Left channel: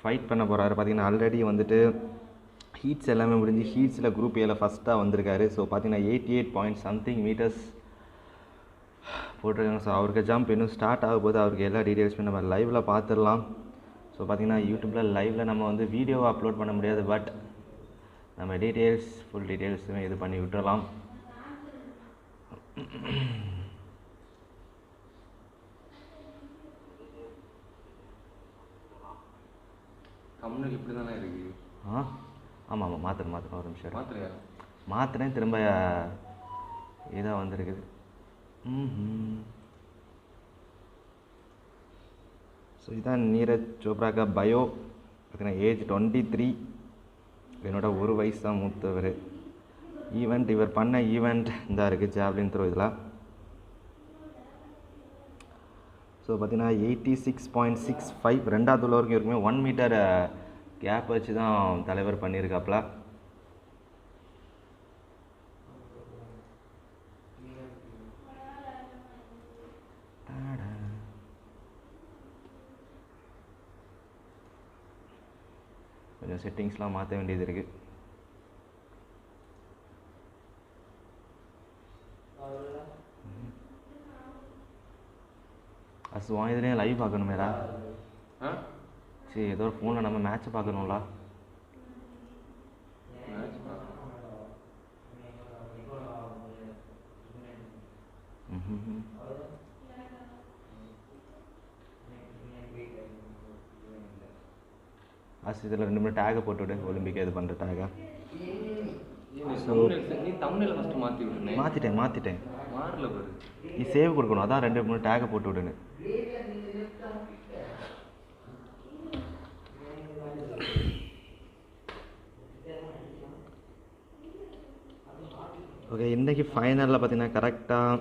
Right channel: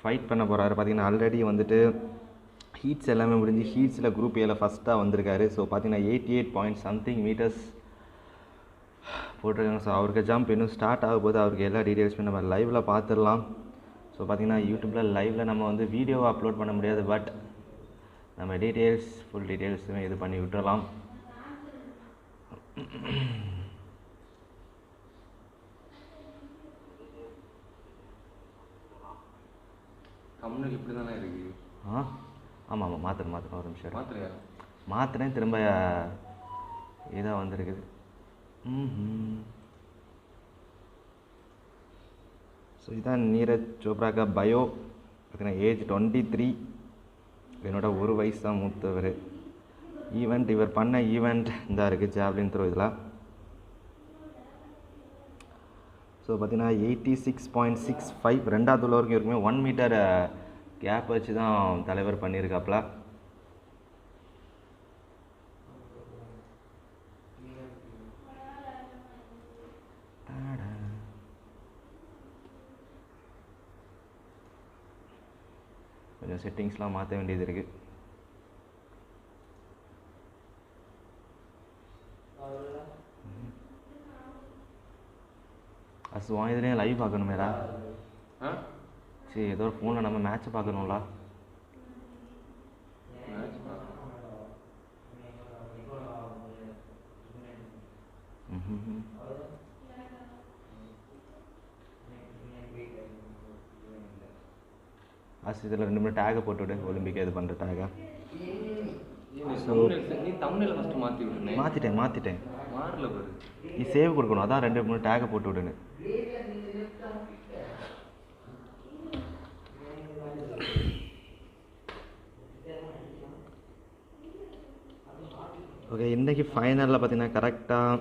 Fight பண்ண போகிறாரு. பார்த்தீங்கன்னா ஆல்ரெடி வந்துட்டு ஹீட்ஸ் எல்லாமே முடிஞ்சு ஹீட்ஸில் குரூப் ஏல ஃபஸ்ட்டாக வந்திருக்காரு. ஸோ பார்த்தீங்கன்னா 88 பாயிண்ட் சம்திங் மீட்டர்ஸ் போட்டிருக்காங்க. ஸோ அவருக்கு ஜம்ப் இன்னும் ஸ்டார்ட் ஆக போது. அவருக்கு எல்லா டீட்டெயில்ஸுமே நம்ம லைவில் பார்த்துடலாம். ஸோ பார்த்தீங்கன்னா யூடியூப்பில் லைவில் நம்ம வந்து வீடியோவை அப்லோட் பண்ண முடியாது, பட் நம்ம டீட்டெயில்ஸ் ஃபுல் டீட்டெயில்ஸுமே இது பண்ணி விட்டுறலாம். கம்முனுக்கு இப்படி தானே இருக்குது. ஆமாம் மாற்றுறேன் ஒரு நிமிஷம் மாத்திரையா மாற்றுறேன். திரும்ப இதாக வந்திருக்குது. ஸோ இதுதான் நீரஜ் சோப்ராக்கா பயோ. பார்த்தீங்கன்னா ஏஜ் 23. என்னோட ஒரு வயசு தான் மூத்தவர். ஈவெண்ட் இவர் பண்ண ஈவெண்ட் இந்த இருக்குது ஜாவ்லின் த்ரோ இதில். ஸோ பார்த்தீங்கன்னா 86.65 ரெண்டாவது உள்ள வரைக்கும் இருக்குமே 1 மீட்டர் கேப் வச்சு தான் தலைவர் பண்ணியிருக்காப்புல. கொஞ்சம் செட்டிங்ஸ்லாம் மாற்ற வேண்டியது இருக்குது. இதுலேயும் லைவ் பார்க்கணுமேடா. சரி ஏதோ ஒரு ஃபோனில் நம்ம மேட்ச்சை பார்க்கணும்ல. இதில் 2 மணி டேகை போட்டுவிடு, ஒலிம்பிக் இது பண்ணுற டேகை. மாற்றிட்டேன் நீ சேவ் கொடுக்கணும். அதான் 2 டேகை போட்டு விடுன்னு. ஓகே, இன்றைக்கி ஃபைனலில் பார்த்தீங்கன்னா கரெக்டாக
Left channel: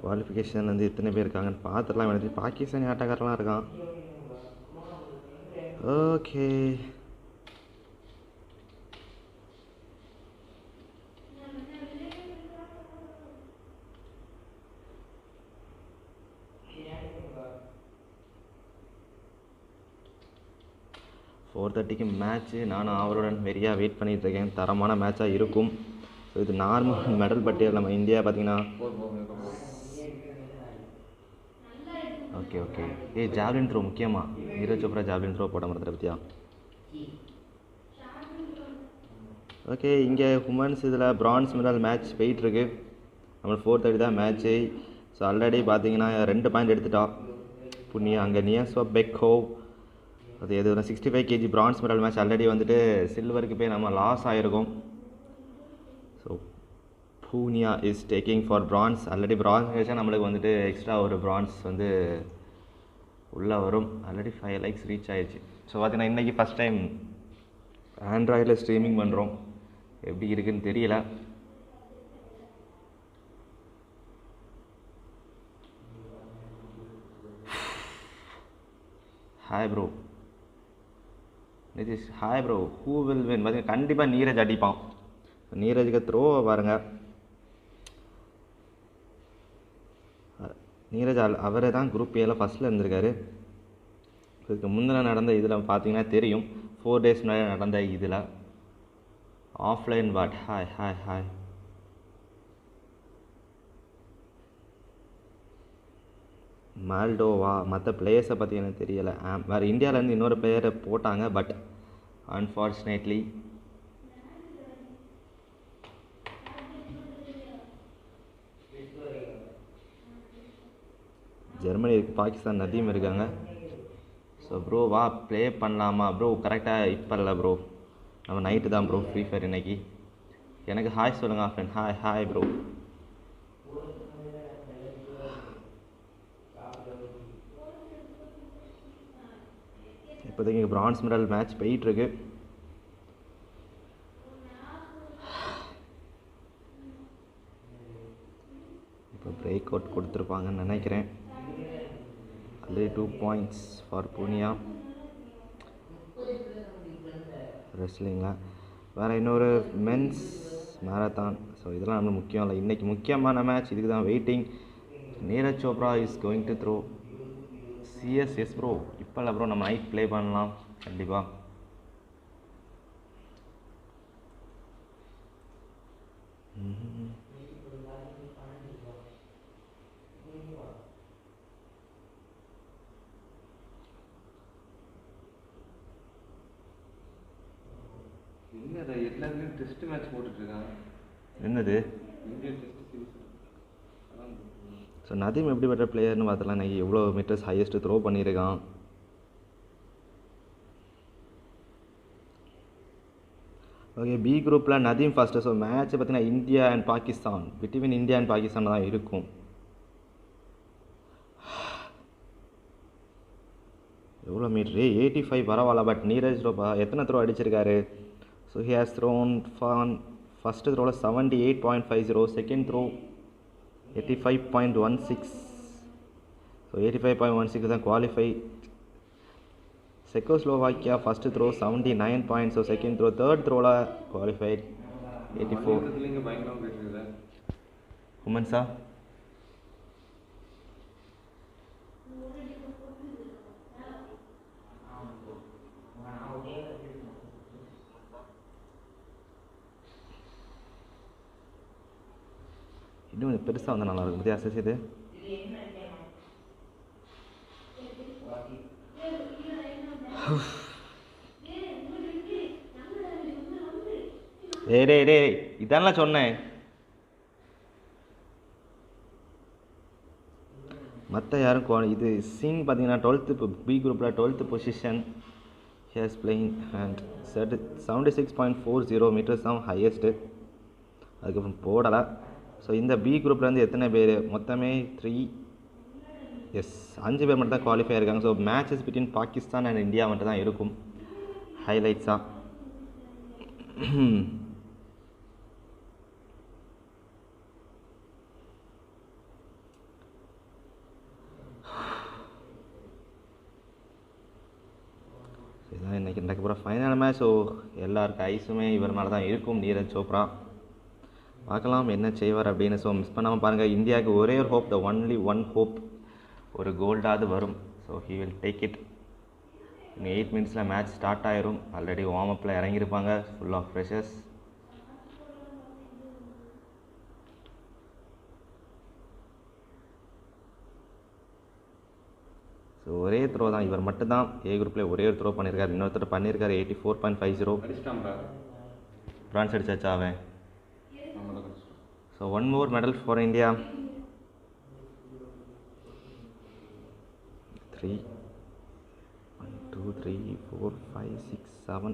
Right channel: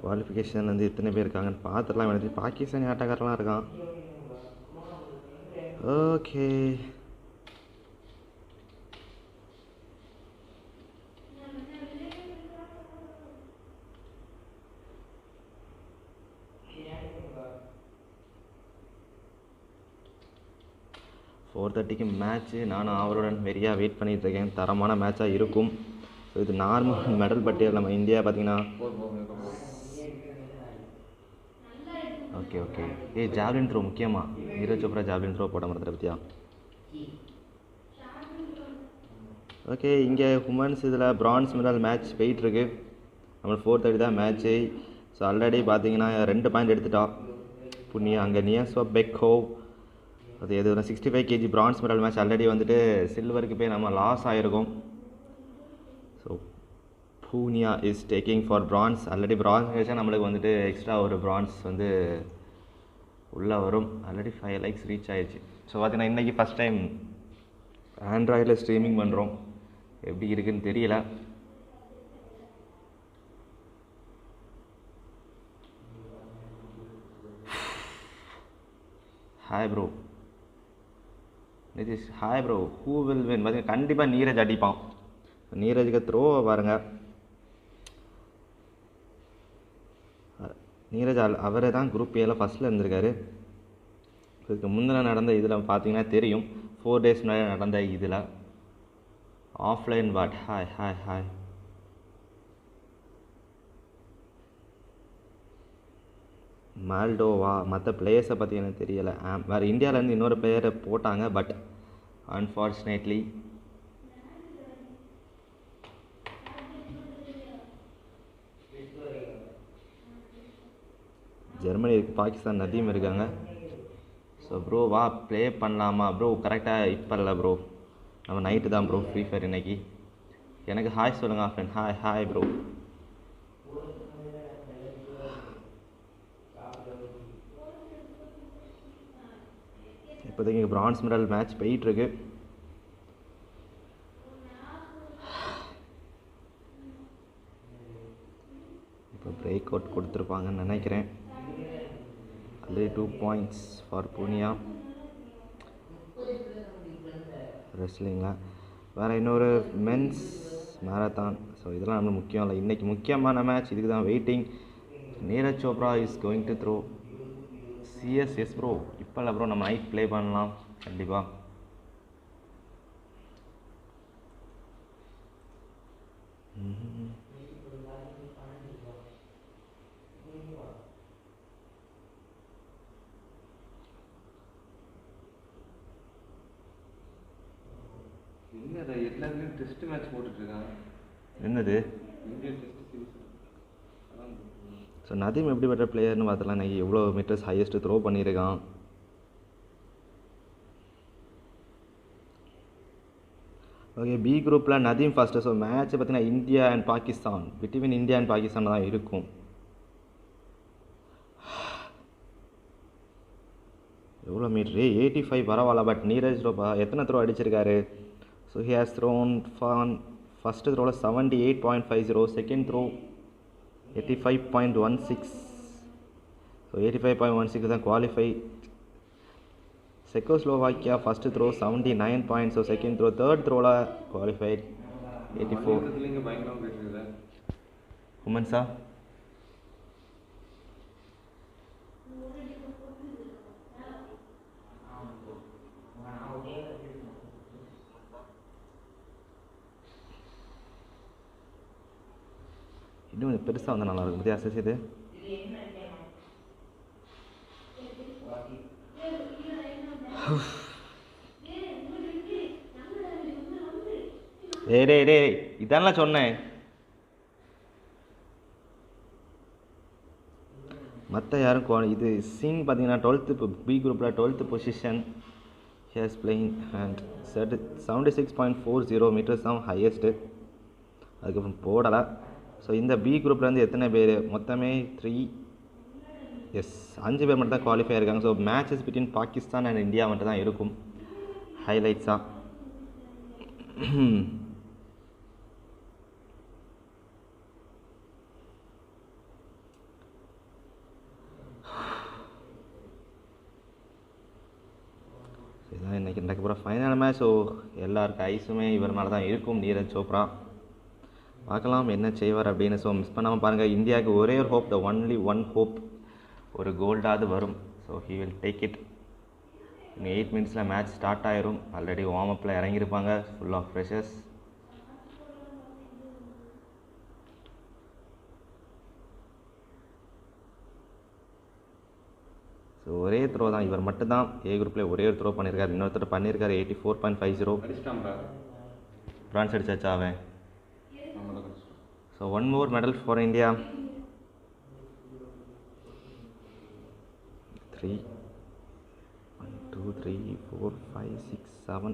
குவாலிஃபிகேஷன் வந்து எத்தனை பேர் இருக்காங்கன்னு பார்த்துடலாம். எனக்கு பாகிஸ்தானி ஆட்டக்காரெலாம் இருக்கான். ஓகே, ஃபோர் 4:30க்கு மேட்ச்சு. நானும் அவருடன் வெறியாக வெயிட் பண்ணிகிட்ருக்கேன். தரமான மேட்சாக இருக்கும். ஸோ இது நார்மல் மெடல் பட்டியல். நம்ம இந்தியா பார்த்திங்கன்னா ஓகே ஜாவ்லின் த்ரோ முக்கியமாக நீரஜ் சோப்ரா ஜாவ்லின் த்ரோ போட மறந்துட பற்றியா. ஓகே, இங்கே உமன்ஸ் இதில் பிரான்ஸ் மெடல் மேட்ச் போயிட்டுருக்கு. நம்ம 4:30 தான் மேட்ச்சு. ஸோ ஆல்ரெடி பார்த்தீங்கன்னா 2 பாயிண்ட் எடுத்துட்டா புண்ணியா. அங்கே நியஸ்வா பெக்கோ அது எது 65 kg bronze medal match already வந்துட்டு சில்வருக்கு போய் நம்ம லாஸ் ஆகிருக்கோம். So Punia is taking for bronze. Already bronze கிடைச்சா நம்மளுக்கு வந்துட்டு எக்ஸ்ட்ரா ஒரு பிரான்ஸ் வந்து உள்ளே வரும். ஆல்ரெடி 5 likes ரீச் ஆகிடுச்சு. ஸோ பார்த்தீங்கன்னா இன்றைக்கி ஃபஸ்ட் டைம் ஆண்ட்ராய்டில் ஸ்ட்ரீமிங் பண்ணுறோம். எப்படி இருக்குதுன்னு தெரியல. Hi bro Nitish. Hi bro. Who will win? பார்த்தீங்கன்னா கண்டிப்பாக நீரஜ் அடிப்பான். நீரஜுக்கு த்ரோவை பாருங்கள். நீரஜ் அவரே தான் குரூப் ஏல ஃபஸ்ட்டில் இருந்திருக்காரு. இதுக்கு முந்தின நடந்த இதில் பார்த்தீங்கன்னா தெரியும். 4 days முன்னாடி நடந்த இதில் ஆஃப்லைன் வாட். Hi Moldova. மற்ற பிளேயர்ஸை பற்றி எனக்கு தெரியலை. வேறு இந்தியாவிலேருந்து இன்னொரு பிளேயரை போட்டாங்க, பட் அன்ஃபார்ச்சுனேட்லி ஜெர்மனி இருக்குது, பாகிஸ்தான் நதியும் இருக்காங்க. ஸோ ப்ரோ வா ப்ளே பண்ணலாமா ப்ரோ? கரெக்டாக இப்போ இல்லை ப்ரோ, நம்ம நைட்டு தான் ப்ரோ ஃப்ரீ ஃபயர் இன்னைக்கு. எனக்கு ஹாய் சொல்லுங்கள் ஃப்ரெண்ட். Hi bro. இப்போதைக்கு பிரான்ஸ் மெடல் மேட்ச் போயிட்டுருக்கு. இப்போ பிரேக் அவுட் கொடுத்துருப்பாங்கன்னு நினைக்கிறேன். ஆல்ரெடி 2 points ஃபார் பூனியா ரெஸ்லிங்கில். வேறு இன்னொரு மென்ஸ் மேரத்தான். ஸோ இதெல்லாம் நம்மளுக்கு முக்கியம் இல்லை. இன்றைக்கி முக்கியமான மேட்ச், இதுக்கு தான் waiting. Neeraj Chopra is going to throw yes bro. இப்போ இல்லை ப்ரோ, நம்ம நைட் ப்ளே பண்ணலாம் கண்டிப்பாக. எல்லாருமே டெஸ்ட் மேட்ச் போட்டுட்ருக்காங்க. என்னது Indian test series. So Nadeem எப்படிப்பட்ட பிளேயர்னு பார்த்தலாம். நான் எவ்வளோ மீட்டர்ஸ் ஹையஸ்ட்டு த்ரோ பண்ணியிருக்கான். ஓகே, பி குரூப்பில் நதீம் ஃபஸ்ட்டு. ஸோ மேட்ச் பார்த்தீங்கன்னா India and Pakistan, between India and Pakistan தான் இருக்கும். எவ்வளோ மீட்ரு? 85 பரவாயில்ல. பட் நீரஜ் சோப்ரா எத்தனை த்ரோ அடிச்சிருக்காரு? So he has thrown fan first த்ரோவில் 78.50, செகண்ட் த்ரோ 85.16. ஸோ 85.16 தான் குவாலிஃபை. Czechoslovakia first throw 79 points. So second throw, third த்ரோவில் குவாலிஃபைட் 84. உமன்ஸா இன்னும் பெருசாக வந்து நல்லாயிருக்கும். பற்றி அசஸ் இது டே இதெல்லாம் சொன்னேன். மற்ற யாரும் இது சிங் பார்த்தீங்கன்னா 12th, இப்போ பி குரூப்பில் 12th position. Has playing and 76.40 meters தான் ஹையஸ்ட்டு. அதுக்கப்புறம் போடலை. ஸோ இந்த பி குரூப்லேருந்து எத்தனை பேர்? மொத்தமே 5 பேர் மட்டும் தான் குவாலிஃபை ஆயிருக்காங்க. So matches between Pakistan and India மட்டும் தான் இருக்கும் ஹைலைட்ஸாக. இதுதான் இன்றைக்கி நடக்க போகிற ஃபைனல் மேட்ச். ஸோ எல்லாருக்கும் ஐஸுமே இவர் மேலே தான் இருக்கும், நீரஜ் சோப்ரா. பார்க்கலாம் என்ன செய்வார் அப்படின்னு. ஸோ மிஸ் பண்ணாமல் பாருங்கள். இந்தியாவுக்கு ஒரே ஒரு hope, the only one hope, ஒரு கோல்டாவது வரும். So he will take it. இன்னும் 8 மினிட்ஸில் மேட்ச் ஸ்டார்ட் ஆயிரும். ஆல்ரெடி வார்ம் அப்பில் இறங்கியிருப்பாங்க ஃபுல் ஆஃப் ஃப்ரெஷர்ஸ். ஸோ ஒரே த்ரோ தான், இவர் மட்டும்தான் ஏ குரூப்பில் ஒரே ஒரு த்ரோ பண்ணியிருக்காரு. இன்னொருத்தர் பண்ணியிருக்காரு 84.50. பிரான்ஸ் அடிச்சாச்சா அவன்? So 1 more medal for India. 3 1 2 3 4 5 6 7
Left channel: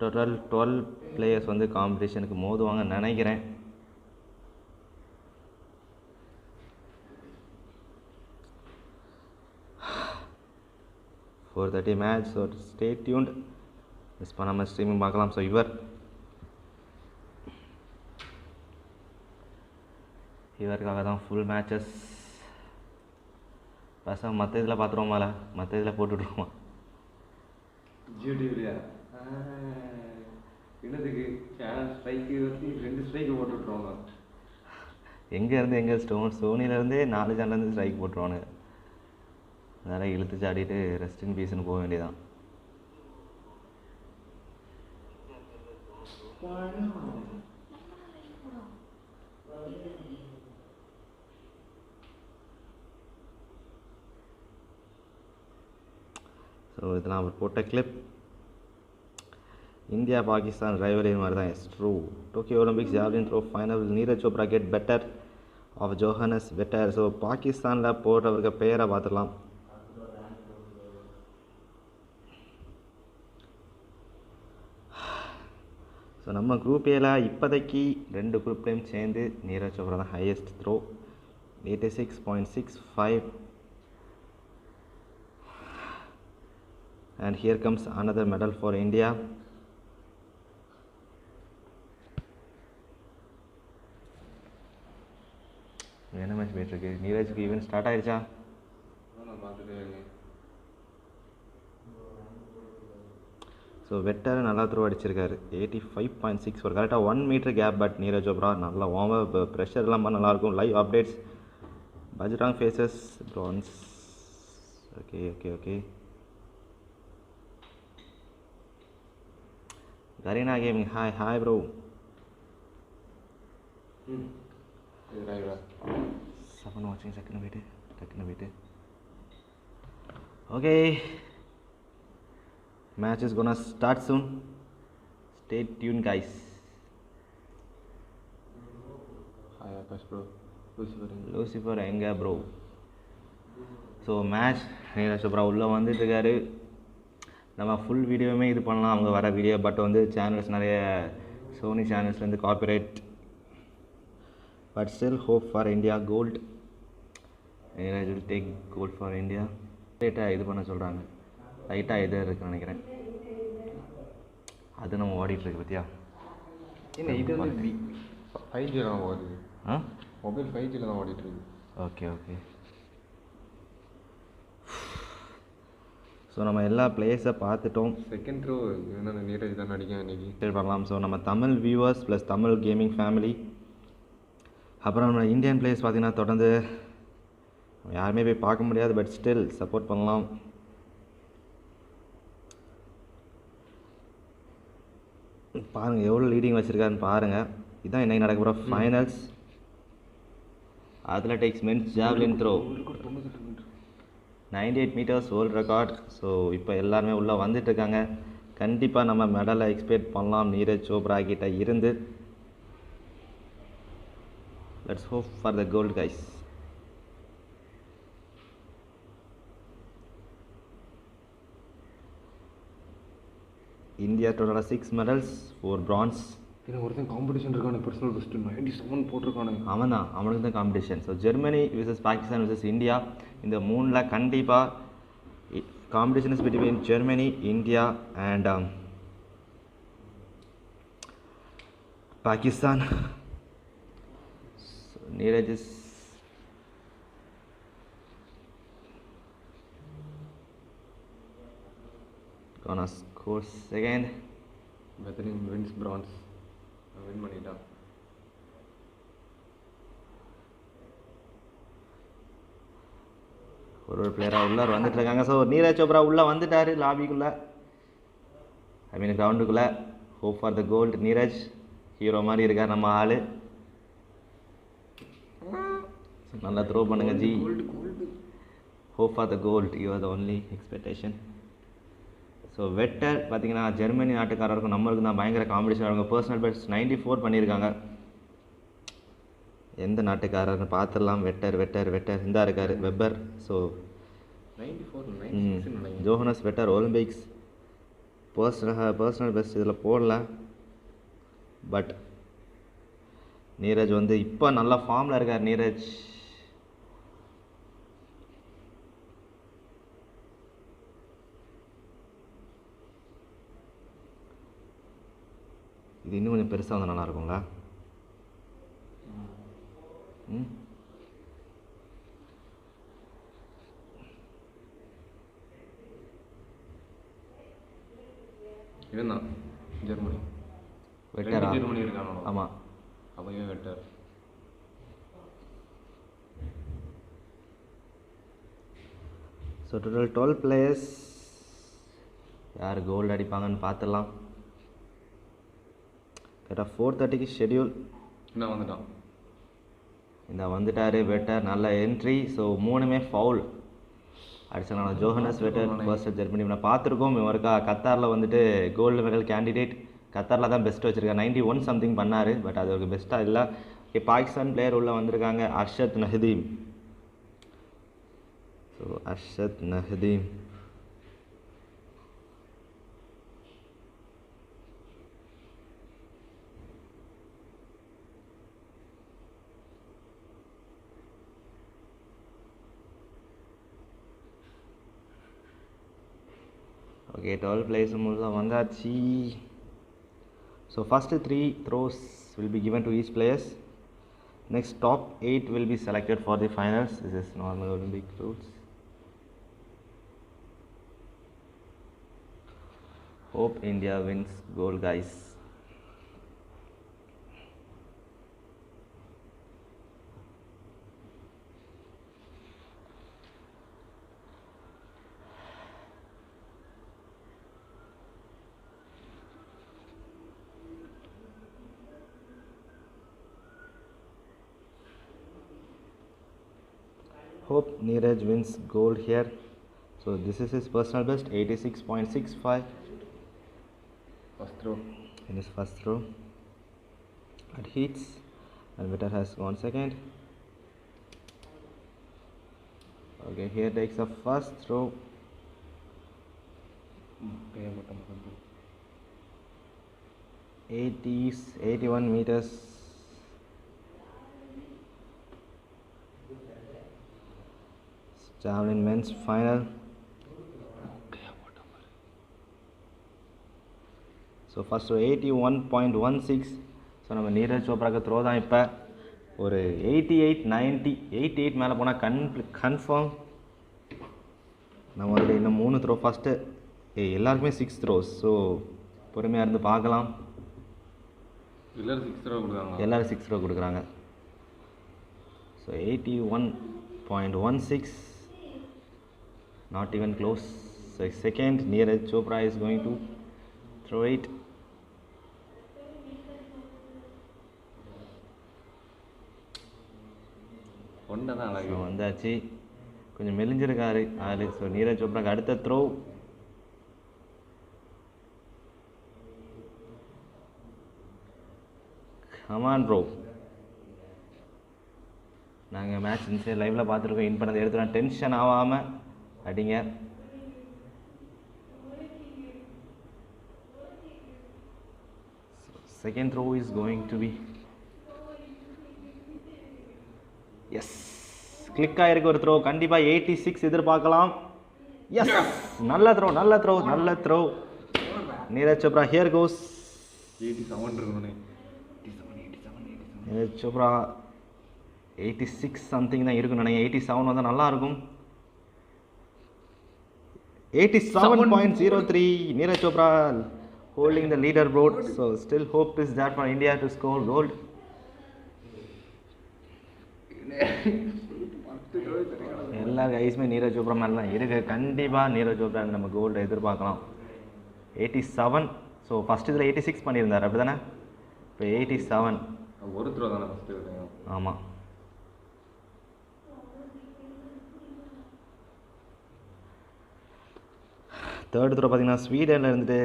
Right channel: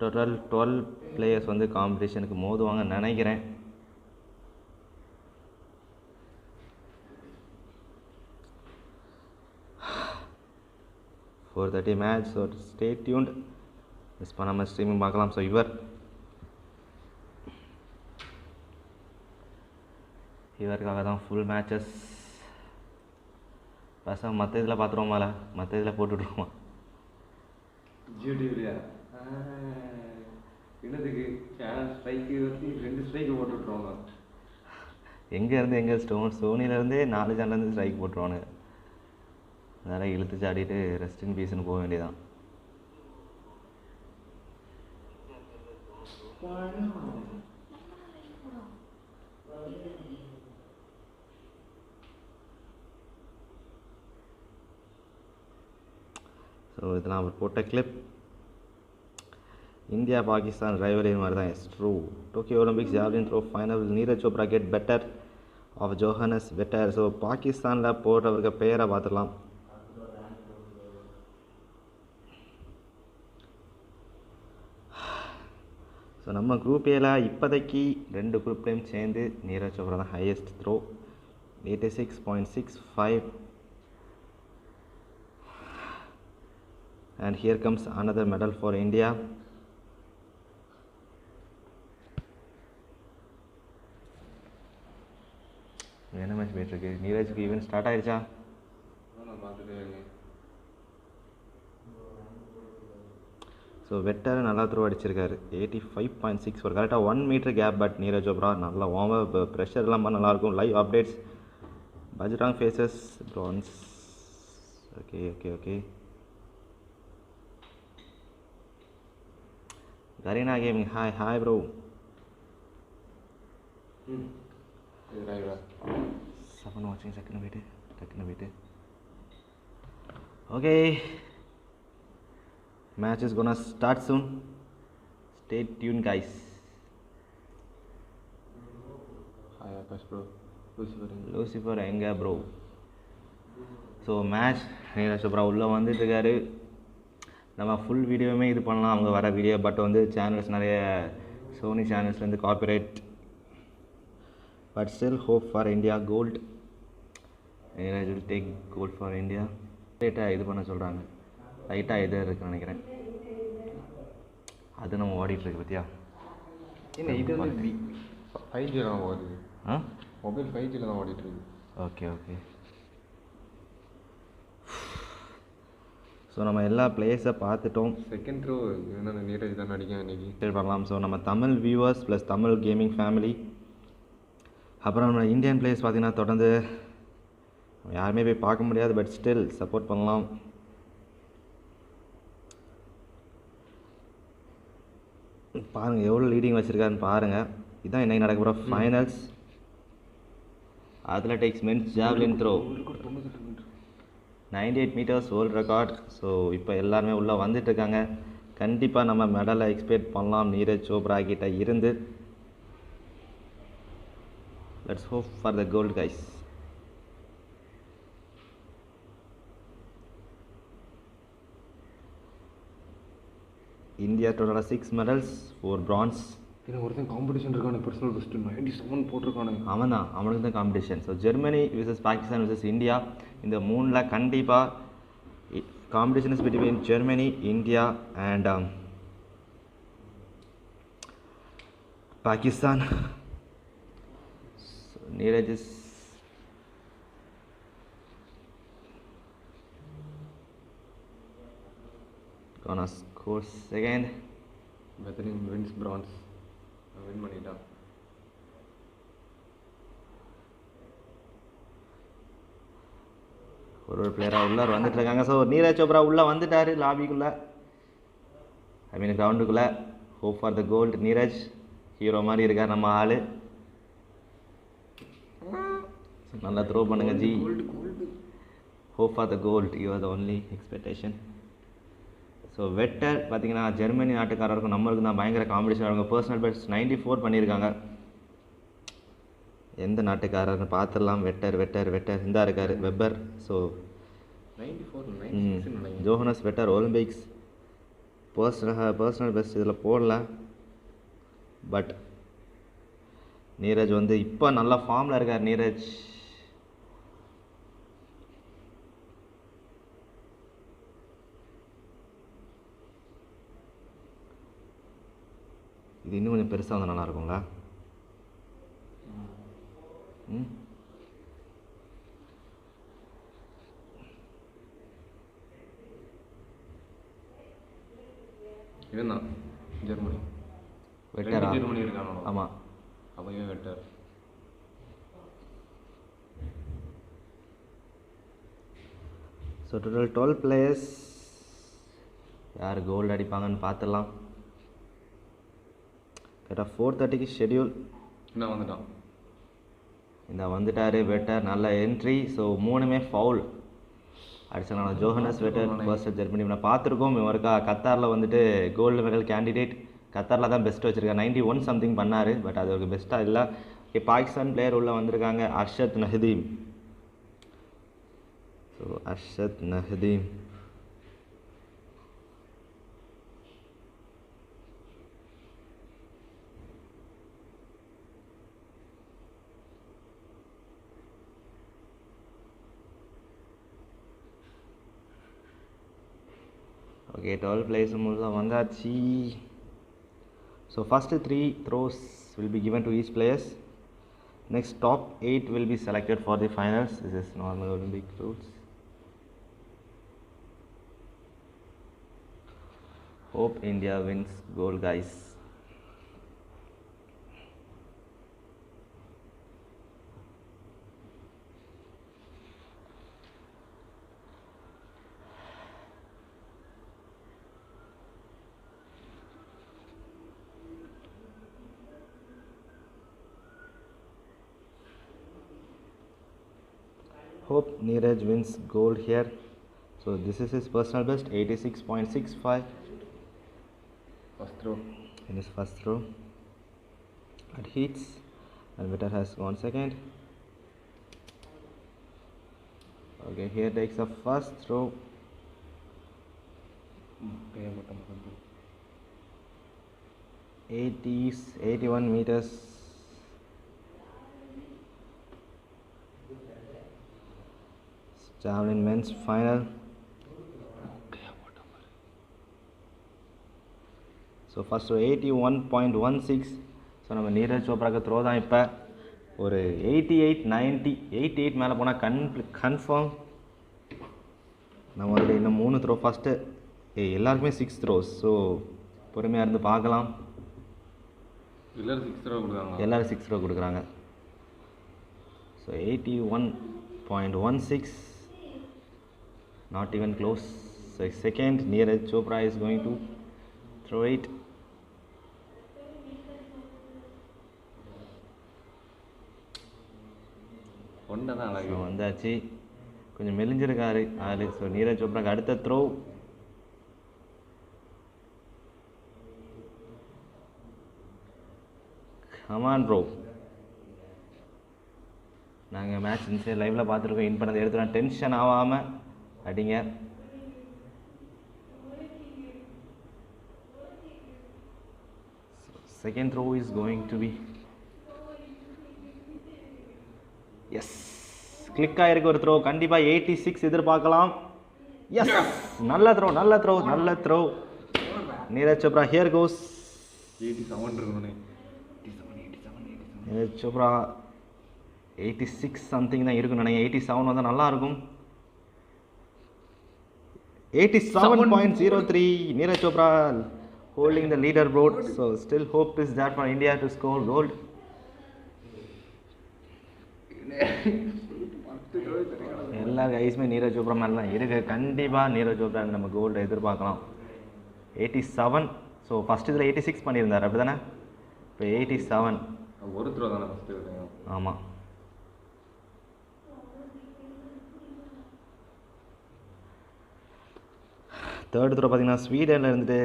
total 12 players வந்து காம்படிஷனுக்கு மோதுவாங்கன்னு நினைக்கிறேன். For 30 match. So stay tuned. Miss பண்ணாமல் ஸ்ட்ரீமிங் பார்க்கலாம். ஸோ இவருக்காக தான் ஃபுல் மேட்சஸ். பசங்க மற்ற இதில் பார்த்துருவோமால, மற்ற இதில் போட்டுட்ருவோமா? ஜிடிவிலையா என்னதுக்கு சேனல் ஸ்ட்ரைக்கு வச்சு 2 ஸ்ட்ரைக்கு போட்டுட்ருவாங்க. எங்கேருந்து எங்கே சோனிலேருந்தே 4 சேனல்லேருந்து ஸ்ட்ரைக் போட்டுருவானு. அதனால் இழுத்து சாடிட்டு ரெஸ்ட் இன் பீஸ்னு போக வேண்டியதான். ஸோ இதெல்லாம் அவர் போட்ட கிளிப். இந்தியா பாகிஸ்தான் ரைவலரி மாதிரி தான். Yes true. Tokyo Olympics javelin throw final Neeraj Chopra get better off Johannes Vetter. So பாகிஸ்தானில் போடுறவருக்கு பேரை பார்த்துடலாம். ஸோ நம்ம குரூப் ஏல இப்போதைக்கு 2 குரூப்லேயும் சேர்ந்து நீரஜ் சோப்ரா தான் highest throw 86.65. And here comes another medal for India. என்ன மேட்ச் போயிட்டு இருக்கு? நீரஜ்க்கு ஈவென்ட் ஸ்டார்ட் ஆயிடுச்சா? ஸோ வெட்டர் நல்லா த்ரோ அடிச்சிருக்காரு 85.6. ஒரு கரெக்டாக 1 metre gap. But Neeraj Chopra நல்லா வார்ம் ப்ரெஷர் இல்லாமல் நல்லாயிருக்கும். Live updates. Bajrang faces bronze Okay. Garena Gaming, hi bro. Someone watching, second wait. Okay. Match is gonna start soon. Stay tuned, guys. Hi Akash bro. Lucifer எங்க bro? So match Neeraj Chopra உள்ளே வந்துட்டு இருக்காரு. நம்ம full வீடியோவுமே இது பண்ணலாம் அவங்க வர வீடியோ. பட் வந்து சேனல்ஸ் நிறைய சோனி சேனல்ஸ்லேருந்து copyright. But still hope for India gold. Neeraj will take gold for India. லைட்டாக இது பண்ண சொல்கிறாங்க. லைட்டாக இது இருக்குன்னு நினைக்கிறேன். அது நம்ம ஓடிட்டுருக்கு பற்றியா? என்ன இது வந்து 5G தான் ஓடுது. மொபைல் 5G தான் ஓடிட்டுருக்கு. ஓகே. ஸோ நம்ம எல்லா பிளேயர்ஸை பார்த்துட்டோம். செகண்ட் த்ரோ என்ன நீரஜ் தான் அடிக்க இன்னைக்கு பண்ணலாம். ஸோ நம்ம Tamil viewers plus Tamil gaming family, அப்புறம் நம்ம இந்தியன் பிளேயர்ஸ் பார்த்திங்கன்னா தொடர்ந்து யாருமே போய் பார்க்க முடியாது. பட் ஸ்டில் சப்போர்ட் பண்ணலாம். பாருங்கள் எவ்வளோ லீடிங் வச்சுருக்காருன்னு பாருங்கள். இதுதான் இன்றைக்கி நடக்க போகிற finals. Athletics men's javelin throw 98 meters world record. So இப்போ எல்லாருமே உள்ளே வந்துட்டுருக்காங்க. கண்டிப்பாக நம்ம மெடலை எக்ஸ்பெக்ட் பண்ணலாம் நீரஜ் சோப்ரா கிட்ட இருந்து. Let's hope for the gold guys. India டோட்டலாக 6 medals, 4 bronze. ஒருத்தன் காம்படிஷன் இருக்கானு பர்சனல் பெஸ்ட் 97 போட்டிருக்கானுங்க. அவனுக்கு தான் competition. So Germany versus Pakistan versus India. இந்த மூணில் கண்டிப்பாக competition is between Germany, India and Pakistan. Neeraj is gonna score second. Javelin wins bronze. Win பண்ணிட்டான். ஒரு பிளேயராக உள்ளார் வந்துட்டு இருக்காங்க. ஸோ நீரஜ் சோப்ரா உள்ளே வந்துட்டார் லாபிக்குள்ளே, ஐ மீன் கிரவுண்டுக்குள்ளே. Hope for the gold. Neeraj hero மாதிரி இருக்கார் நம்ம ஆள். நல்லா த்ரோ பண்ணுங்க ji. Hope for the gold. You are the only expectation. So Vetter பார்த்திங்கன்னா ஜெர்மனி நாட்டுக்காரருக்கும் நம்மளுக்கு தான் பயங்கர காம்படிஷன். அவங்க பர்சனல் பெஸ்ட் 94 பண்ணியிருக்காங்க. எந்த நாட்டுக்காரர்னு பார்த்துடலாம். வெட்டர் இந்த இருக்கார் Weber. So 94 Johannes Vetter Olympics personal best இதில் போடல. பட் நீரஜ் வந்து இப்போ நல்ல ஃபார்மில் இருக்கார். நீரஜ் இது இன்னும் கொஞ்சம் பெருசாக வந்து நல்லாயிருக்குங்களா? இதுதான் ஜெர்மனி. வெட்டரா? ஜெர்மனி இருக்கானோ? ஆமாம். அப்போ இவன் வெட்டர். So total 12 players. யார் கோல்டு அடிப்பாங்கன்னு பார்த்துடலாம். கரெக்டாக 4:30க்கு ஷெடியூல். என்ன வந்துட்டான்? இந்த வந்துட்டார் வெட்டர். நல்ல என்ட்ரி. ஸோ மூணுமே ஃபவுல் அடிச்சாங்க. ஜோஹனஸ் வெட்டர் பர்சல் ஜெர்மனி நான் பார்த்துருக்கோம். இவருக்கா கத்தாரில் வந்துட்டு கோல்டு மெடல் கேண்டிடேட். கத்தாரில் தான் பெஸ்ட் வச்சுருக்காரு. 91 சம்திங் பண்ணார். பட் அது ஒரு பெஸ்ட்டாக இல்லை. ஓகே, பாகிஸ்தான் பிளேயர் உள்ளே வந்திருக்காங்க. Arshad Nadeem. So Arshad Nadeem okay, 12 players முழுதாக வந்தாச்சு. So first 3 throws will be given to each players. Next top 8 will be selected for the finals. This is normal Olympic rules. Hope India wins gold, guys. Hope Neeraj wins gold here. So this is his personal best, 86.65 First throw. in his first throw. It hits, and Vitter has gone second. Okay, here takes the first throw. 81 meters. Javelin men's final. So first 81.16. So நம்ம Neeraj சோப்ராக்கு throw தான் இப்போ ஒரு 88 மேலே போனால் confirm நம்ம அதில் இன்னும் 3 throw first எல்லாருக்குமே 6 த்ரோஸ். ஸோ பொறுமையாக இருந்து பார்க்கலாம். எல்லோரும் 6 த்ரோ கொடுக்குறாங்க. So 81.16, not even close. So second, Neeraj Chopra is going to throw it. வந்தாச்சு, கொஞ்சம் மெலிஞ்சிருக்காரு ஆளு. ஸோ நீரஜ் சோப்ராக்கு அடுத்த த்ரோ. கமான் ப்ரோ, நாங்கள் மேட்ச் இன்சைட் லைவில் பார்த்துருக்கோம். இன் பண்ணதை எடுத்துலாம், டென்ஷன் ஆகாமல் அடிங்க. Second throw is going to be yes, click ஆகிருக்கு ஒரு த்ரோ. கண்டிப்பாக 86 எதிர்பார்க்கலாம். எஸ், நல்ல throw. Neeraj Chopra here goes. 87 Neeraj Chopra 86 something தான் இருக்குன்னு நினைக்கிறேன். 87 வந்தால் நல்லாயிருக்கும். 87.03. Neeraj Chopra holding the leaderboard. So still hope is there for India to score gold. எல்லா கைஸுமே நீரஜ் சோப்ரா மேலே தான் இருக்குது. கண்டிப்பாக நீரஜ் சோப்ரா நம்ம கோல்டு எதிர்பார்க்கலாம். 87. ஸோ ஃபஸ்ட் இதில் 86 பண்ணியிருந்தார், அப்படி தானே? இப்போ 87 ஒரு த்ரோ தானே ஃபஸ்ட்டு? ஆமாம். தேர்ட் த்ரோ பார்த்தீங்கன்னா ஸ்வீடனில் இருந்துட்டு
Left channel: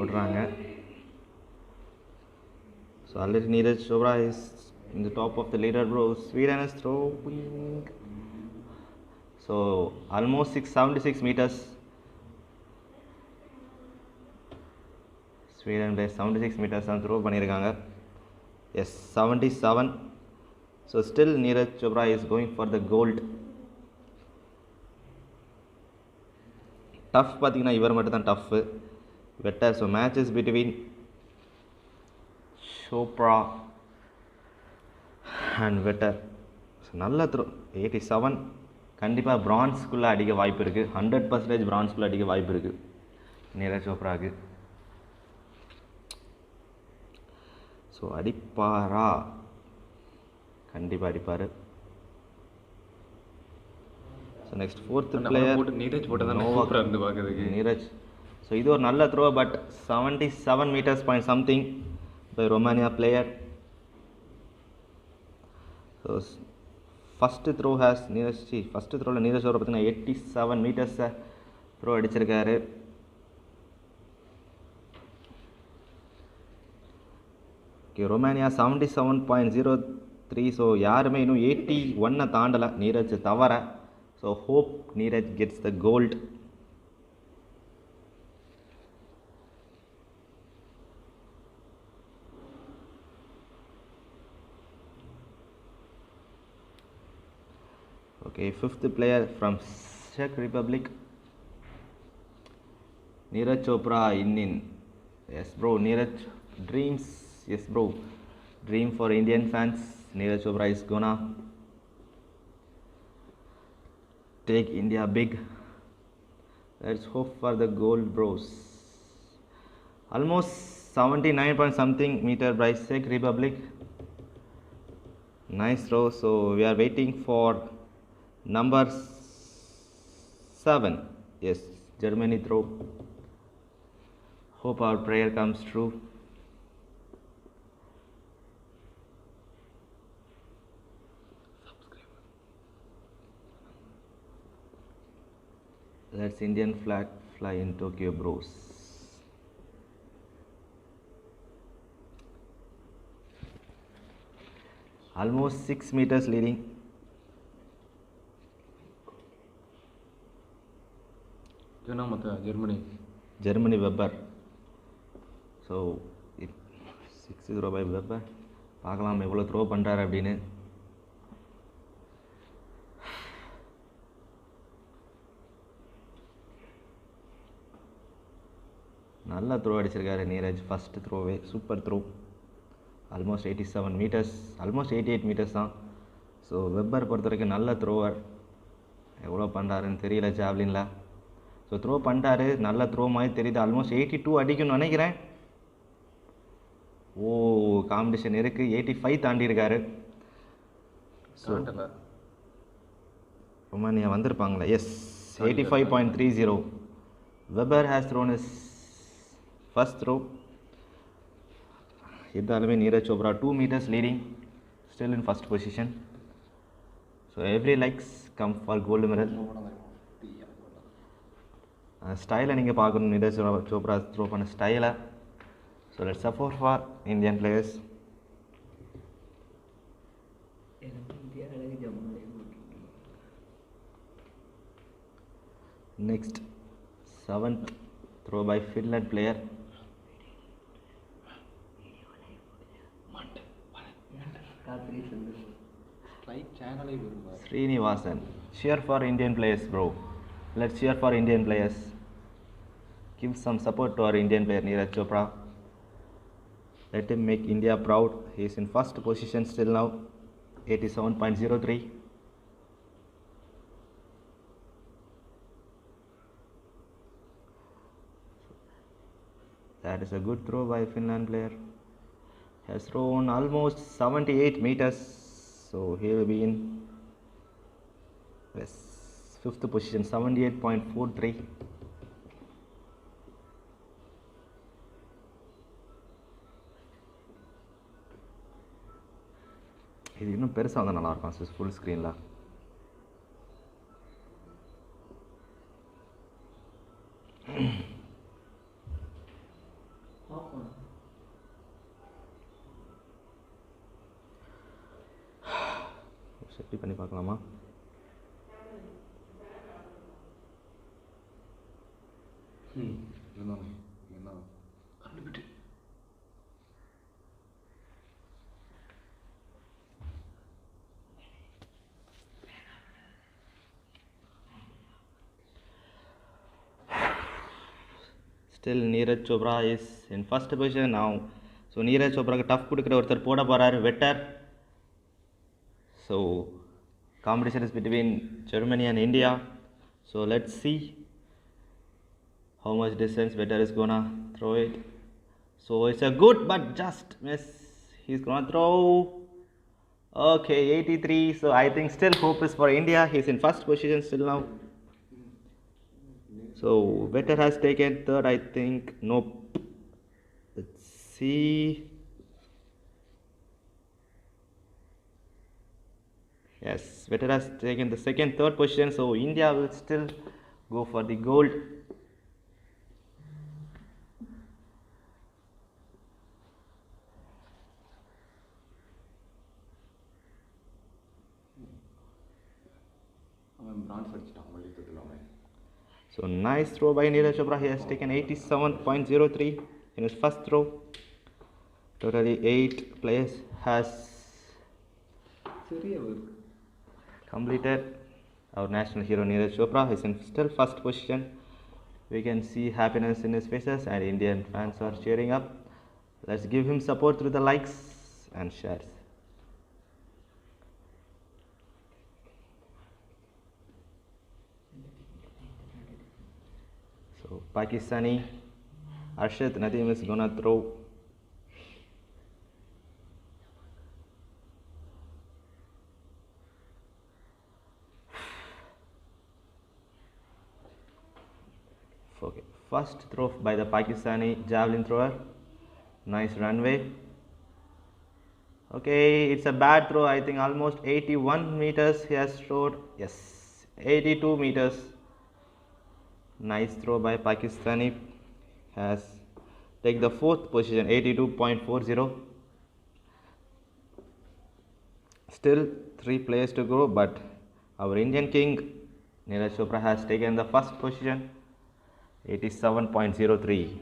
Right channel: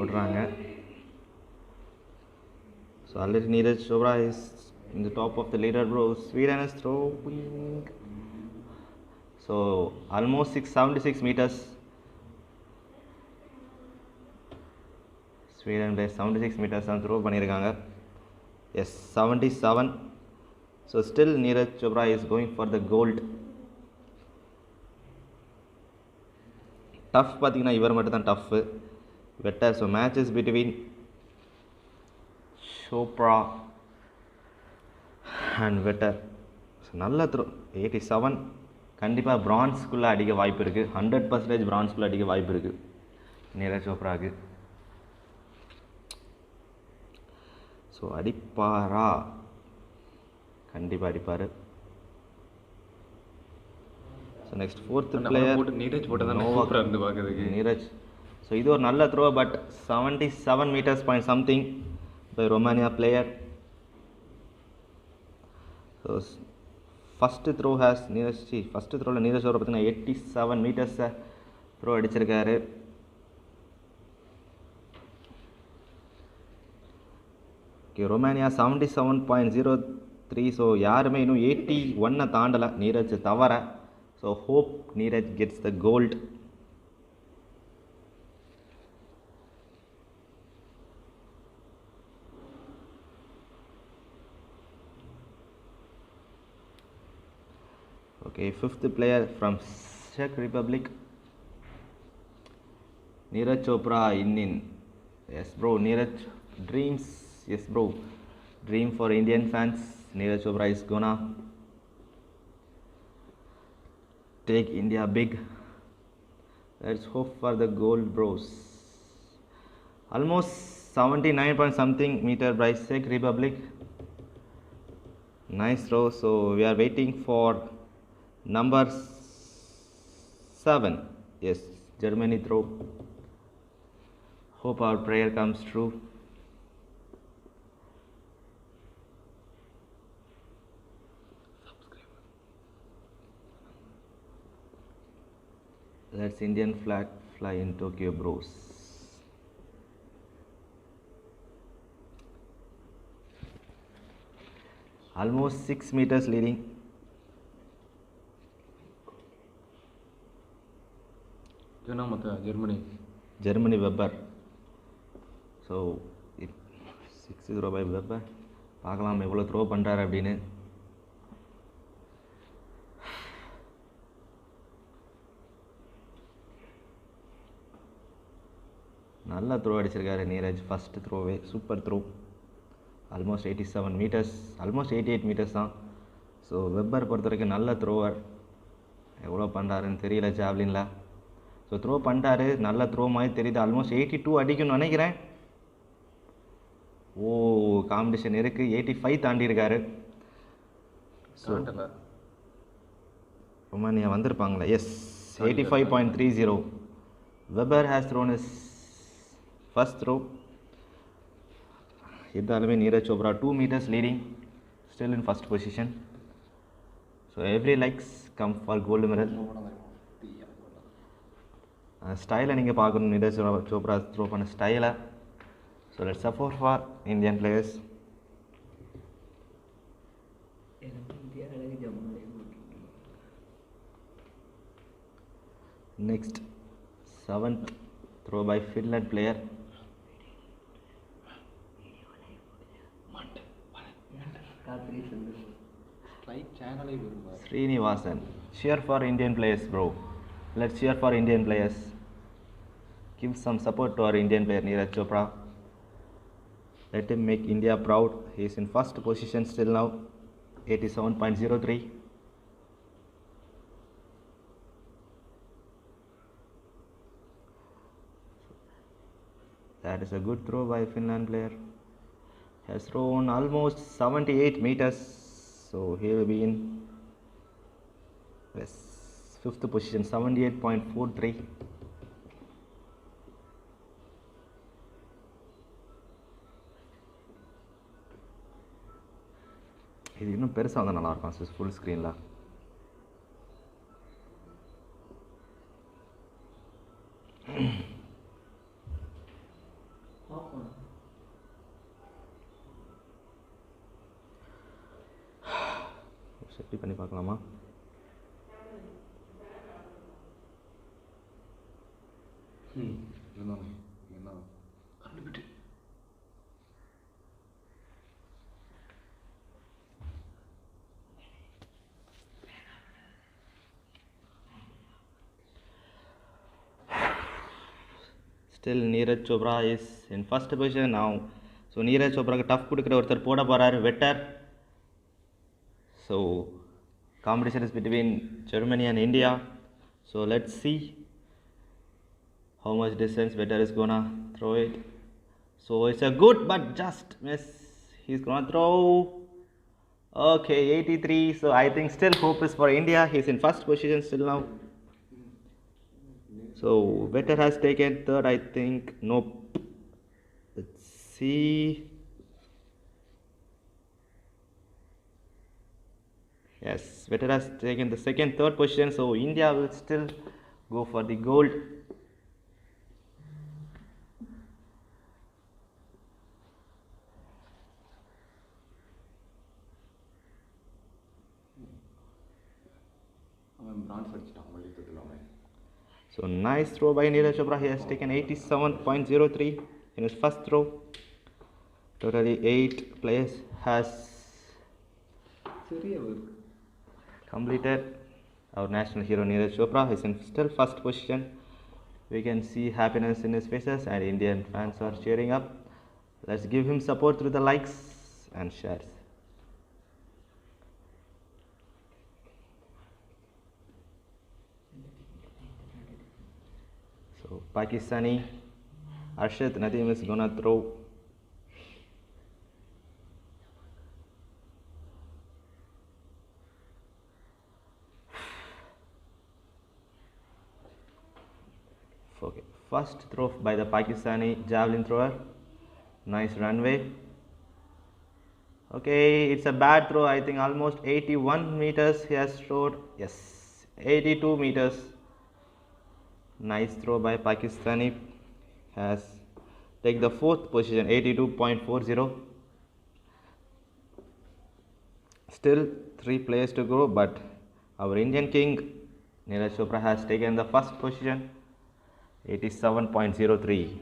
ஓடுறாங்க. So already Neeraj Chopra is in the top of the leader bro. Sweden is throwing. So almost 76 meters. Sweden 76 meters தான் த்ரோ பண்ணியிருக்காங்க. Yes, 77. So still Neeraj Chopra is going for the gold. Tough பார்த்தீங்கன்னா இவர் மட்டும் தான் tough. Better. So matches between Chopra and Vetter. So நல்ல throw. 87 கண்டிப்பாக பிரான்ஸ்குள்ளே அடிக்க வாய்ப்பு இருக்குது. 100% பிரான்ஸ்குள்ளே அடிக்க வாய்ப்பு இருக்குது நீரஜ் சோப்ராவுக்கு. ஸோ அடிப்பாரா? கண்டிப்பாக அடிப்பார். So next fourth player Neeraj போட்டதான் இருந்து பார்க்குறதுக்கு நீரஜ். ஸோ இது ஒரு நல்ல throw, but 77 meters point something by Romania player. So first throw has first த்ரோவில் நீரஜ் சோப்ரா பார்த்தீங்கன்னா 87 meters த்ரோ அடிச்சிருக்காரு. ரொமானியா 77.03. ஸோ யாருமே இன்னும் 81 தாண்டலை நீரஜ் தவிர. So hope Neeraj gets the gold. Okay, fifth player from செக் Republic, Neeraj Chopra in. Yes bro, Neeraj dreams. Yes bro, dream for Indian fans. Neeraj Chopra is gonna take India big. Let's hope for the gold bros. Almost 79 point something meter by Czech Republic. Nice throw. So we are waiting for number 7. Yes, Germany throw. Hope our prayer comes true. Let's Indian flag fly in Tokyo, bros. Almost 6 meters leading. Germany Weber. So 6-0 by Weber. பார்க்கலாம் எவ்வளோ throw பண்ணுறாரு அப்படின்னு. நல்லா throw அடிச்சிருக்காரு Neeraj. First த்ரோவே super throw. Almost 87 meters, almost 88 meters தான். So Weber பொறுத்த வரைக்கும் நல்ல த்ரோவர். எவ்வளோ பண்ணுறாருன்னு தெரியல ஜாவ்லினில். ஸோ த்ரோ பண்ணிட்டாரு, நல்ல த்ரோ மாதிரி தெரியுது. ஆல்மோஸ்ட் 82 அடிக்கும்னு நினைக்கிறேன். ஓ, காம்படிஷன் இருக்குது. 85 தாண்டியிருக்காரு. ஸோ ரொமானியா வந்திருப்பாங்களா? Yes, 85.30. Weber has thrown is first throw. இருந்தாலுமே Neeraj Chopra 2 meters leading, still in first position. So every likes come for gold medal. ஸ்டைலை நீங்கள் பார்க்கணும், நீரஜ் சோப்ரா த்ரோ பண்ண ஸ்டைலை. So let's support for Indian players. Next 7th throw by Finland player. Srinivasan. Cheer for Indian players, bro. Let's cheer for Indian players. Give some support to our Indian player Neeraj Chopra. Let him make India proud. He is in first position still now, 87.03. That is a good throw by Finland player. Has thrown almost 78 meters. So he will be in 5th position, 78.43. இது இன்னும் பெருசாக வந்தால் நல்லாயிருக்கும் full ஸ்க்ரீனில். செட்டி பண்ணி பார்க்கலாமா? Still Neeraj Chopra is in first position now. So Neeraj Chopra tough கொடுக்குற ஒருத்தர் போட போறாரு, வெட்டர். So competition is between Germany and India. So let's see how much distance vetter is gonna throw it. So it's a good but just miss. He's gonna throw. Okay, 83. So I think still hope is for India. He's in first position still now. So vetter has taken third, I think. Nope. Let's see. Yes, vetter has taken the second, third position. So India will still go for the gold. So nice throw by Neeraj Chopra. He has taken 87.03 in his first throw. Totally 8 players has completed. Our national hero Neeraj Chopra is in still first position. We can see happiness in his faces and Indian fans are cheering up. Let's give him support through the likes and shares. So Pakistani Arshad Nadeem is gonna throw. Okay, First throw by the Pakistani javelin thrower. Nice runway. Okay, it's a bad throw. I think almost 81 meters he has thrown. Yes, 82 meters. Nice throw by Pakistani. Has taken the 4th position, 82.40. Still 3 players to go, but our Indian king Neeraj Chopra has taken the 1st position, 87.03.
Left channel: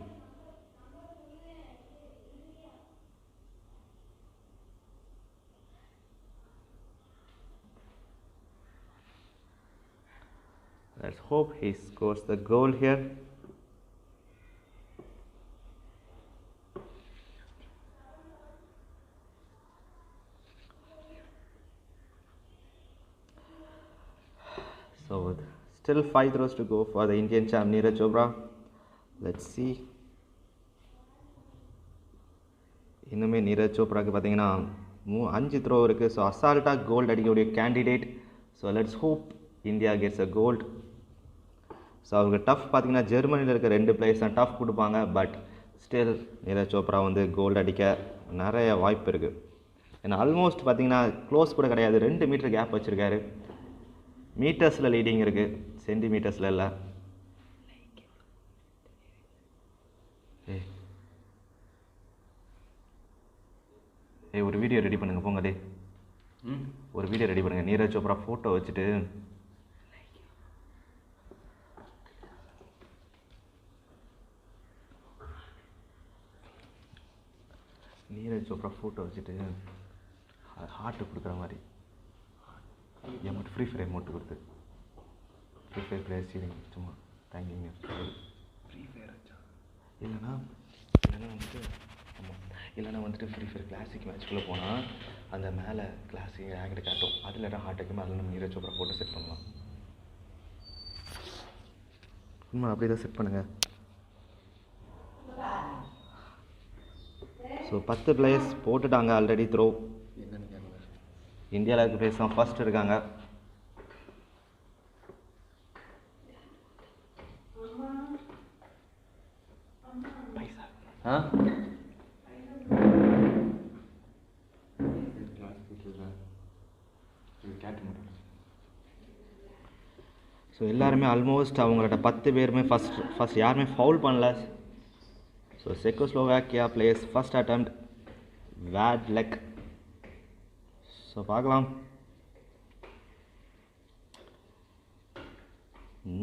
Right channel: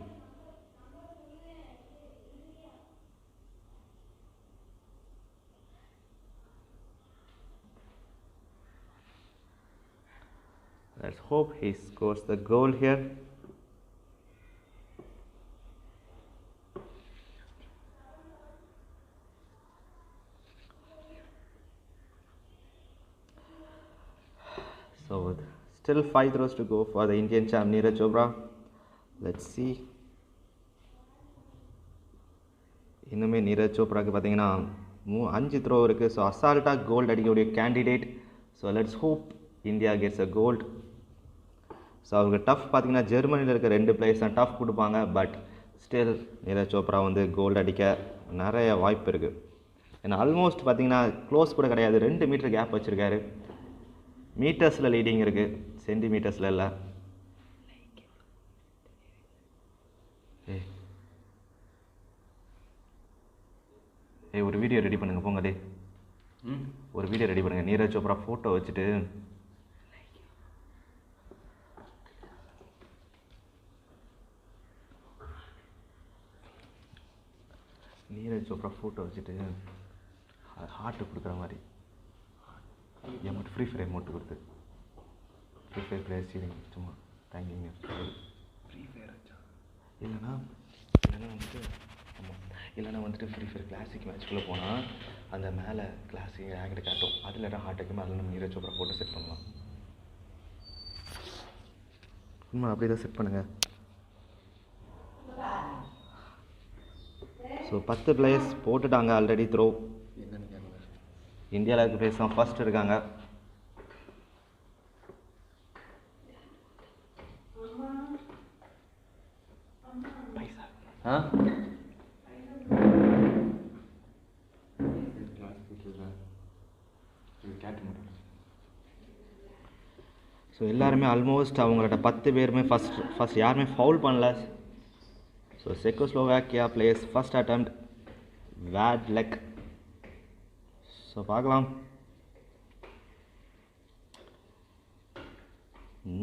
Let's hope he scores the goal here. So still 5 throws to go for the Indian champ Neeraj Chopra. Let's see. இன்னுமே நீரஜ் சோப்ராக்கு பார்த்தீங்கன்னா 5 throw இருக்குது. So அசால்ட்டாக gold அடிக்கக்கூடிய candidate. So let's hope India gets a gold. So அவங்க tough பார்த்தீங்கன்னா ஜெர்மனியில் இருக்க 2 players தான் டஃப் கொடுப்பாங்க. பட் ஸ்டில் நீரஜ் சோப்ரா வந்து கோல்டு அடிக்க நிறைய வாய்ப்பு இருக்குது. ஏன்னா ஆல்மோஸ்ட் பார்த்தீங்கன்னா க்ளோஸ் கூட கிடையாது, 2 மீட்டர் கேப் வச்சுருக்காரு. மீட்டர்ஸில் லீடிங் இருக்குது, சென்டிமீட்டர்ஸில் இல்லை. ஒரு வீடியோ ரெடி பண்ணுங்க போங்க. டே ஒரு வீடியோ ரெடி பண்ணுங்க, நீரஜ் சோப்ரா ஃபோட்டோ வச்சுட்டு. நீரஜ் சோப்ரா ஃபோட்டோ வச்சுட்டு ஹார்ட்டு கொடுக்குற மாதிரி எமௌண்ட் ஃப்ரீ ஃபயர் எமௌண்ட் கொடுத்து ஃப்ரீ ஃபயர் பிளேயர் சீரிங் சும்மா தேங்கிங்க. ஃப்ரீ ஃபயர் வச்சா இல்லைனா வந்துட்டு ஃப்ரீ ஃபயர் கிளாசிக் மேட்ச்குள்ளே போனால் அந்த மேலே கிளாசிக் ரேங்கை காட்டும். அதில் தான் ஹார்ட் வைக்கும். அதில் நம்ம நீரஜ் சோப்ரா ஃபோட்டோ செட் பண்ணலாம். சும்மா அப்படியே தான் செட் பண்ணுங்கள். ஸோ 10 பிளேயர்ஸ் போட்டுட்டாங்க ஆல்ரெடி த்ரோ. இந்தியாவில் இருக்க பிளேயர்ஸ் தான் ஃபர்ஸ்ட் இருக்காங்க. ஸோ எல்லாருமே ஆல்மோஸ்ட் அவங்களோட 10 பேருமே ஃபஸ்ட் யாருமே ஃபவுல் பண்ணல. So Czechoslovakia players first attempt bad luck. So பார்க்கலாம்.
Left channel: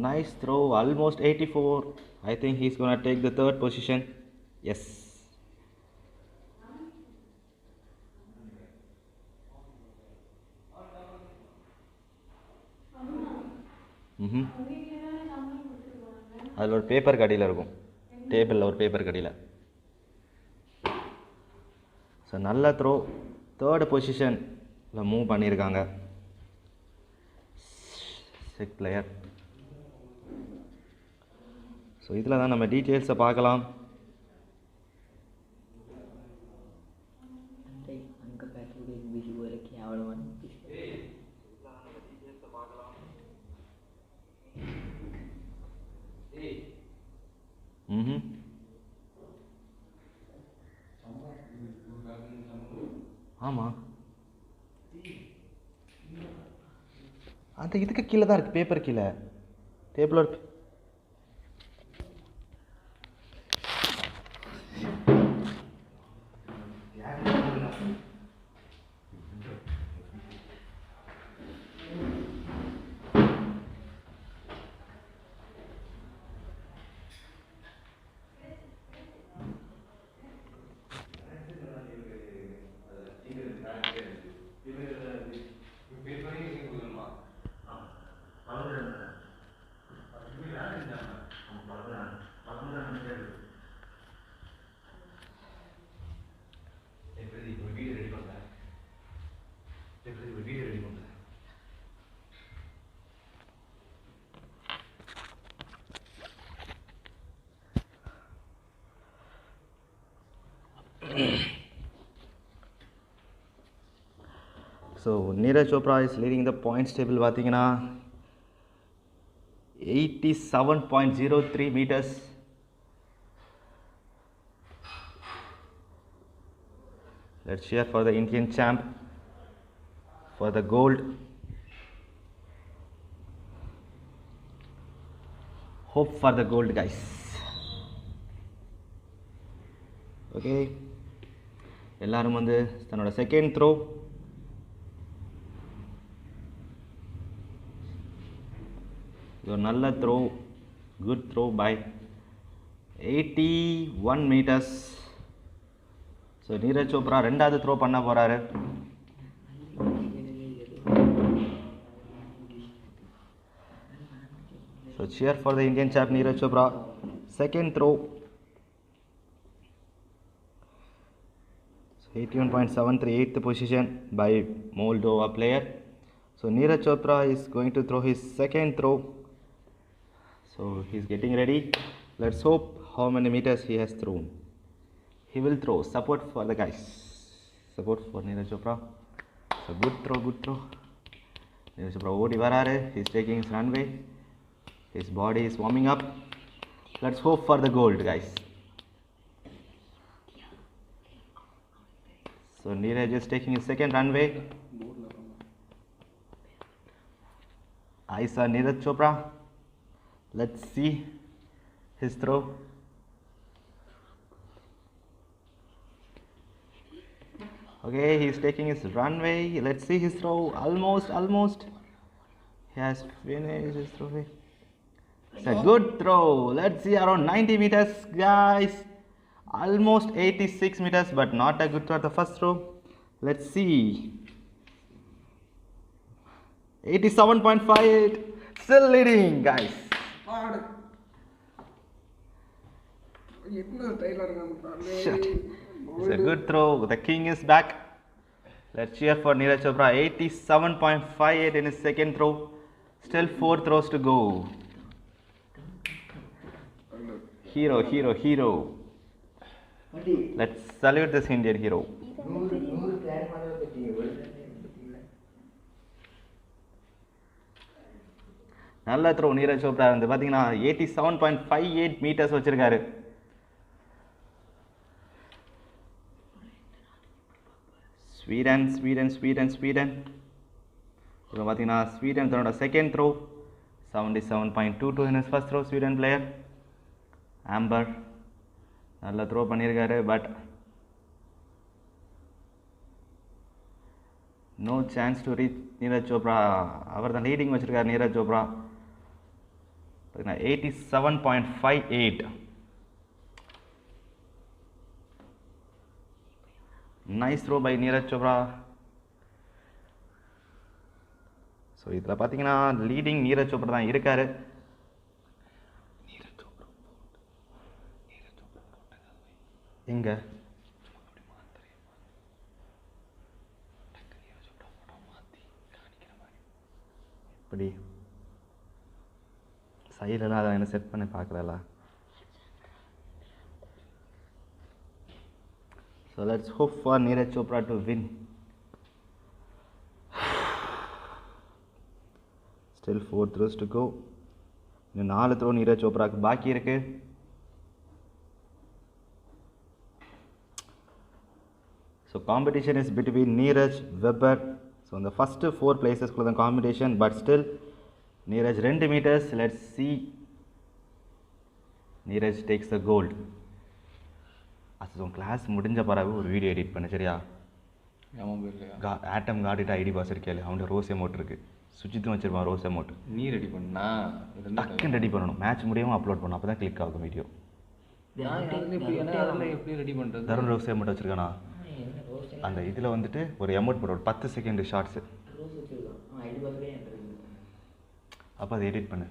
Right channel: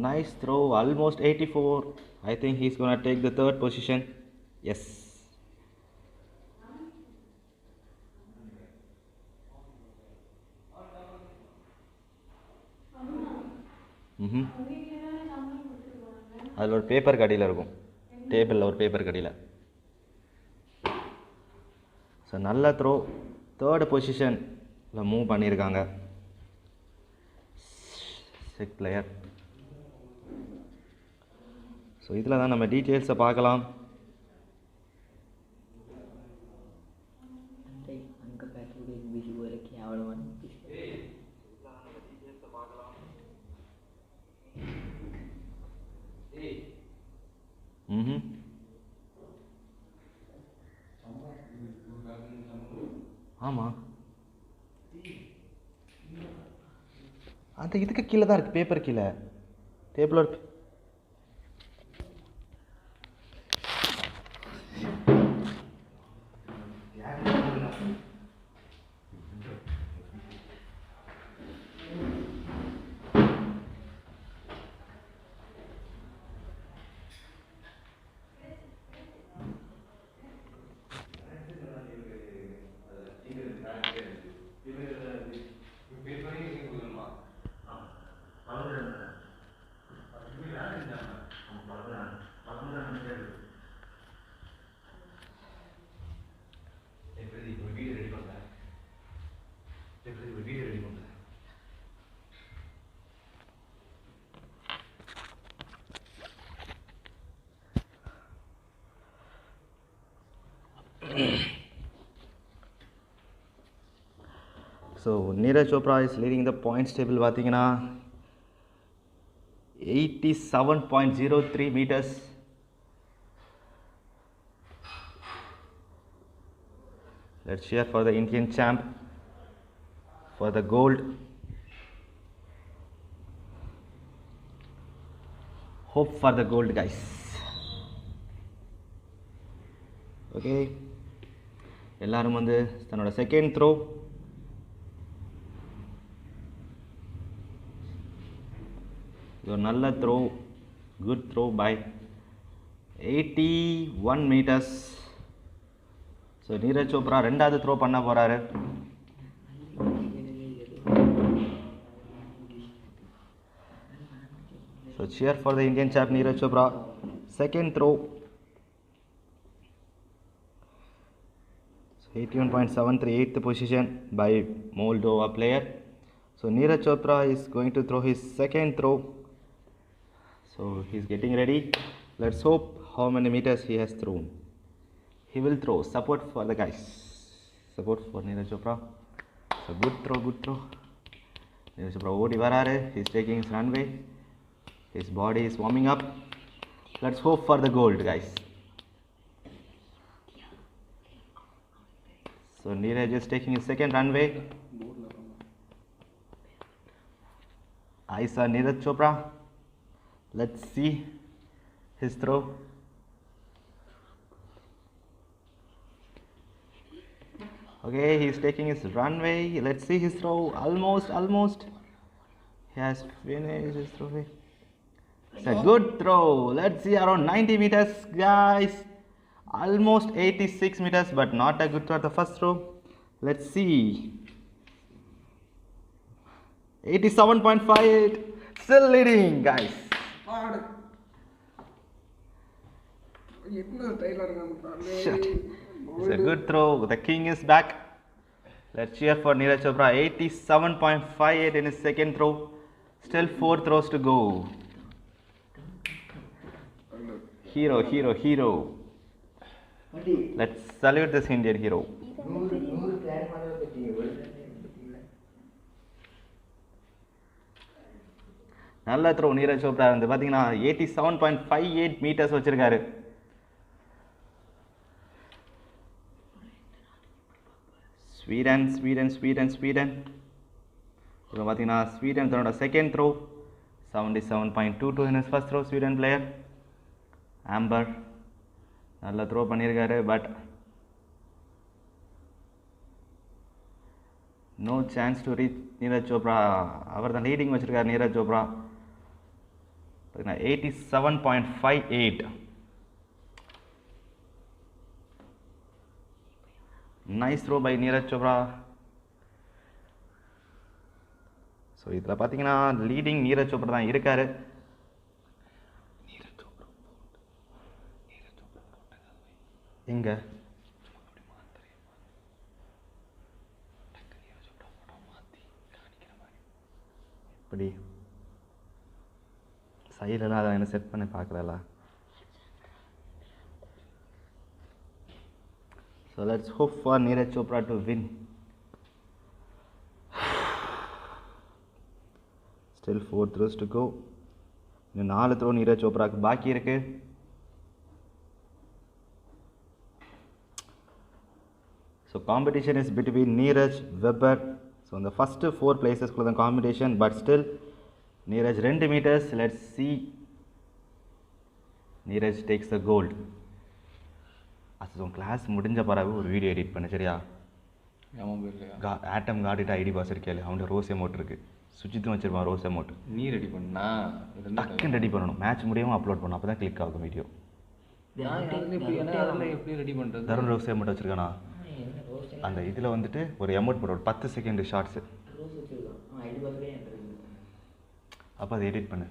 Nice throw, almost 84. I think he's gonna take the 3rd position. Yes. அதில் ஒரு பேப்பர் கடியில் இருக்கும், டேபிளில் ஒரு பேப்பர் கடியில். ஸோ நல்ல த்ரோ, 3rd பொசிஷனில் மூவ் பண்ணியிருக்காங்க 6th பிளேயர். ஸோ இதில் தான் நம்ம டீட்டெயில்ஸை பார்க்கலாம். ஆமாம், அந்த இதுக்கு கீழே தான் இருக்குது, பேப்பர் கீழே டேபிளோட. So Neeraj Chopra is leading the points table. பார்த்தீங்கன்னா 87.03 meters Let's cheer for the Indian champ for the gold. Hope for the gold, guys. Okay, எல்லாரும் வந்து தன்னோட செகண்ட் த்ரோ ஒரு நல்ல throw, good throw by 81 meters. So Neeraj Chopra ரெண்டாவது throw பண்ண போகிறாரு. So cheer for the Indian champ Neeraj Chopra. Second throw. 81.73, 8th position by Moldova player. So Neeraj Chopra is going to throw his second throw. So he's getting ready. Let's hope how many meters he has thrown. He will throw. Support for the guys. Support for Neeraj Chopra. So good throw, good throw. Neeraj Chopra odi vararu. He's taking his runway. His body is warming up. Let's hope for the gold, guys. So Neeraj is taking his second runway. I saw Neeraj Chopra. Let's see his throw. Okay, he's taking his runway. Let's see his throw. Almost. He has finished his throw. It's a good throw. Let's see, around 90 meters, guys. Almost 86 meters, but not a good throw at the first throw. Let's see. 87.58. Still leading, guys. Shit. It's a good throw. The king is back. Let's cheer for Neeraj Chopra. 87.58 in his second throw. Still 4 throws to go. Hero. Let's salute this Indian hero. நல்ல throw Neeraj Chopra வந்து பார்த்தீங்கன்னா 87.58 metres வச்சிருக்காரு. Sweden இப்போ பார்த்தீங்கன்னா Sweden தன்னோட second throw 77.22 in his first throw. Sweden player ஆம்பர் நல்ல throw பண்ணியிருக்காரு. But no chance to reach Neeraj Chopra. அவர் தான் லீடிங் வச்சிருக்காரு Neeraj Chopra. 87.58. Nice throw by Neeraj Chopra. So இதில் பார்த்தீங்கன்னா லீடிங் நீரஜ் சோப்ரா தான் இருக்காரு. எங்க இப்படி சைடெல்லாம் அதை என்ன செட் பண்ணி பார்க்கல. So let's hope for Neeraj Chopra to win. Still 4 throws to go. இன்னும் 4 த்ரோ நீரஜ் சோப்ராக்கு பாக்கி இருக்கு. So competition is between Neeraj, Weber. So in the first 4 places for the competition, but still Neeraj 2 meters. Let's see. Neeraj takes the gold. அது class முடிஞ்ச பிறகு ஒரு video edit பண்ண சரியா? ஆட்டம் காட்டிட்டு ஐடி பாஸ் இருக்கே, அவன்கிட்ட ரோஸ் எமௌண்ட் இருக்குது. சுஜித்தும் வச்சிருப்பான் ரோஸ் அமௌண்ட். நீ ரெடி பண்ணா டக்குன்னு ரெடி பண்ணணும். மேட்ச் முடியாமல் அப்லோட் பண்ணணும். அப்போ தான் கிளிக் ஆகும் வீடியோ. எப்படி ரெடி பண்ணுறது? தருண் ரோஸ் அமௌண்ட் வச்சுருக்கானா? அந்த இதில் வந்துட்டு ஒரு அமௌண்ட் போட ஒரு 10 செகண்ட் ஷார்ட்ஸு. அப்போ அதை எடிட் பண்ணு.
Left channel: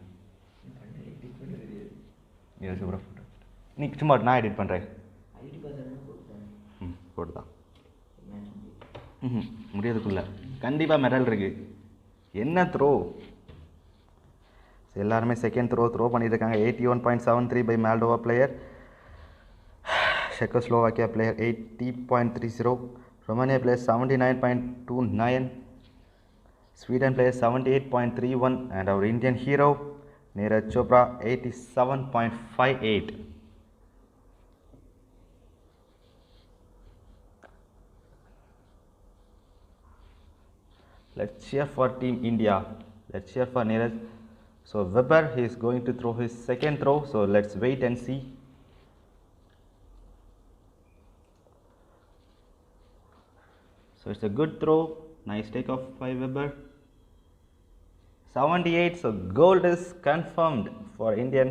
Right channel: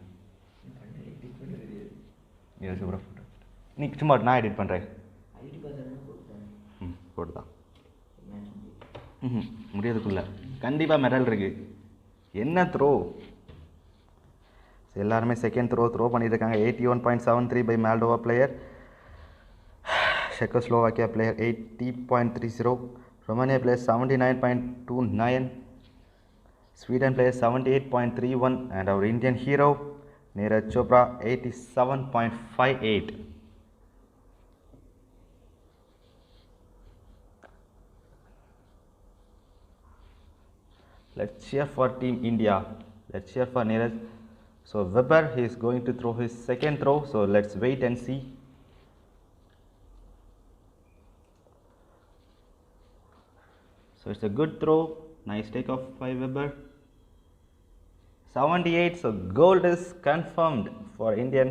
நீ சும்மா நான் எடிட் பண்ணுறேன். போட்டுதான் முடியாதுக்குள்ள கண்டிப்பாக மெடல் இருக்குது. என்ன த்ரோ? எல்லாருமே செகண்ட் த்ரோ பண்ணிட்டு இருக்காங்க. 81.73 by Moldova player. Czechoslovakia player 80.30. Romania player 79.29. Sweden player 78.31. And our Indian hero Neeraj Chopra 87.58. Let's cheer for Team India. Let's cheer for Neeraj. So Weber, he is going to throw his second throw. So let's wait and see. So it's a good throw. Nice takeoff by Weber. 78. So gold is confirmed for Indian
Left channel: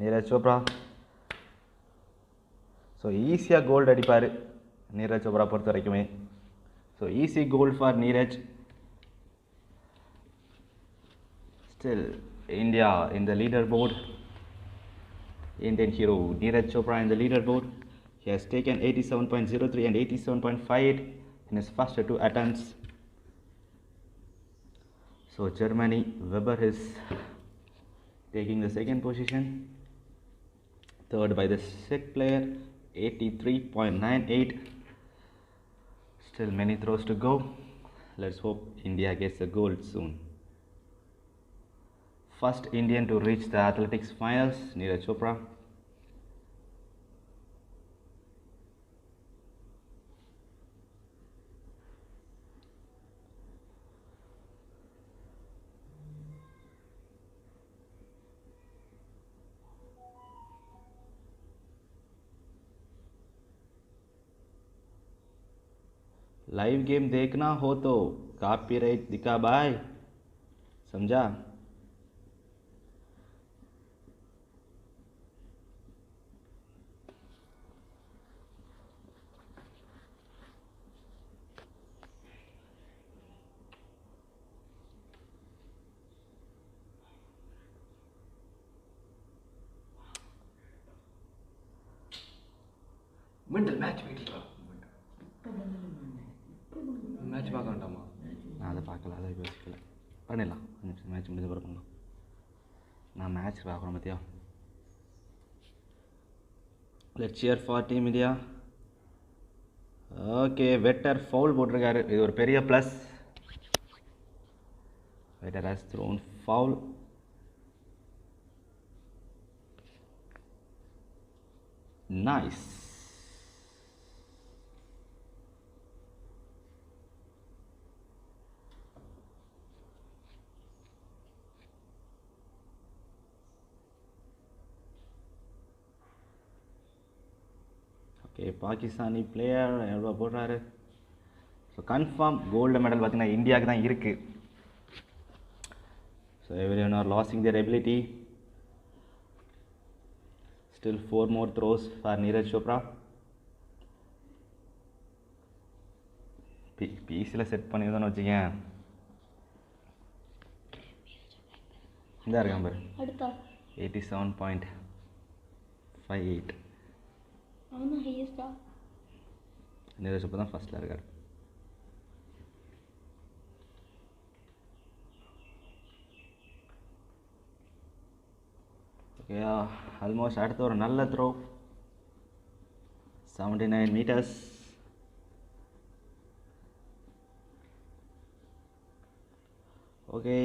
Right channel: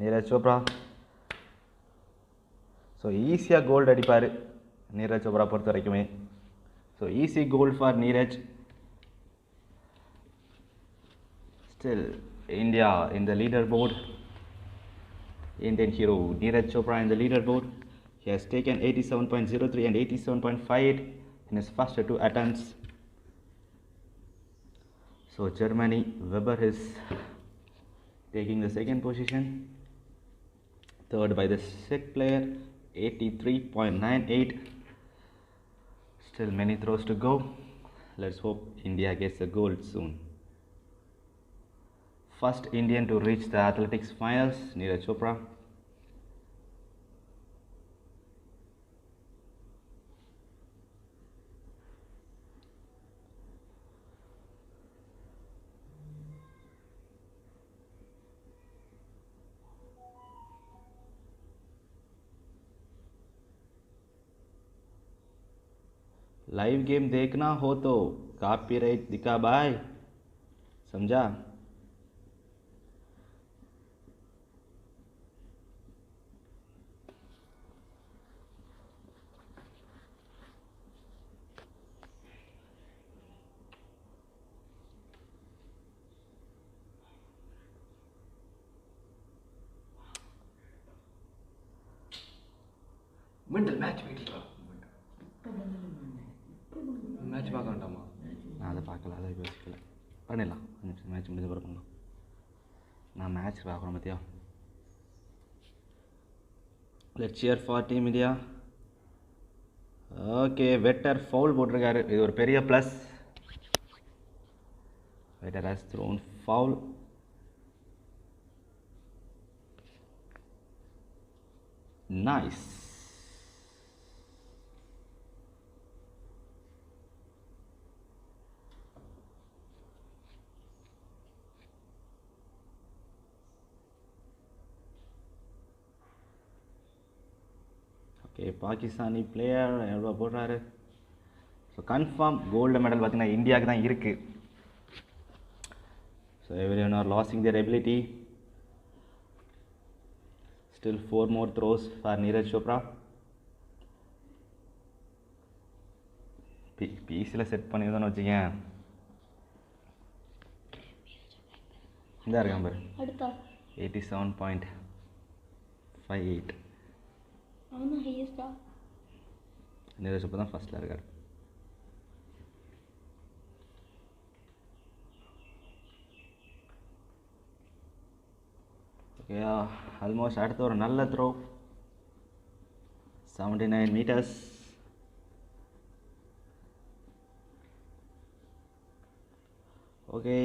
Neeraj Chopra. So easy gold அடிப்பாரு Neeraj Chopra பொறுத்த வரைக்குமே. So easy gold for Neeraj. Still India in the leaderboard. Indian hero Neeraj Chopra in the leaderboard. He has taken 87.03 and 87.58 in his first two attempts. So Germany, Weber is taking the second position. Third by the Czech player, 83.98. Still many throws to go. Let's hope India gets a gold soon. First Indian to reach the athletics finals, Neeraj Chopra. Live game देखना हो तो copyright दिखा भाई, समझा? Mental match வெயிட்டிங்களா? Match பார்க்க வேண்டாமா? நான் அதை பார்க்கல, அதை யோசிக்கல. பண்ணிடலாம், மேட்ச் முடிஞ்ச பிறகு பண்ணலாம். நான் மேட்ச் பார்க்குறேன் பார்த்தியா. Let's cheer for team India. Okay, Vetter foul போட்டிருக்காரு. இது ஒரு பெரிய plus. Vetter has thrown foul. Nice. Okay, Pakistani player எவ்வளோ போடுறாரு. ஸோ கன்ஃபார்ம் கோல்டு மெடல் பார்த்திங்கன்னா இந்தியாவுக்கு தான் இருக்குது. So every one are losing their ability. Still 4 more throws for Neeraj Chopra. பிசியில் செட் பண்ணியிருந்தோன்னு வச்சுக்கேன். இந்த இருக்கான் பாரு, 87.58. நீரஜ் சோப்ரா தான் ஃபர்ஸ்ட்டில் இருக்கார். ஓகே, ஆல்மோஸ்ட் அடுத்த ஒரு நல்ல throw. 79 meters. Okay,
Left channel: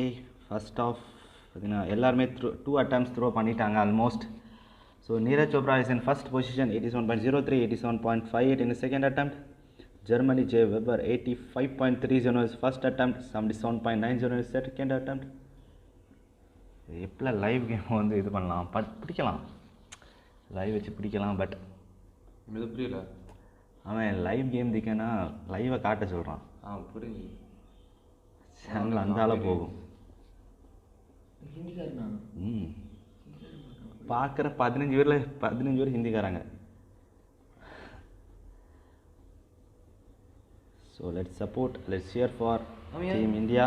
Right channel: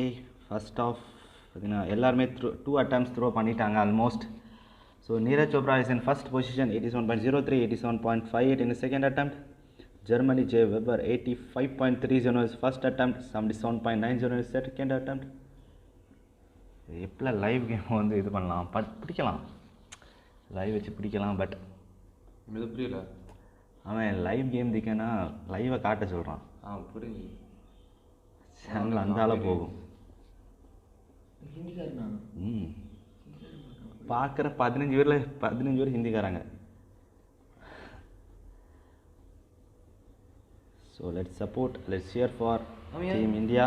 first off பார்த்தீங்கன்னா எல்லாருமே 2 attempts த்ரோ பண்ணிட்டாங்க almost. So Neeraj Chopra is in first position, 87.03, 87.58 in his second attempt. Germany J. Weber 85.30 his first attempt, 77.90 his second attempt. எப்போலாம் லைவ் கேம் வந்து இது பண்ணலாம், பிடிக்கலாம், லைவ் வச்சு பிடிக்கலாம். பட் இது புரியல, அவன் லைவ் கேம் திக்கன்னா லைவை காட்ட சொல்கிறான். புரியுது, சேனல் அந்த ஆளாக போகும். பார்க்குற 15 பேர் ஹிந்திக்காரங்க. So let's support, let's cheer for team India.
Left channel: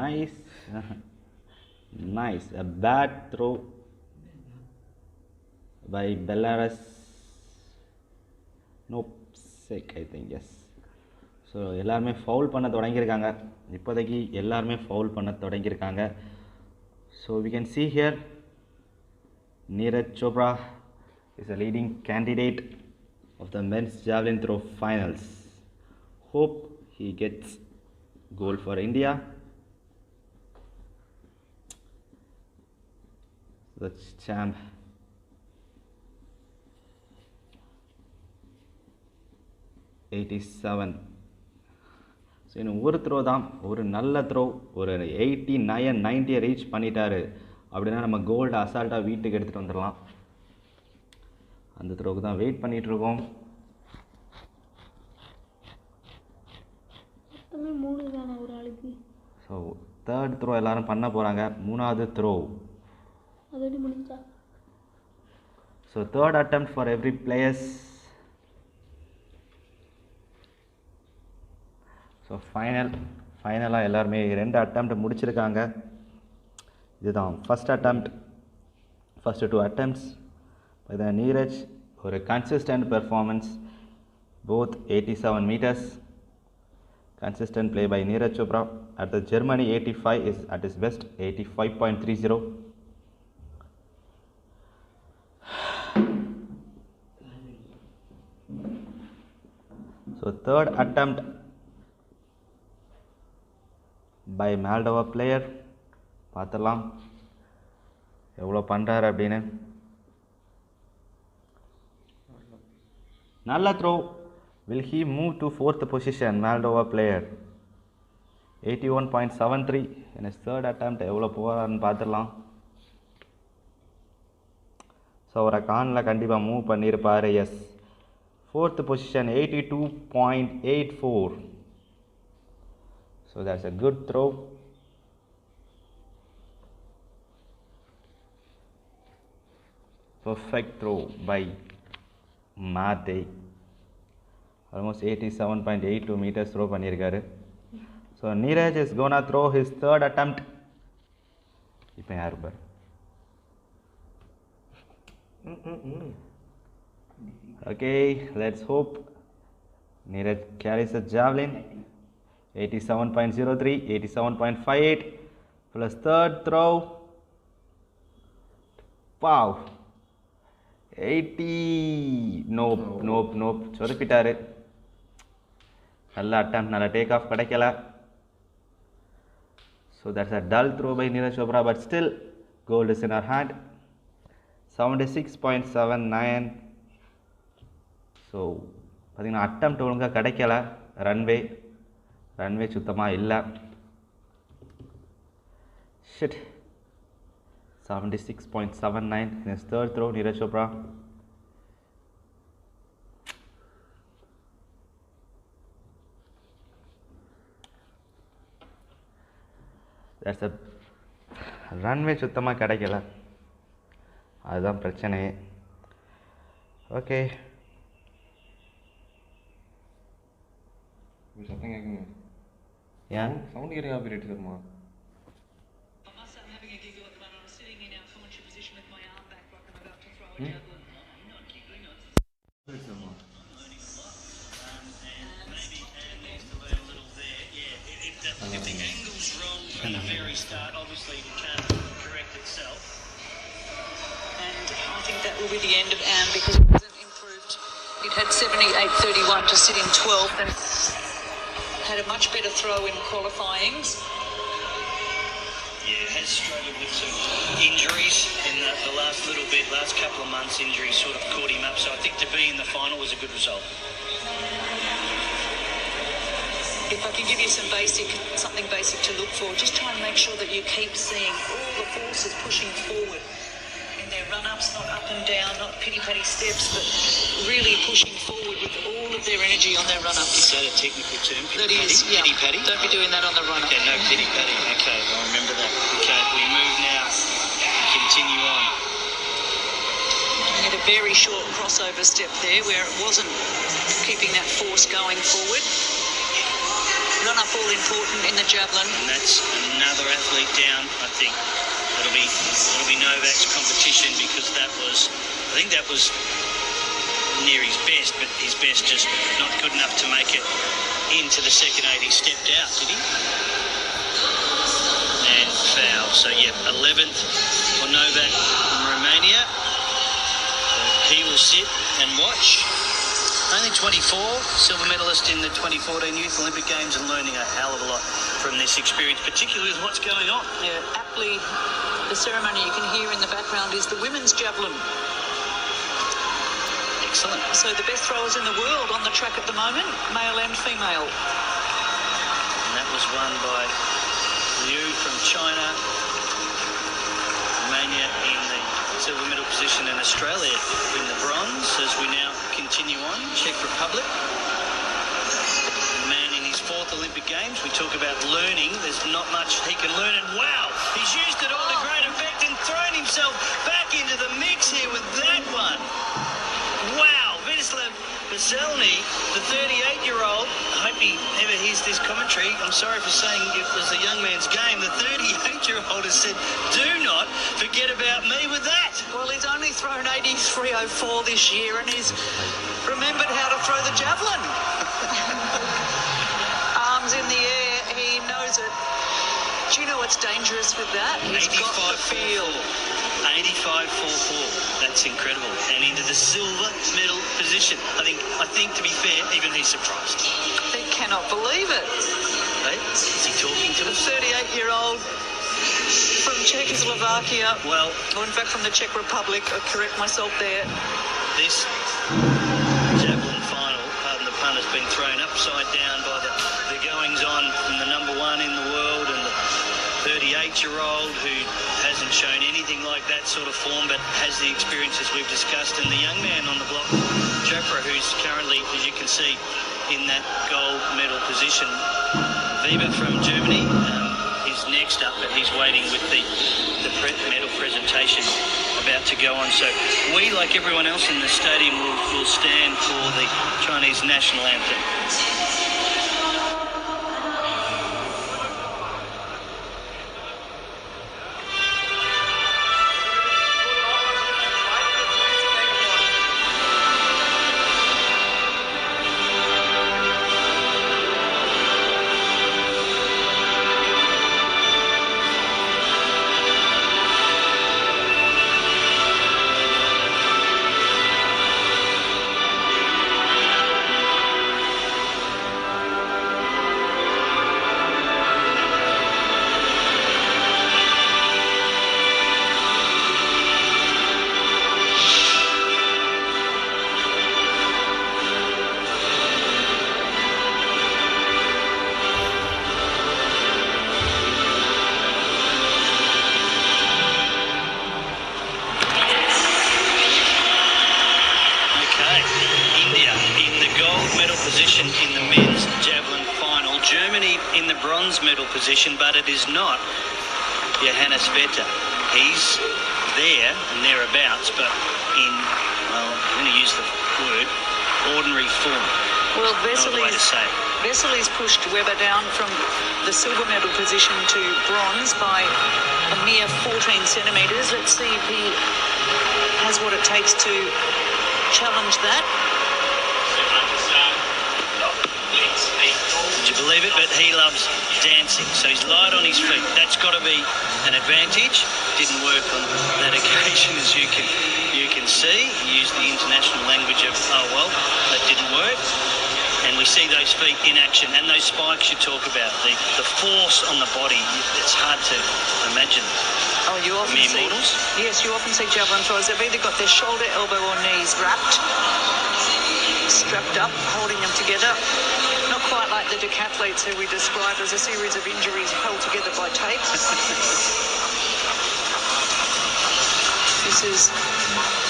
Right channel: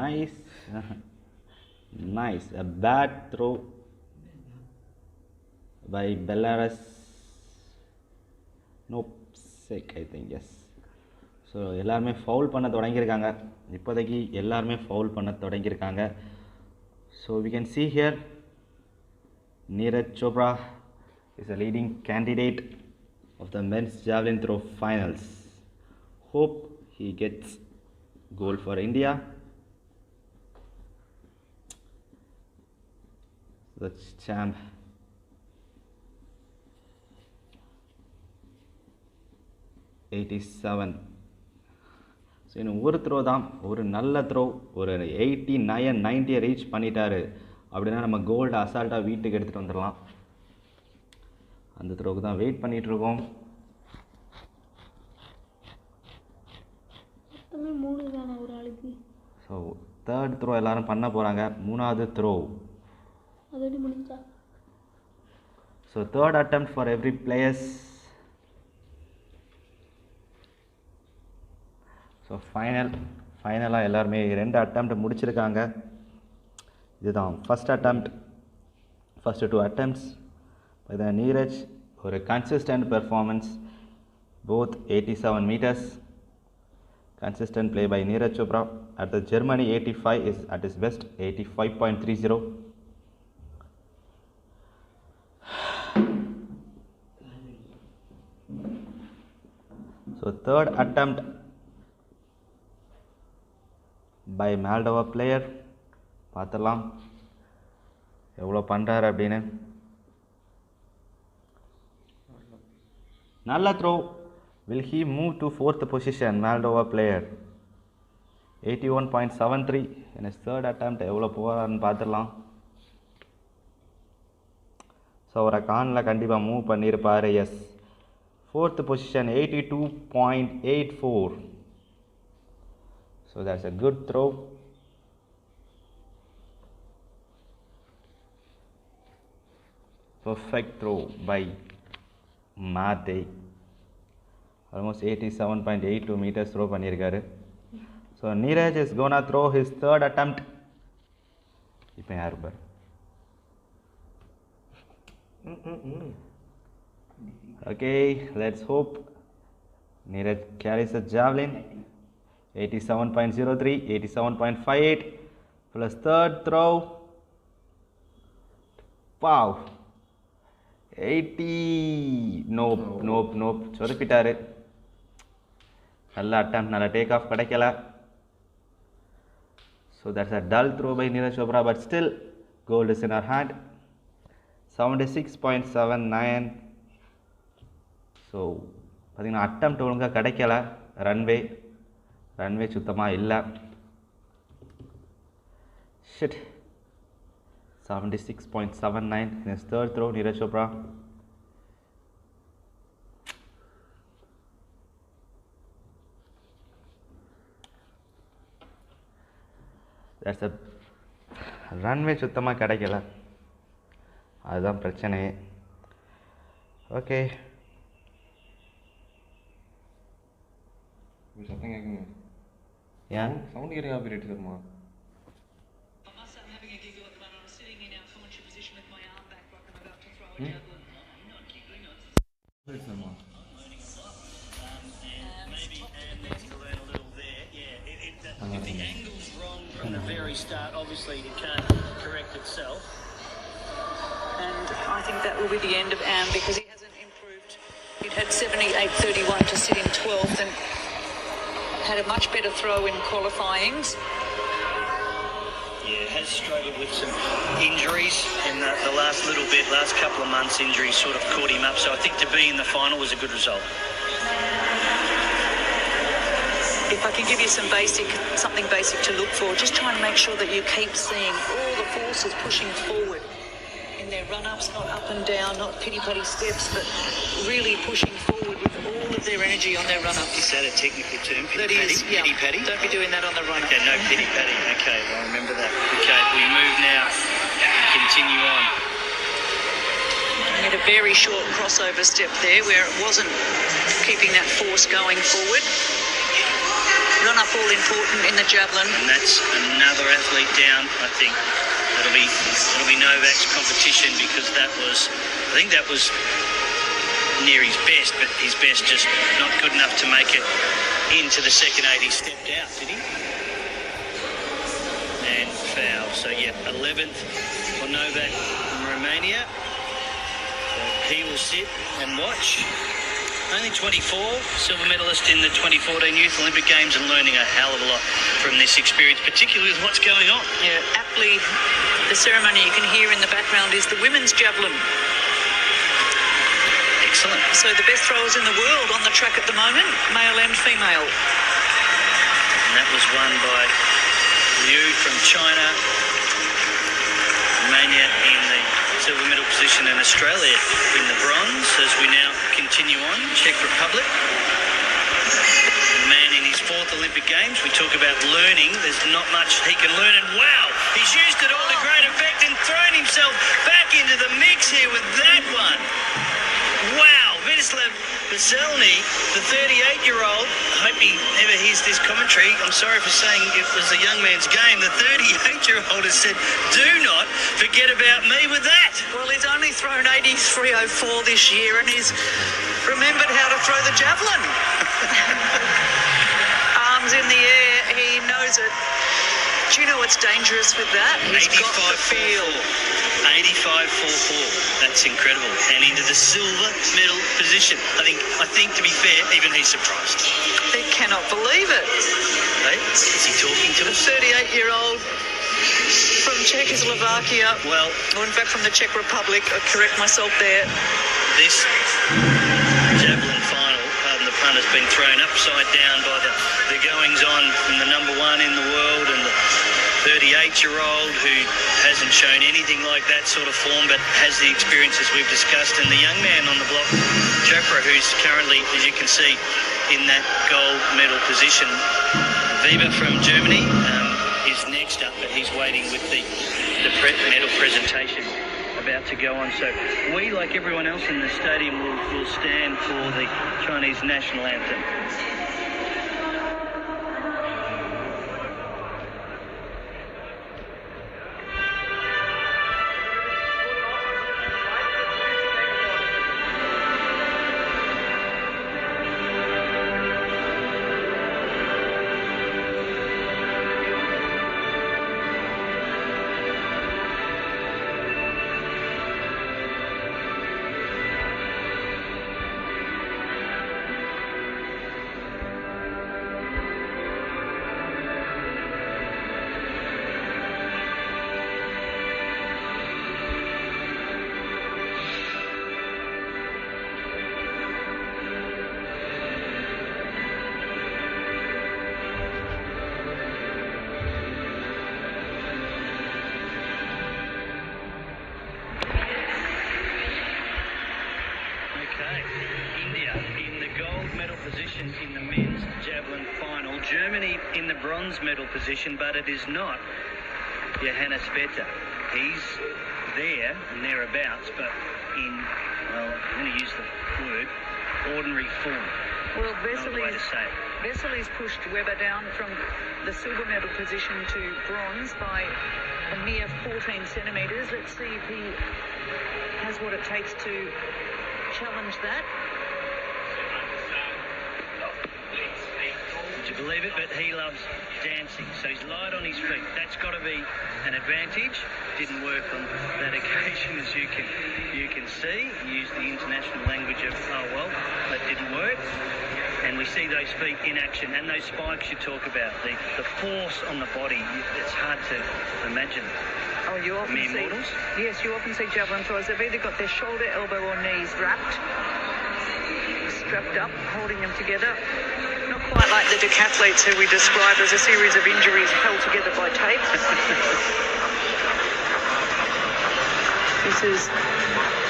Nice nice, a bad throw by Belarus. Nope, sick I think, yes. So எல்லாருமே ஃபவுல் பண்ண தொடங்கியிருக்காங்க. இப்போதைக்கு எல்லாருமே ஃபவுல் பண்ண தொடங்கியிருக்காங்க. So we can see here Neeraj Chopra is a leading candidate of the men's javelin throw finals. Hope he gets gold for India. The champ. $87. So so இன்னும் ஒரு throw தான், ஒரு நல்ல த்ரோ, ஒரு 89 90 ரீச் பண்ணிட்டாரு அப்படின்னா நம்ம கோல்டு அசால்ட்டாக வீட்டுக்கு எடுத்துகிட்டு வந்துடலாம். அந்த த்ரோவுக்கு தான் வெயிட் பண்ணிகிட்ருக்கோம். ஸோ தேர்ட் த்ரோ எல்லோரும் பண்ண போகிறாங்க. மூணாவது throw. So third attempt for every players. So ஃபைனலாக எல்லாருமே 2 அட்டெம்ப்ட் முடிச்சிருக்காங்க. இதுதான் first attempt. First 2 attempts by the Neeraj. ஒரு consistent performance, both 87 meters. Consistent play by Neeraj Chopra. At the Germany 85 is at his best, 85.30. So third attempt by Moldova player. பார்த்துடலாம் எவ்வளோ பண்ணுறாரு அப்படின்னு. நல்ல throw. Will he move to 4th position? Moldova player 81.73 in his third attempt. எவ்வளோ போகிறாருன்னு பார்த்துடலாம். So அவரை கானில் கண்டிப்பாக மூவ் பண்ணியிருப்பார். Yes, 4th position 82.84. So that's a good throw. Perfect throw by Mate. Almost 87.82 meters throw பண்ணியிருக்காரு. So Neeraj is gonna throw his third attempt. இப்போ யார் பார். Okay, let's hope Neeraj carries a javelin. 87.03, 87.58 plus third throw. Wow, 80. Nope. சொதப்பிட்டாரு. நல்ல attempt, நல்ல take off கிடைக்கல. So that's a dull throw by Neeraj Chopra, but still gold is in our hand. 76.79. ஸோ பார்த்திங்கன்னா attempt ஒழுங்காக கிடைக்கல. Runway சுத்தமாக இல்லை. Shit. 76.79 in his third throw, Neeraj Chopra. That's a runway சுத்தமாக கிடைக்கல, அதுதான் பிரச்சனையே. ஓகே, சத்தம் கேட்குங்க. ஏன் சவுண்ட் கேட்க operate சார்மா? If the angle's wrong from the very start, obviously it can't correct itself. And I think that will be the end of Am because it hasn't improved. It had 78.31 to sit in 12th and had a much better throw in qualifyings. Yeah, has struggled with some injuries in the last little bit, last couple of months. Injuries sort of caught him up, so I think to be in the final was a good result. If I can give you something basic to look for, just try and make sure that you keep seeing all the forces pushing forward in their run-ups, not up and down, not pity-patty steps, but really pushing forward with all of their energy on their run-ups. Is that a technical term? That is, yeah. Pity-patty? Don't be doing that on the run-up. Okay, no pity-patty. Okay, I'll remember that. Okay, we move now. Continue on. We had a very short crossover step there where it wasn't keeping that force going forward. Run up all important in the javelin. And that's another athlete down, I think. It'll be Novak's competition because I think that was near his best, but his best just not good enough to make it into the second 8. He stepped out, did he? And foul. So, yeah, 11th for Novak from Romania. So he will sit and watch. Only 24, silver medalist in the 2014 Youth Olympic Games, and learning a hell of a lot from this experience, particularly with what's going on. Yeah, aptly, the ceremony you can hear in the background is the women's javelin. Excellent. So the best throwers in the world on the track at the moment, male and female. that was won by Liu from China. Romania in the silver medal position and Australia in the bronze. As we now continue on, Czech Republic. The man in his 4th Olympic Games. We talk about learning. There's not much he can learn, and wow, he's used it all to great effect and thrown himself back into the mix here with that one. Wow, Vidislav Veselny, the 38-year-old, I hope he never hears this commentary. I'm sorry for saying it was a young man's game. The 38-year-old has said, do not forget about me with that. Well, he's only thrown 83.04 this year and he's remembered how to throw the javelin. Arms in the air, he knows it. Do you know what's dangerous with that? He's got the feel. 85.44. That's incredible. And into the silver medal position. I think to be fair, even he's surprised. He cannot believe it. Hey, is he talking to The us? 38-year-old from Czechoslovakia. Well, Or in fact from the Czech Republic. I correct myself there. this javelin final, pardon the pun, has been thrown upside down by the goings-on from the number 1 in the world and the 38-year-old who hasn't shown anything like that sort of form but has the experiences we've discussed, and the young man on the block, Chopra, who's currently, as you can see, in that gold medal position. Weber from Germany is next up, but he's waiting with the medal presentation about to go on. So we, like everyone else in the stadium, will stand for the Chinese national anthem. Position in the men's javelin final. Germany in the bronze medal position, but it is not Johannes Vetter. He's there and thereabouts, but in, well, I'm going to use the word, ordinary form. Well, Another way to say it. Vesely's pushed Weber down from the silver medal position to bronze by a mere 14 centimetres. Let's see if he has what it takes to challenge that. Would you believe it? But he loves dancing, so he's light on his feet. That's got to be an advantage. Didn't work on that occasion, as you can see. He used the international language of, oh well, that didn't work. And we see those feet in action, and those spikes you talk about, the force on the body. It's hard to imagine. Oh, you often Mere see, mortals? yes, you often see javelin throwers. They've either got their shoulder, elbow, or knees wrapped, strapped up, holding them together. Not quite like the decathletes who we describe as a series of injuries held together by tape. This is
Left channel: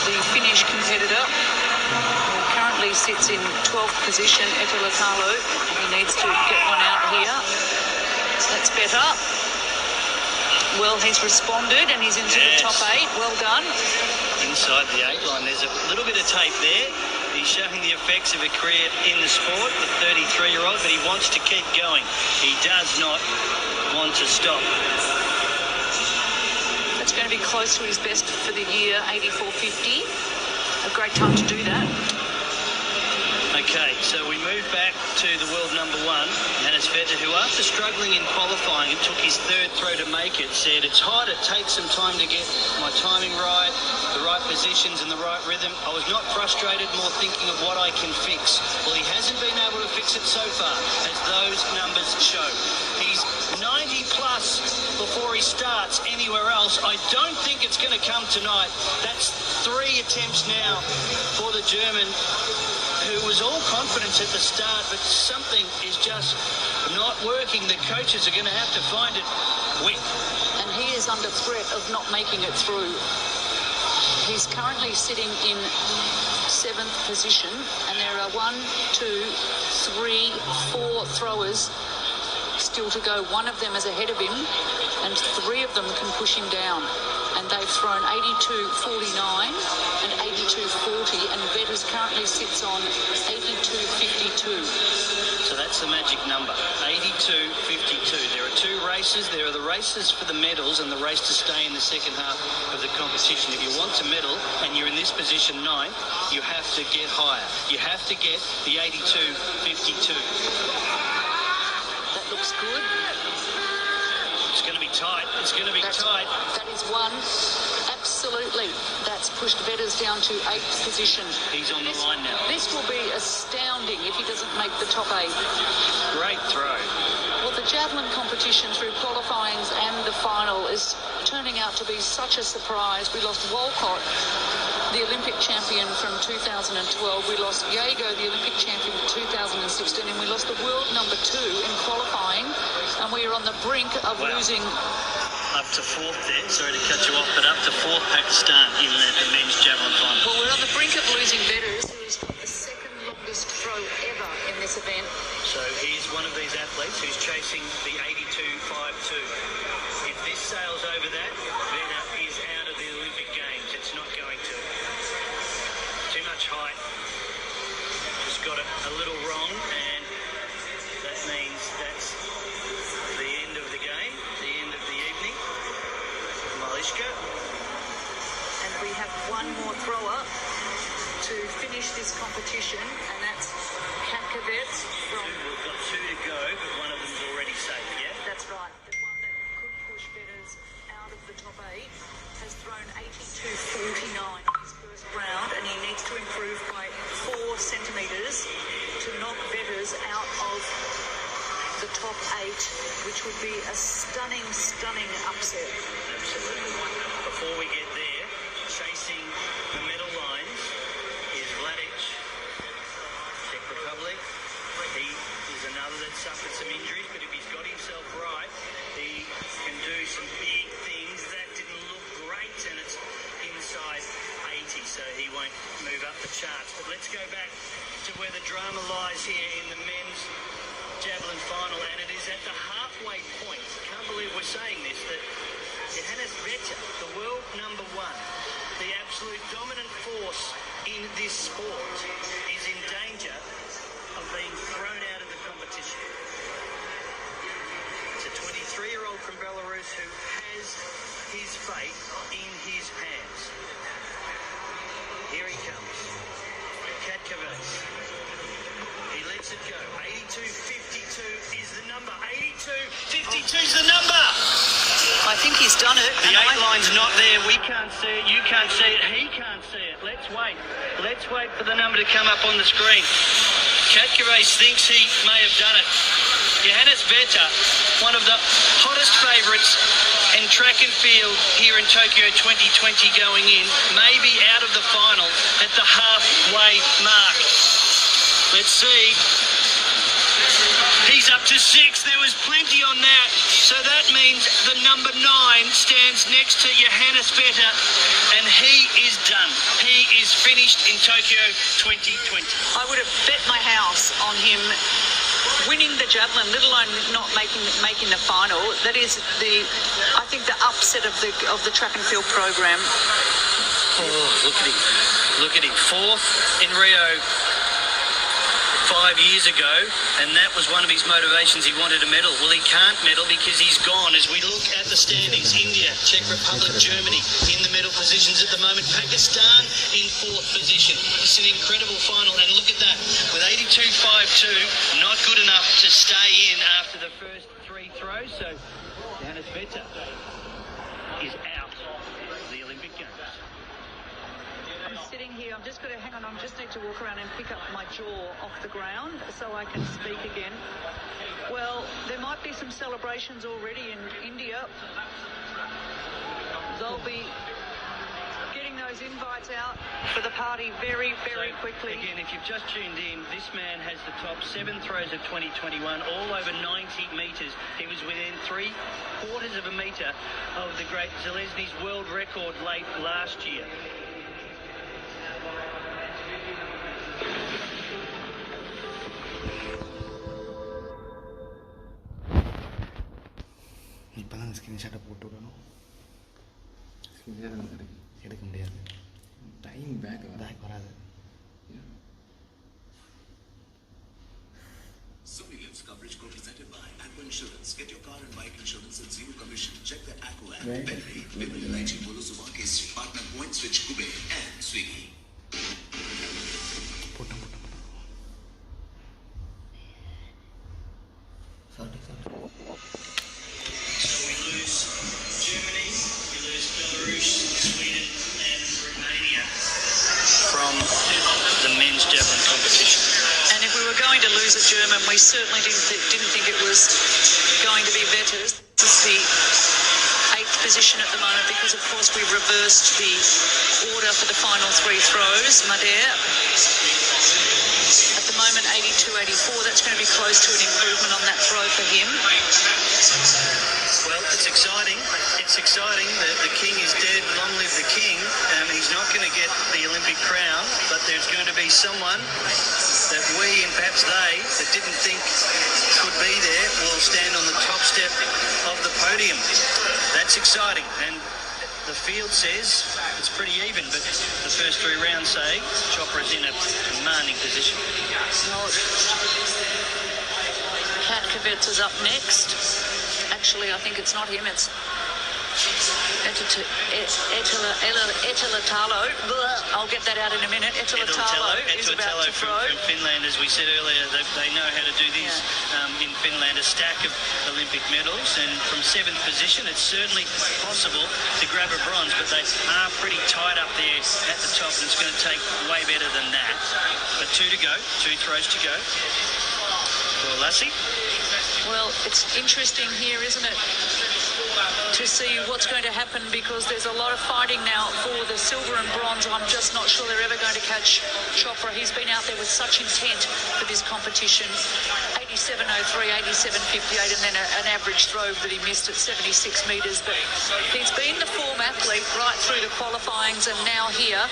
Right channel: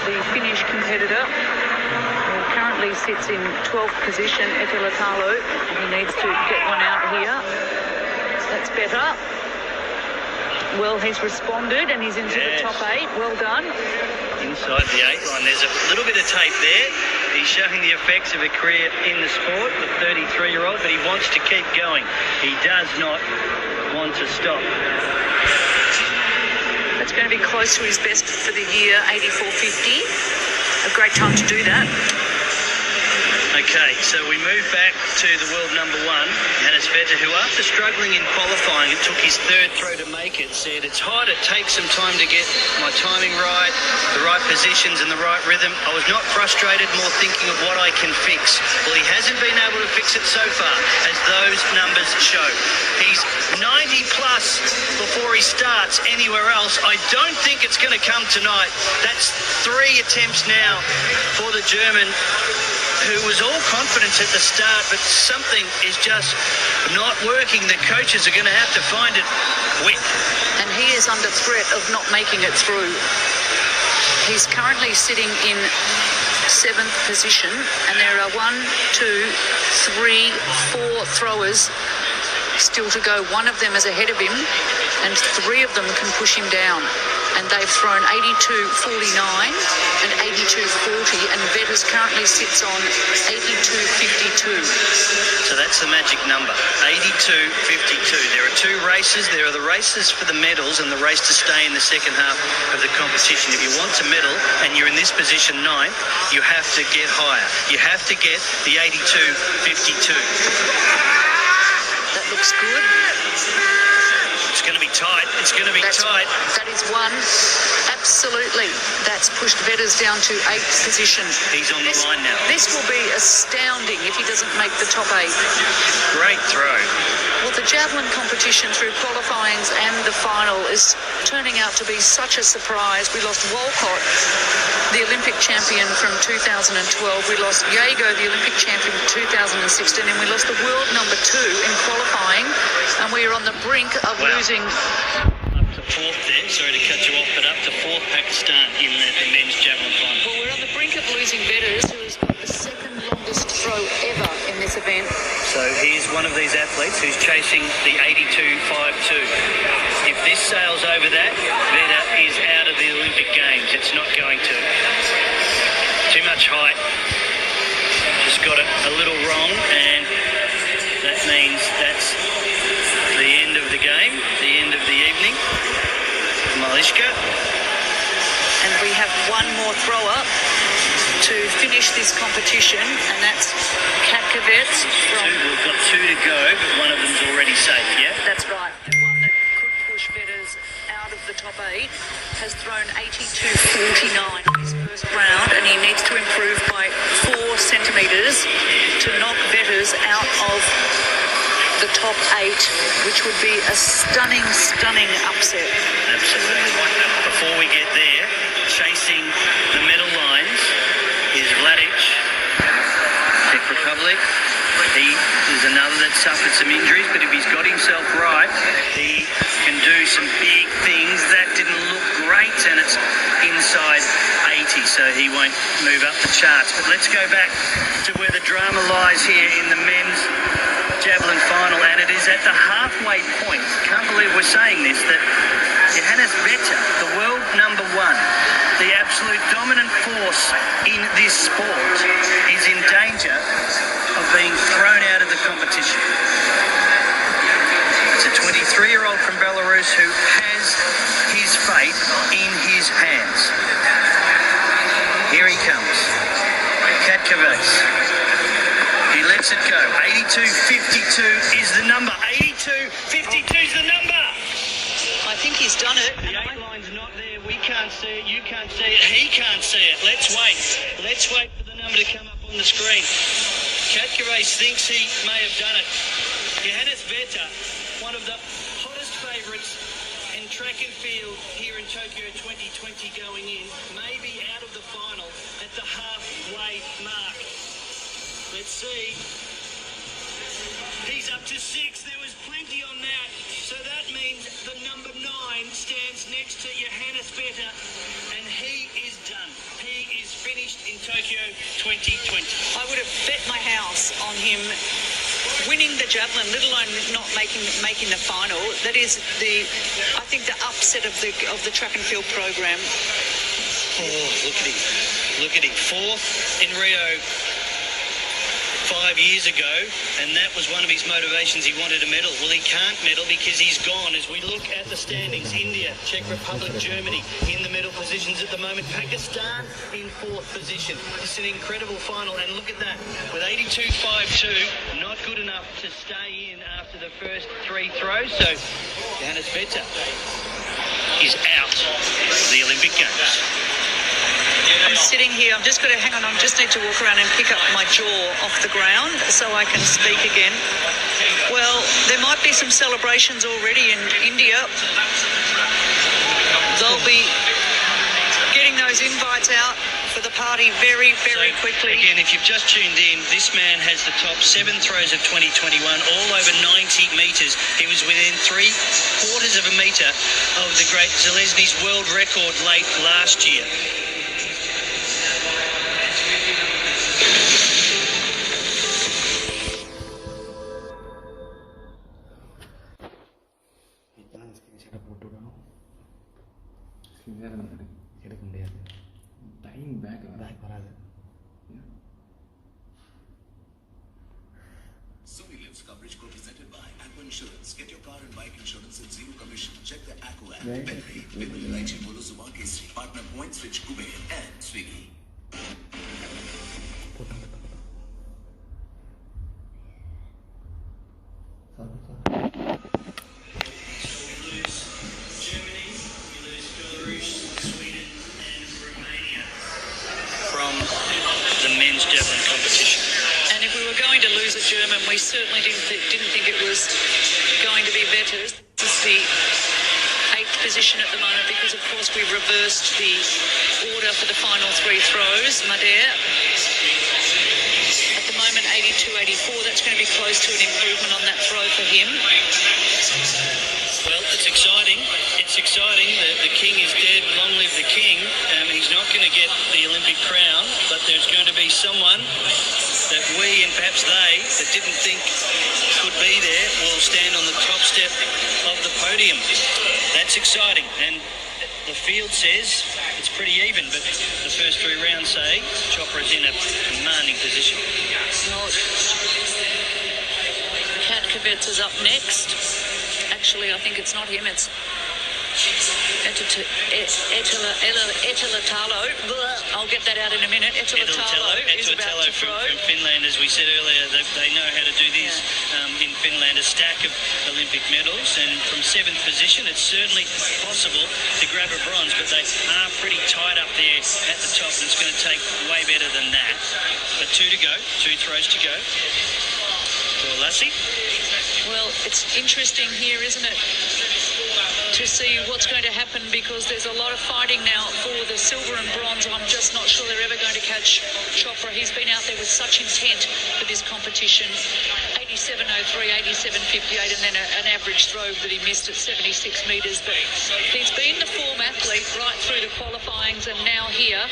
the Finnish competitor who currently sits in 12th position, Etelätalo. He needs to get one out here. That's better. Well, he's responded and he's into the top 8. Well done. Inside the 8 line, there's a little bit of tape there. He's showing the effects of a career in the sport, the 33-year-old, but he wants to keep going. He does not want to stop. That's going to be close to his best for the year, 84.50. A great time to do that. Okay, so we move back to the world number 1, Johannes Vetter, who after struggling in qualifying, it took his 3rd throw to make it, said, it's hard, it takes some time to get my timing right, the right positions and the right rhythm. I was not frustrated, more thinking of what I can fix. Well, he hasn't been able to fix it so far, as those numbers show. He's 90 plus before he starts anywhere else. I don't think it's going to come tonight. That's 3 attempts now for the German, who was all confidence at the start, but something is just not working. The coaches are going to have to find it quick. And he is under threat of not making it through. He's currently sitting in 7th position, and there are 1, 2, 3, 4 throwers still to go. One of them is ahead of him, and 3 of them can push him down. And they've thrown 82.49 and 82.40, and Vetters currently sits on 82.52. So that's the magic number, 82.52. There are 2 races. There are the races for the medals and the race to stay in the second half of the competition. If you want to medal and you're in this position 9th, you have to get higher. You have to get the 82.52. That looks good. It's going to be tight. It's going to be tight. That is one. Absolutely. That's pushed Vetters down to 8th position. He's on the line now. This will be astounding if he doesn't make the top 8. Great throw. Well, the javelin competition through qualifyings and the final is turning out to be such a surprise. We lost Walcott, the Olympic champion from 2012. We lost Jago, the Olympic champion from 2016. And we lost the world number 2 in qualifying. And we are on the brink of losing. Up to 4th there. Sorry to cut you off, but up to 4th Pakistan in the men's javelin final. Well, we're on the brink of losing Vetters, who is the 2nd longest throw ever in this event. So he's one of these athletes who's chasing the 82.52. If this sails over that, Vetter is out of the Olympic Games. It's not going to. Too much height. Just got it a little wrong, and that means that's the end of the game, the end of the evening. Malishka. And we have one more thrower to finish this competition, and that's Katkavets. We've got 2 to go, but one of them's already safe, yeah? That's right. The one that could push Vetters out of the top 8 has thrown 82.49 in his first round, and he needs to improve by 4 centimetres to knock Vetters out of the top 8, which would be a stunning upset. Absolutely. Before we get there, chasing the medal lines is Vladic, Czech Republic. He is another that suffered some injuries, but if he's got himself right, he can do some big things. That didn't look great, and it's inside 80, so he won't move up the charts. But let's go back to where the drama lies here in the men's javelin final, and it is at the halfway point. Can't believe we're saying this, that Johannes Vetter, the world number 1, the absolute dominant force in this sport, is in danger of being thrown out of the competition. It's a 23-year-old from Belarus who has his fate in his hands. Here he comes. Katkavets. He lets it go. 82.52 is the number. 82.52 is the number. I think he's done it. The 8 line's not there. We can't see it. You can't see it. He can't see it. Let's wait. Let's wait for the number to come up on the screen. Katkavets thinks he may have done it. Johannes Vetter, one of the hottest favourites in track and field here in Tokyo 2020 going in, may be out of the final at the halfway mark. Let's see. He's up to 6. There was plenty on that. So that means the number 9 stands next to Johannes Vetter, and he is done. He is finished in Tokyo 2020. I would have bet my house on him winning the javelin, let alone not making the final. That is I think the upset of the track and field program. Oh, look at him. Look at him. 4th in Rio 5 years ago, and that was one of his motivations. He wanted a medal. Well, he can't medal because he's gone. As we look at the standings, India, Czech Republic, Germany in the medal positions at the moment. Pakistan in 4th position. It's an incredible final, and look at that. With 82.52, not good enough to stay in after the first 3 throws. So Johannes Vetter is out of the Olympic Games. I'm sitting here, I'm just going to hang on, I just need to walk around and pick up my jaw off the ground so I can speak again. Well, there might be some celebrations already in India. They'll be getting those invites out for the party very, very quickly. Again, if you've just tuned in, this man has the top 7 throws of 2021, all over 90 metres. He was within 3/4 of a metre of the great Zelezny's world record late last year. இப்போதான் ஸ்க்ரீன்ஷாட்டை போட்டு விடணும். எடுக்க முடியாது, time back வராது. Subedar coverage co-presented by Apple Insurance. Get your car and bike insurance at zero commission. Check the Apple app. Devi, with United Polo Zubanke Street, Partner Point Switch Uwe and Swiggy. போட்டோம். Sorry. From the men's javelin competition. And if we were going to lose a German, we certainly didn't think it was going to be better. This is the 8th position at the moment because, of course, we reversed the order for the final 3 throws. Madare, at the moment, 82-84. That's going to be close to an improvement on that throw for him. Well, it's exciting. It's exciting. The king is dead. Long live the king. He's not going to get the Olympic crown, but there's going to be someone that we and perhaps they that didn't think could be there will stand on the top step of the podium. That's exciting. And the field says it's pretty even, but the first 3 rounds say Chopra's in a commanding position. Katkovets is up next. Actually, I think it's not him, it's Etelatalo. I'll get that out in a minute. Etelatalo is about to throw. From Finland, as we said earlier, they know how to do this in Finland, a stack of Olympic medals, and from 7th position it's certainly possible to grab a bronze, but they are pretty tight up there at the top, and it's going to take way better than that. But 2 to go, 2 throws to go for Lassie. Well, it's interesting here, isn't it, to see what's going to happen, because there's a lot of fighting now for the silver and bronze. I'm just not sure they're ever going to catch Chopra. He's been out there with such intent for this competition. 87.03, 87.58, and then an average throw that he missed at 76 metres. But he's been the form athlete right through the qualifyings, and now here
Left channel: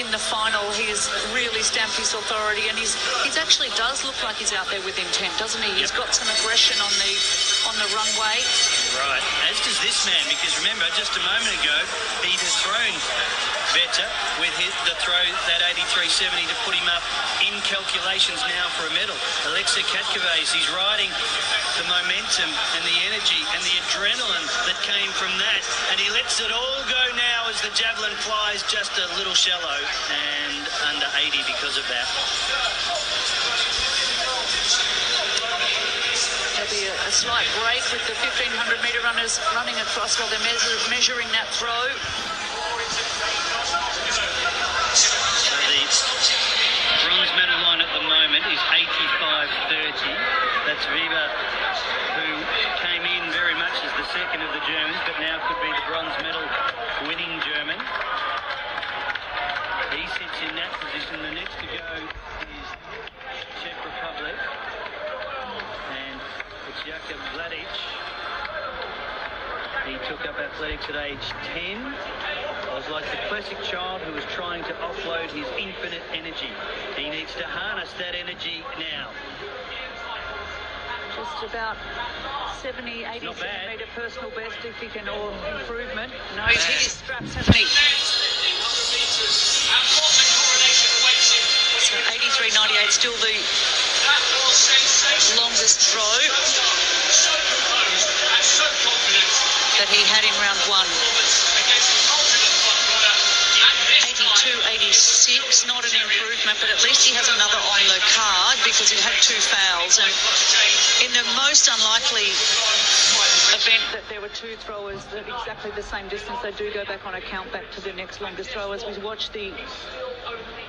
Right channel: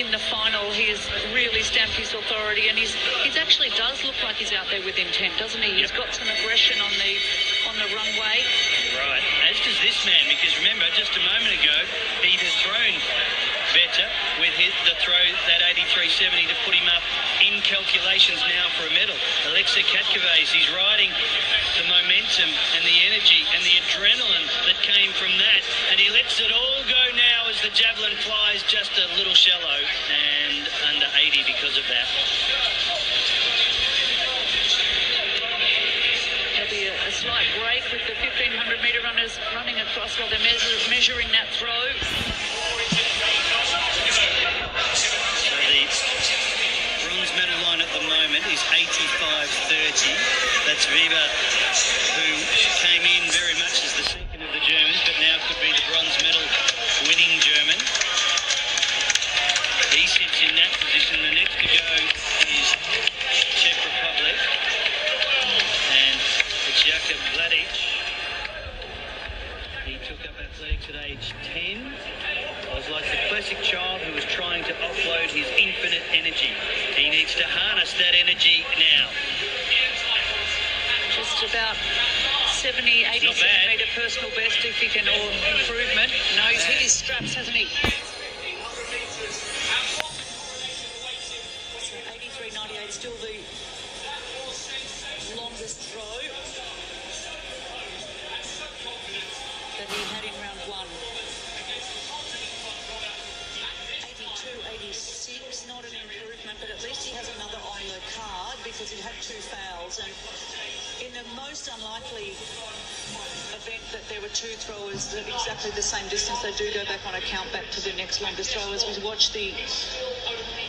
in the final he has really stamped his authority, and he's actually does look like he's out there with intent, doesn't he? He's got some aggression on the runway. Right, as does this man, because remember, just a moment ago he has thrown better with the throw, that 83.70, to put him up in calculations now for a medal. Alexei Katkovets, he's riding the momentum and the energy and the adrenaline that came from that, and he lets it all go now as the javelin flies just a little shallow and under 80 because of that. There'll be a slight break with the 1500 metre runners running across while they're measuring that throw. So the bronze medal line at the moment is 85.30. That's Viva, who came in very much as the second of the Germans, but now could be the bronze medal winning German. He sits in that position. The next to go is Czech Republic, and it's Jakub Vladic. He took up athletics at age 10. I was like the classic child who was trying to offload his infinite energy. He needs to harness that energy now. Just about 70, 80 centimetre personal best if he can, or improvement. No, he's hit his straps, hasn't he? So 83.98, still the longest throw that he had in round 1. 82.86, not an improvement, but at least he has another on the card because he had 2 fouls. And in the most unlikely event that there were 2 throwers at exactly the same distance, they do go back on a count back to the next longest throw, as we watch the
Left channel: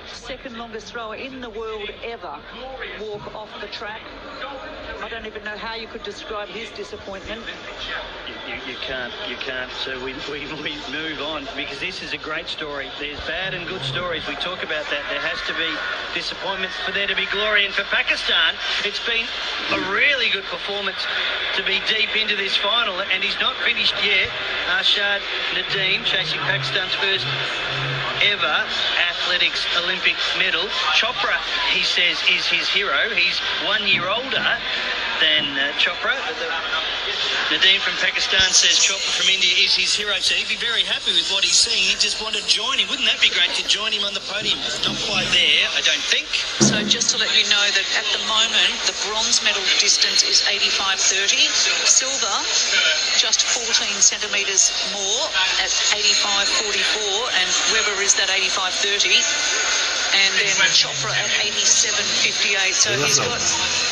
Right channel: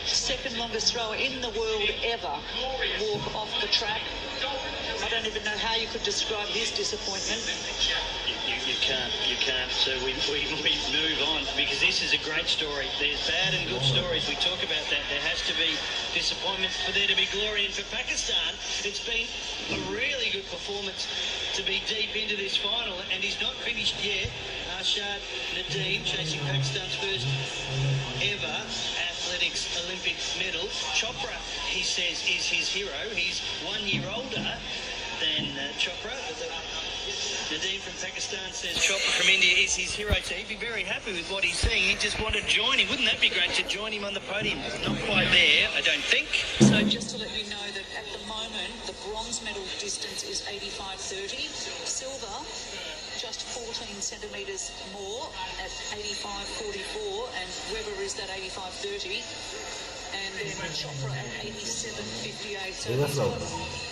second longest thrower in the world ever walk off the track. I don't even know how you could describe his disappointment. You can't. So we move on, because this is a great story. There's bad and good stories. We talk about that. There has to be disappointments for there to be glory. And for Pakistan, it's been a really good performance to be deep into this final. And he's not finished yet. Arshad Nadeem chasing Pakistan's first ever athletics Olympic medal. Chopra, he says, is his hero. He's 1 year older than Chopra. Nadeem from Pakistan says Chopra from India is his hero, so he'd be very happy with what he's seeing. He'd just want to join him. Wouldn't that be great to join him on the podium? Not quite there, I don't think. So just to let you know that at the moment, the bronze medal distance is 85.30. Silver, just 14 centimetres more at 85.44, and Webber is that 85.30. And then Chopra at 87.58. So he's got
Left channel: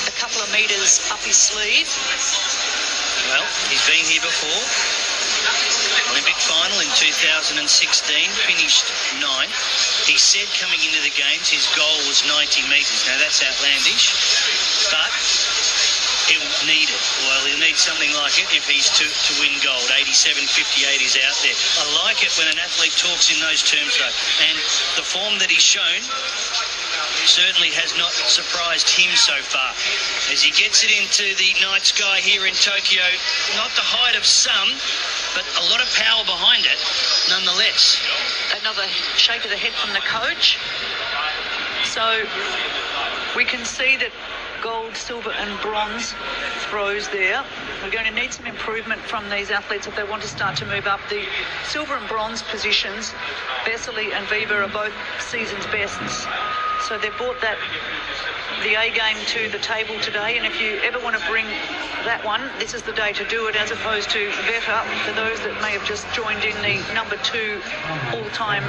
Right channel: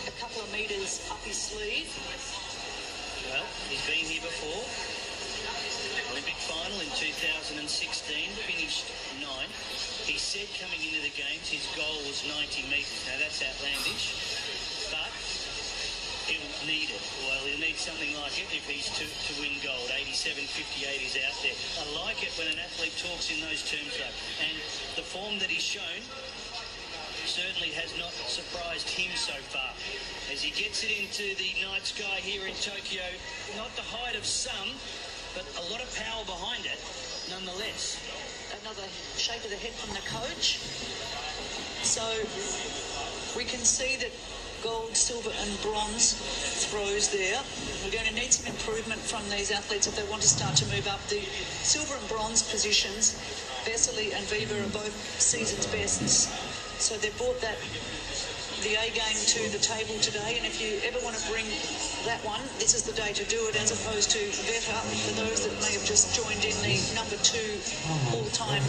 a couple of metres up his sleeve. Well, he's been here before. Olympic final in 2016, finished 9th. He said coming into the Games his goal was 90 metres. Now that's outlandish, but he'll need it. Well, he'll need something like it if he's to win gold. 87.58 is out there. I like it when an athlete talks in those terms, though. And the form that he's shown certainly has not surprised him so far. As he gets it into the night sky here in Tokyo, not the height of some, but a lot of power behind it, nonetheless. Another shake of the head from the coach. So we can see that gold, silver and bronze throws there. We're going to need some improvement from these athletes if they want to start to move up. The silver and bronze positions, Vesely and Viva are both season's bests. So they brought the A game to the table today, and if you ever want to bring that one, this is the day to do it, as opposed to Veta. For those that may have just joined in, the number 2 all-time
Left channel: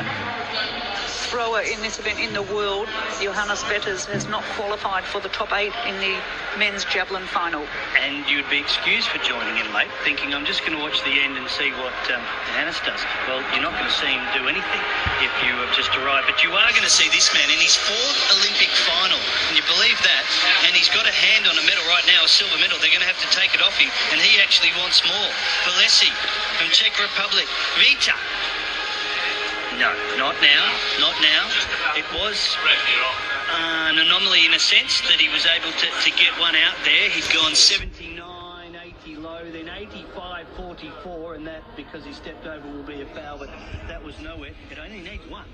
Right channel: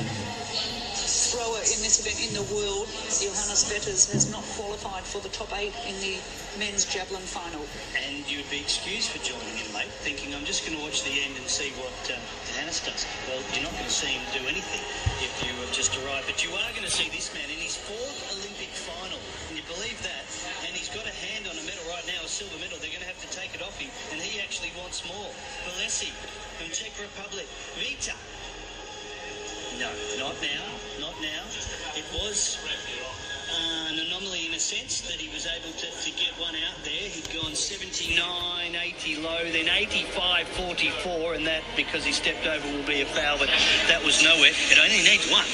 thrower in this event in the world, Johannes Vetters, has not qualified for the top 8 in the men's javelin final. And you'd be excused for joining in late, thinking I'm just going to watch the end and see what Johannes does. Well, you're not going to see him do anything if you have just arrived, but you are going to see this man in his 4th Olympic final. Can you believe that? And he's got a hand on a medal right now, a silver medal. They're going to have to take it off him, and he actually wants more. Valesi from Czech Republic. Vita. No, not now, not now. It was an anomaly in a sense that he was able to get one out there. He'd gone 79, 80 low, then 85, 44, and that, because he stepped over, will be a foul, but that was nowhere. It only needs one.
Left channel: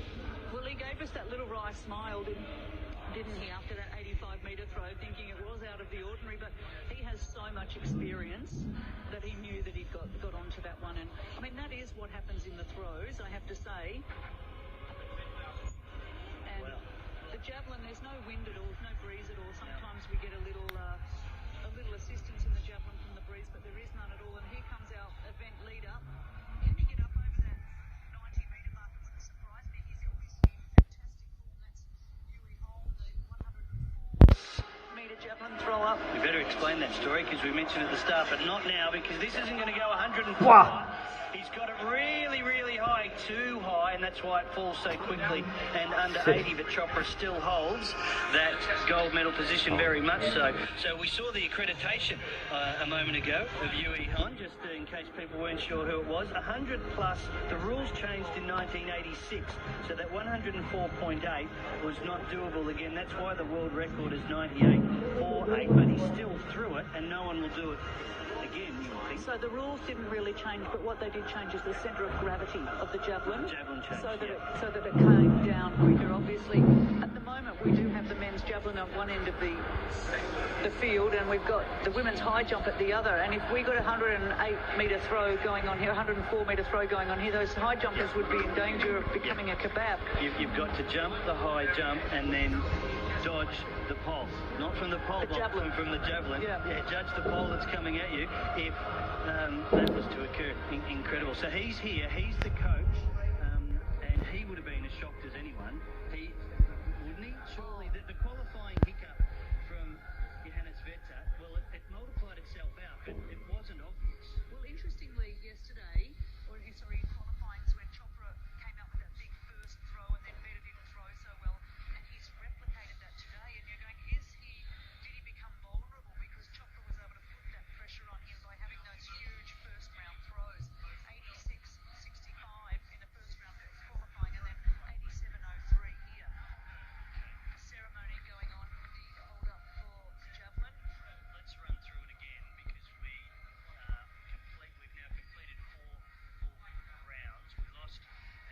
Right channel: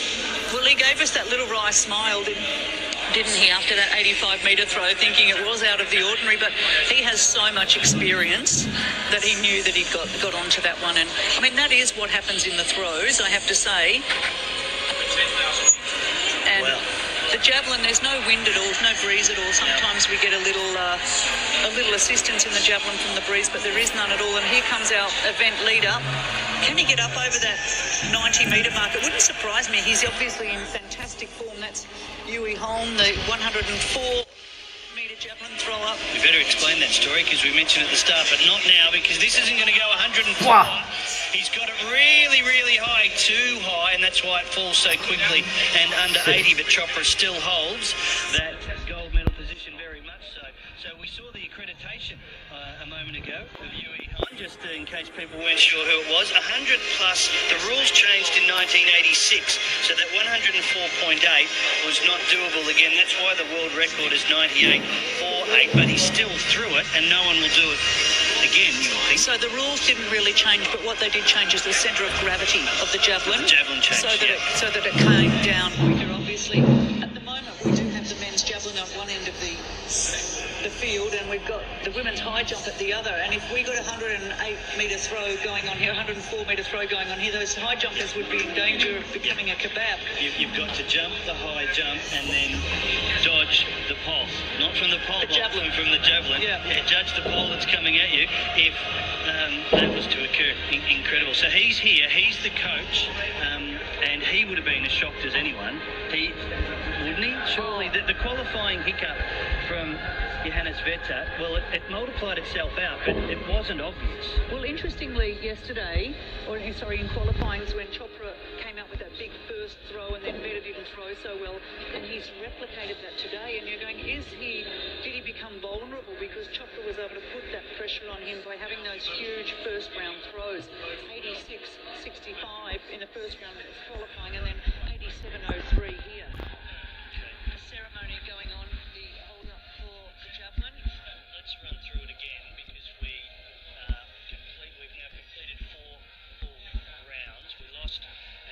Well, he gave us that little wry smile, didn't he, after that 85-metre throw, thinking it was out of the ordinary, but he has so much experience that he knew that he got onto that one. And, I mean, that is what happens in the throws, I have to say. And well, the javelin, there's no wind at all, no breeze at all. Sometimes we get a little assistance in the javelin from the breeze, but there is none at all. And here comes our event leader. Can he get up over that 90-metre mark? It wouldn't surprise me. He's obviously in fantastic form. That's Uwe Hohn, the 104-metre javelin thrower. We better explain that story, because we mentioned it at the start, but not now, because this isn't going to go 104. Wow. He's got it really, really high, too high, and that's why it falls so quickly and under 80, but Chopra still holds that gold medal position very much so. So we saw the accreditation a moment ago of Uwe Hohn, just in case people weren't sure who it was. 100 plus, the rules changed in 1986, so that 104.8 was not doable again. That's why the world record is 98.48, but he's still through it, and no one will do it again, you would think. So the rules didn't really change, but what they did change is the centre of gravity of the javelin. The javelin changed, so that it came down quicker, obviously. At the moment, we do have the men's javelin on one end of the field, and we've got the women's high jump at the other. And if we got a 108-metre throw going on here, 104-metre throw going on here, those high jumpers would be in danger of becoming a kebab. You've got to jump the high jump and then dodge the pole. Not from the pole, but from the javelin. Yeah, judge the pole that's coming at you if that was to occur. Incredible. So he's here, he's the coach, and he would have been as shocked as anyone. Wouldn't he? Surely. The qualifying hiccup from Johannes Vetter, well, it multiplied itself out, but it wasn't obvious. Well, interestingly, yesterday, in qualifying, when Chopra came out with that big first throw, and then Vetter didn't throw so well, and he's replicated that today. And you're going, did he become vulnerable because Chopra was able to put that pressure on him by having those huge first round throws, 86-65 in the first round qualifying, and then 87-03 here. A ceremony going on, the hold up for the javelin. Let's run through it again because we've now completed four full rounds. We lost,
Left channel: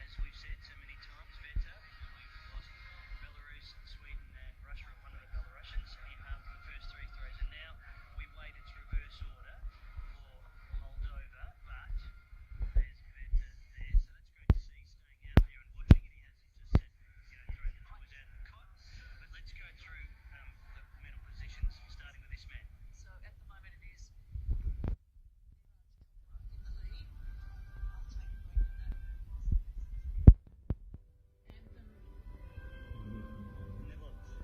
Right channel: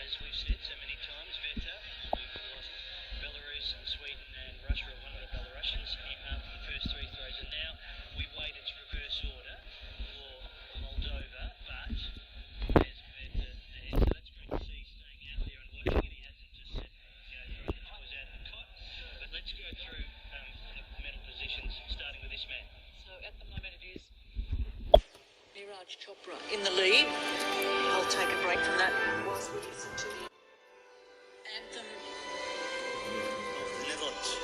as we've said so many times, Vetter. We've lost Belarus and Sweden and Russia, one of the Belarusians, after the first three throws. And now we wait its reverse order for Moldova, but there's Vetter there. So that's great to see staying out there and watching it. He hasn't just said, thrown the toys out of the cot. But let's go through the medal positions, starting with this man. So at the moment it is Neeraj Chopra in the lead. I'll take a break from that whilst we listen to the anthem of the Netherlands.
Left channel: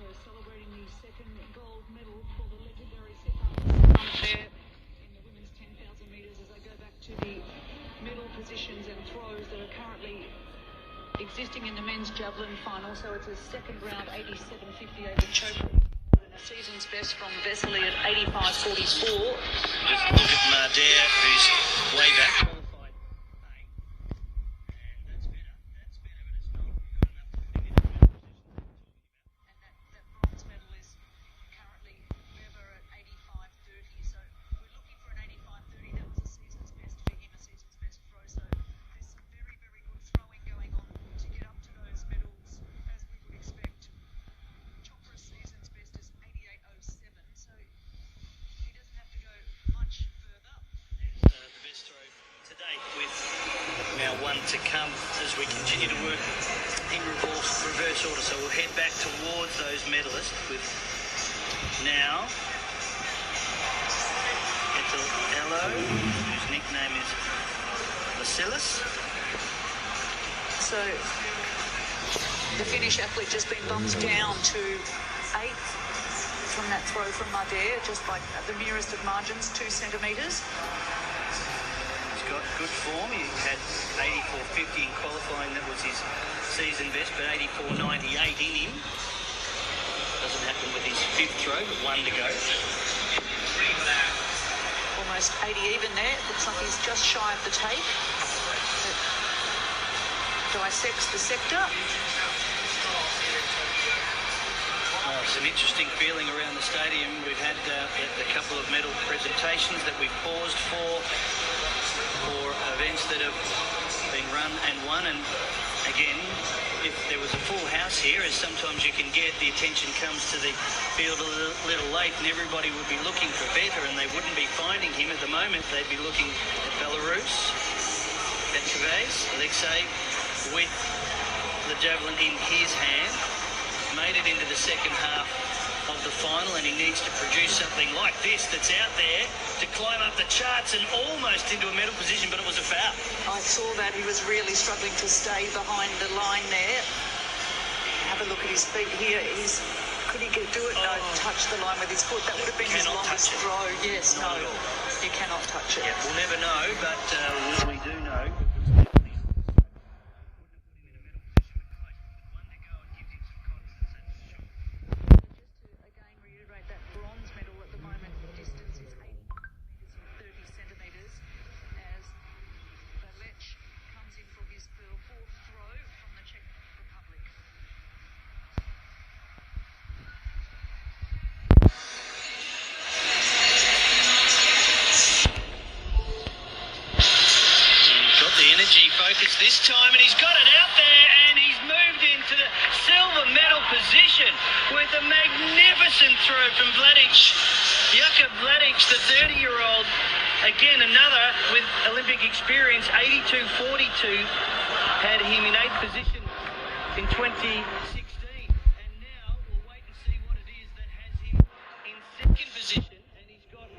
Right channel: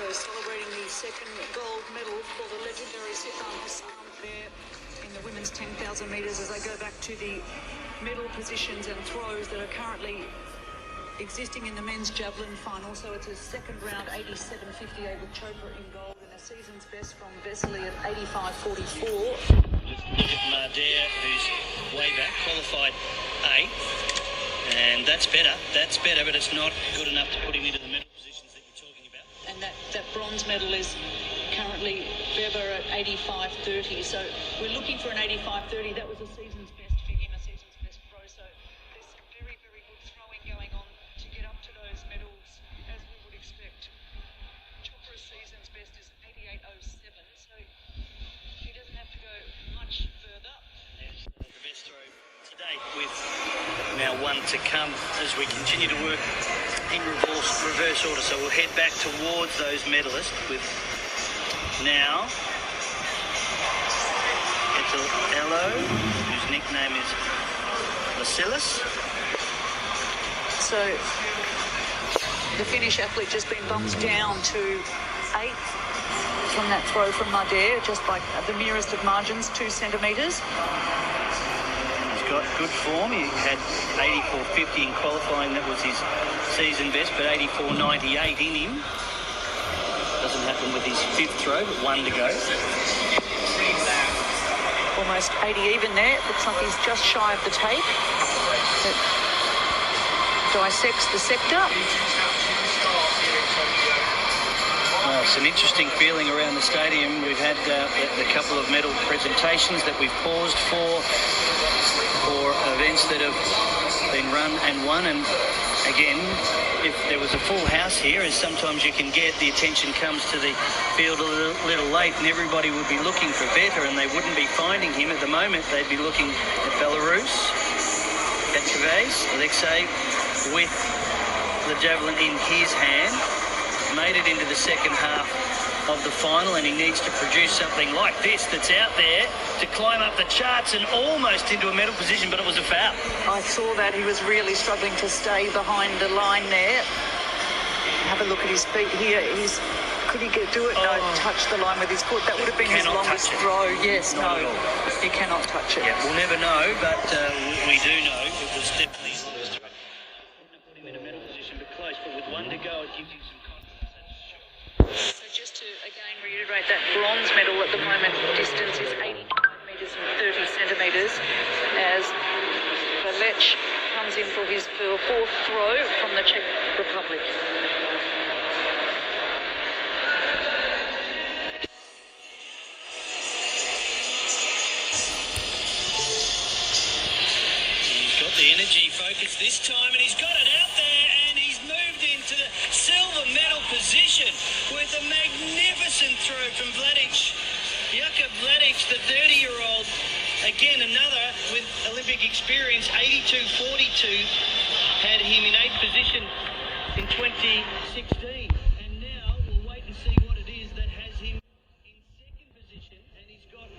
So celebrating the second gold medal for the legendary Satish there in the women's 10,000 metres as they go back to the medal positions and throws that are currently existing in the men's javelin final. So it's a second round 87-58 with Chopra in gold and a season's best from Vesely at 85-44. Just look at Marder, who's way back, qualified 8th, and that's better, but it's not good enough to put him into the medal positions that you're talking about. And that bronze medal is currently Weber at 85-30. So we're looking for an 85-30. That was a season's best for him, a season's best pro. So there's some very, very good throwing going on to get up to those medals, as we would expect. Chopra's season's best is 88.07, so he doesn't have to go much further. There's the best throw to date, with now one to come as we continue to work in reverse order. So we'll head back towards those medalists with now Ello, whose nickname is Vasilis. So the Finnish athlete just been bumped down to 8th from that throw from Marder, just by the merest of margins, 2 centimetres. He's got good form. He had 84.50 in qualifying. That was his season best, but 84.98 in him. Doesn't happen with his 5th throw, but 1 to go. Almost 80 even there. Looks like he's just shy of the tape that dissects the sector. Oh, it's an interesting feeling around the stadium. We've had a couple of medal presentations that we've paused for events that have been run and won. And again, if there was a full house here, as sometimes you can get, the attention comes to the field a little late, and everybody would be looking for Vetter, and they wouldn't be finding him at the moment. They'd be looking at Belarus, Petrovez, Alexei, with the javelin in his hand. Made it into the second half of the final, and he needs to produce something like this that's out there to climb up the charts and almost into a medal position, but it was a foul. I saw that. He was really struggling to stay behind the line there. Have a look at his feet here. Could he do it? No, touch the line with his foot. That would have been his longest throw. Yes, Not no, at all. he cannot touch it. Yeah, we'll never know, but we do know it was definitely his longest throw. Wouldn't have put him in a medal position, but close. But with 1 to go, it gives him some confidence, that's for sure. So just to again reiterate, that bronze medal at the moment distance is 89 metres and 30 centimetres as Valech comes in for his 4th throw from the Czech Republic. this time, and he's got it out there, and he's moved into the silver medal position with a magnificent throw from Vladic. Jakub Vladic, the 30-year-old, again another with Olympic experience, 82.42, had him in 8th position in 2016. And now we'll wait and see what it is that has him in 2nd position, and he's got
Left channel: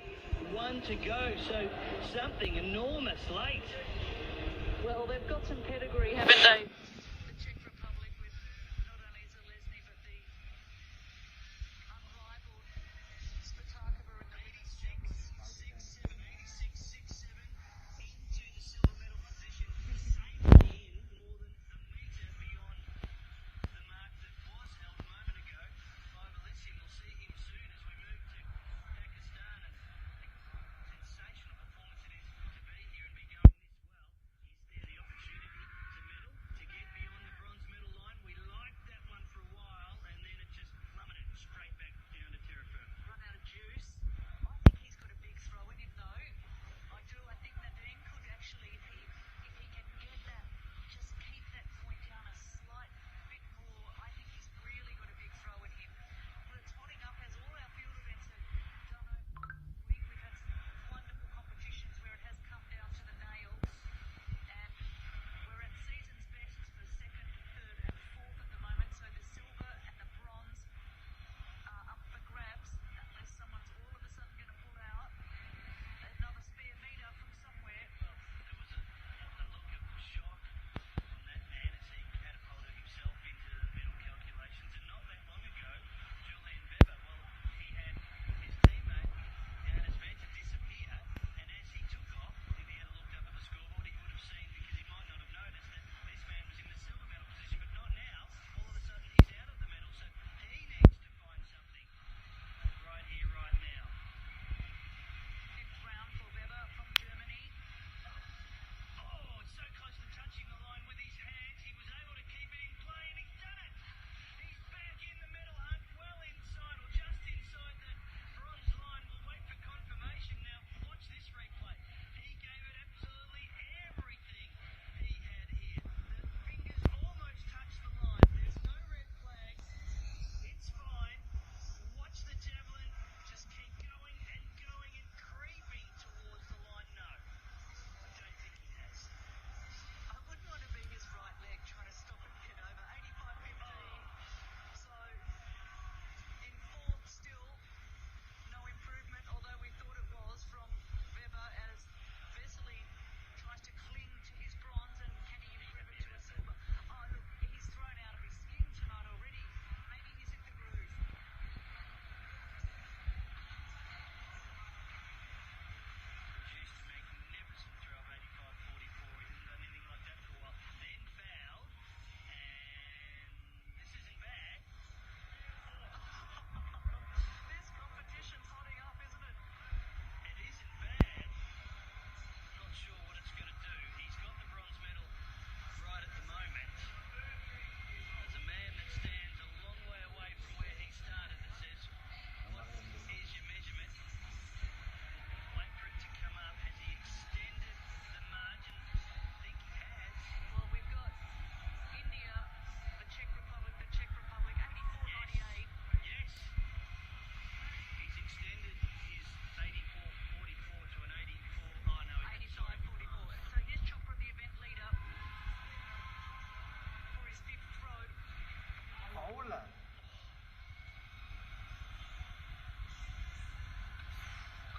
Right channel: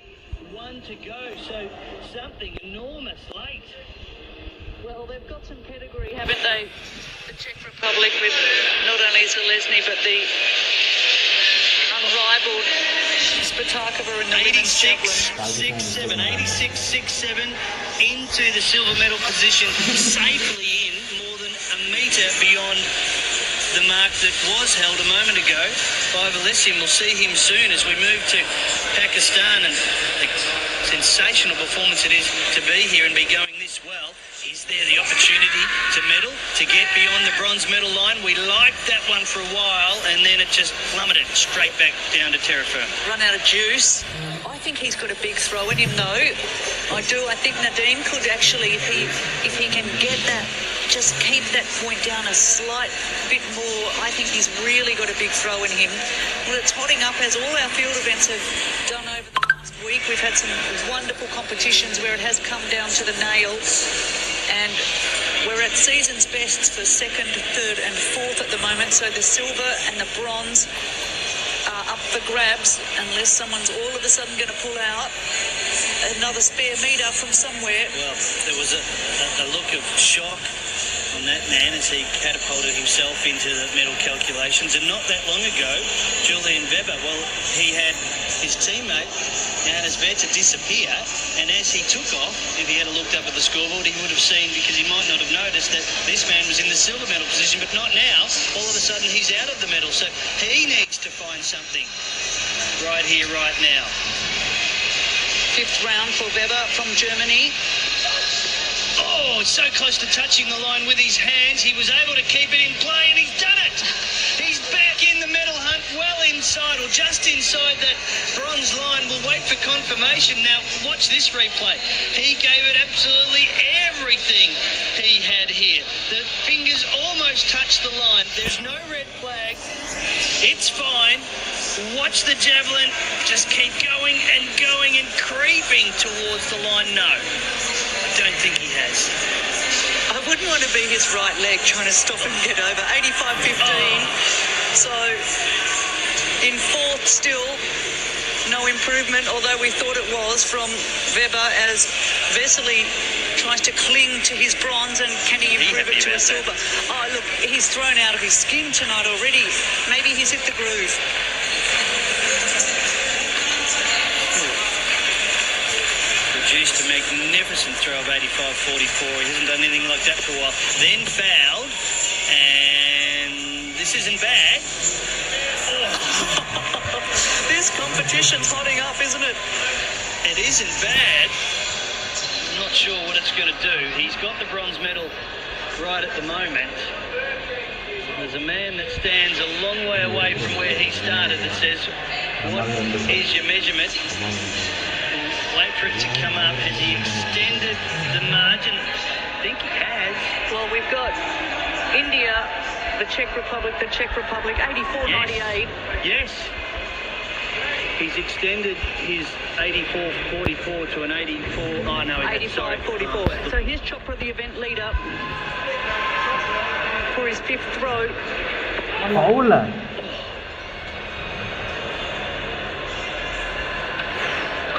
1 to go, so something enormous late. Well, they've got some pedigree, haven't they? The Czech Republic with not only Zelezny, but the unrivaled Spatakova in the women's javelin. 86-6-7, 86-6-7 into the silver medal position, safely in more than a metre beyond the mark that was held a moment ago by Valesim. We'll see him soon as we move to Pakistan, and the sensational performance it is to be here and be going this well. Is there the opportunity to medal, to get beyond the bronze medal line? We liked that one for a while, and then it just plummeted straight back down to terra firma. Run out of juice. I think he's got a big throw in him, though. I do. I think Nadeem could actually, if he can get that, just keep that point down a slight bit more. I think he's really got a big throw in him. Well, it's hotting up, as all our field events have done over the last week. We've had some wonderful competitions where it has come down to the nail. And we're at season's best for 2nd, 3rd and 4th at the moment. So the silver and the bronze are up for grabs unless someone's all of a sudden going to pull out another spare metre from somewhere. Well, there was a look of shock on that man as he catapulted himself into the medal calculations. And not that long ago, Julian Weber, well, he had his teammate Johannes Veta disappear, and as he took off, if he had looked up at the scoreboard, he would have seen, because he might not have noticed, that this man was in the silver medal position, but not now. All of a sudden he's out of the medal, so he needs to find something right here, right now. 5th round for Weber from Germany. Oh, so close to touching the line with his hands. He was able to keep it in play, and he's done it. He's back in the medal hunt, well inside, or just inside that bronze line. We'll wait for confirmation. Now, watch this replay. He gave it absolutely everything he had here. The fingers almost touched the line. There's no red flag. It's fine. Watch the javelin. Just keep going and creeping towards the line. No, I don't think he has. I wouldn't want to be his right leg trying to stop him get over. 85.15. So in 4th still, no improvement, although we thought it was from Weber as Vesely tries to cling to his bronze, and can he improve it to a silver? Oh, look, he's thrown out of his skin tonight already. Maybe he's hit the groove. Produced a magnificent throw of 85.44. He hasn't done anything like that for a while. Then fouled, and this isn't bad. This competition's hotting up, isn't it? It isn't bad. I'm not sure what it's going to do. He's got the bronze medal right at the moment. There's a man that stands a long way away from where he started that says, what is your measurement? Wait for it to come up. Has he extended the margin? I think he has. Well, we've got India, the Czech Republic, 84.98. Yes. He's extended his 84.44 to an 84. Oh, no, 85.44. So here's Chopra, the event leader, for his 5th throw.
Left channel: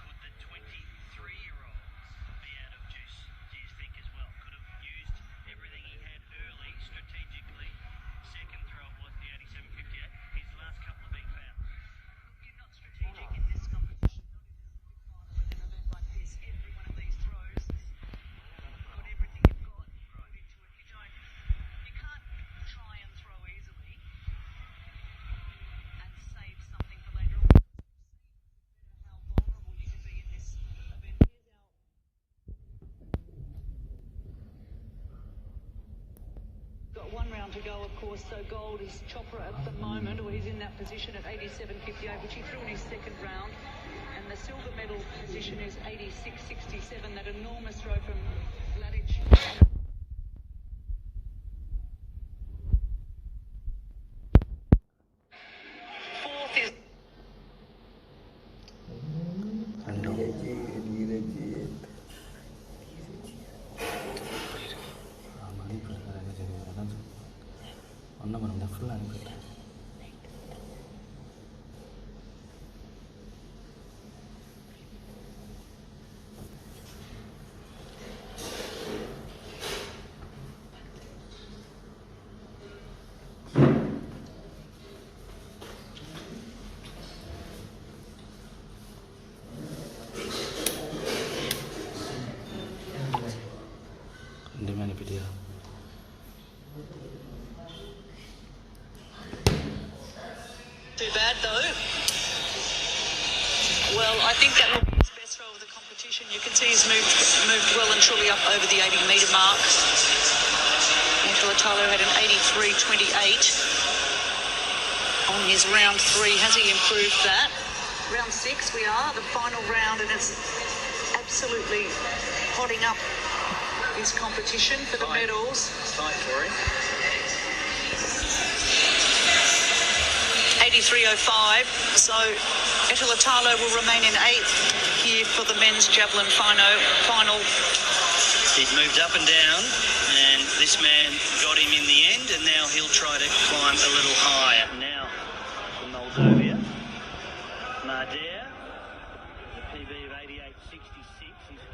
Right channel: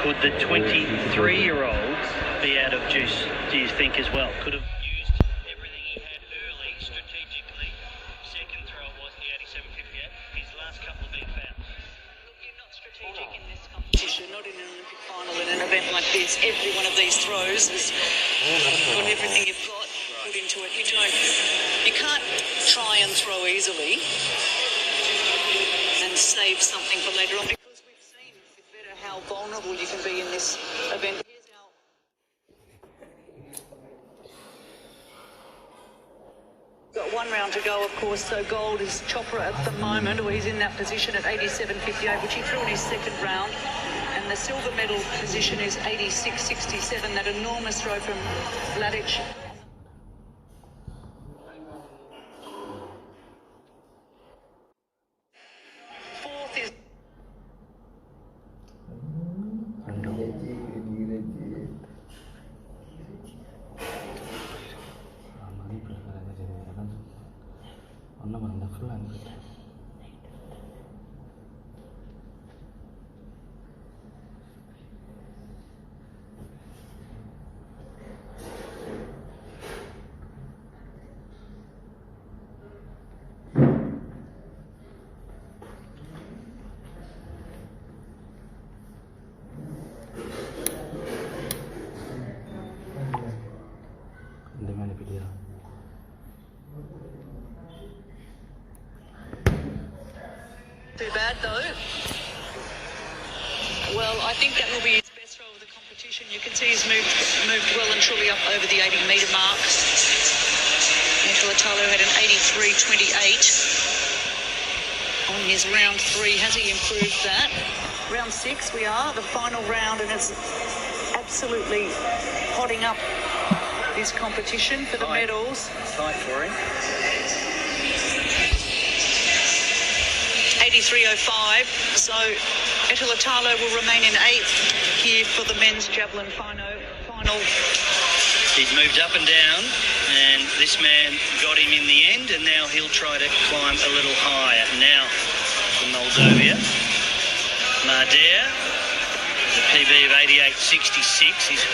Could the 23-year-old be out of juice, do you think, as well? Could have used everything he had early, strategically. 2nd throw was the 87.58. His last couple have been fouled. Look, you're not strategic in this competition, not in an Olympic final, in an event like this. Every one of these throws is got everything you've got put into it. You can't try and throw easily and save something for later on, because we've seen with better how vulnerable you can be in this event. Here's our got 1 round to go, of course, so gold is Chopra at the moment, or he's in that position at 87.58, which he threw in his 2nd round. And the silver medal position is 86.67, that enormous throw from Vladic. ஃபுல்லாக அனுப்பிட்டேன். ரெண்டுமே அனுப்பிட்டியா? Too bad though. Well, I think that will be his best throw of the competition. You can see he's moved well and truly up over the 80-metre mark. Talo had an 83.28 on his round 3. Has he improved that? Round 6 we are, the final round, and it's absolutely hotting up this competition for the medals. Tight for him. 83.05. So Etilatalo will remain in 8th here for the men's javelin final. He's moved up and down, and this man got him in the end, and now he'll try to climb a little higher. Now for Moldova, Marder, the PB of 88.66. He's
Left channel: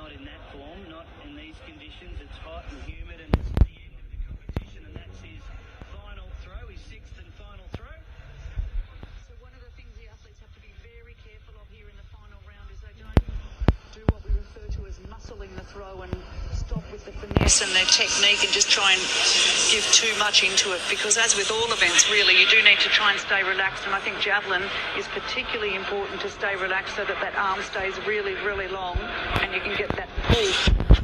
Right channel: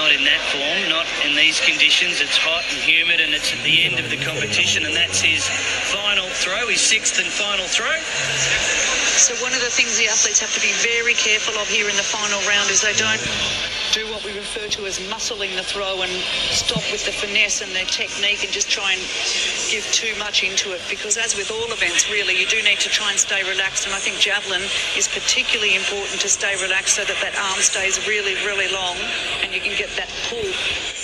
not in that form, not in these conditions. It's hot and humid, and it's at the end of the competition, and that's his final throw, his 6th and final throw. So one of the things the athletes have to be very careful of here in the final round is they don't do what we refer to as muscling the throw and stop with the finesse and their technique and just try and give too much into it, because as with all events really, you do need to try and stay relaxed, and I think javelin is particularly important to stay relaxed so that that arm stays really, really long and you can get that pull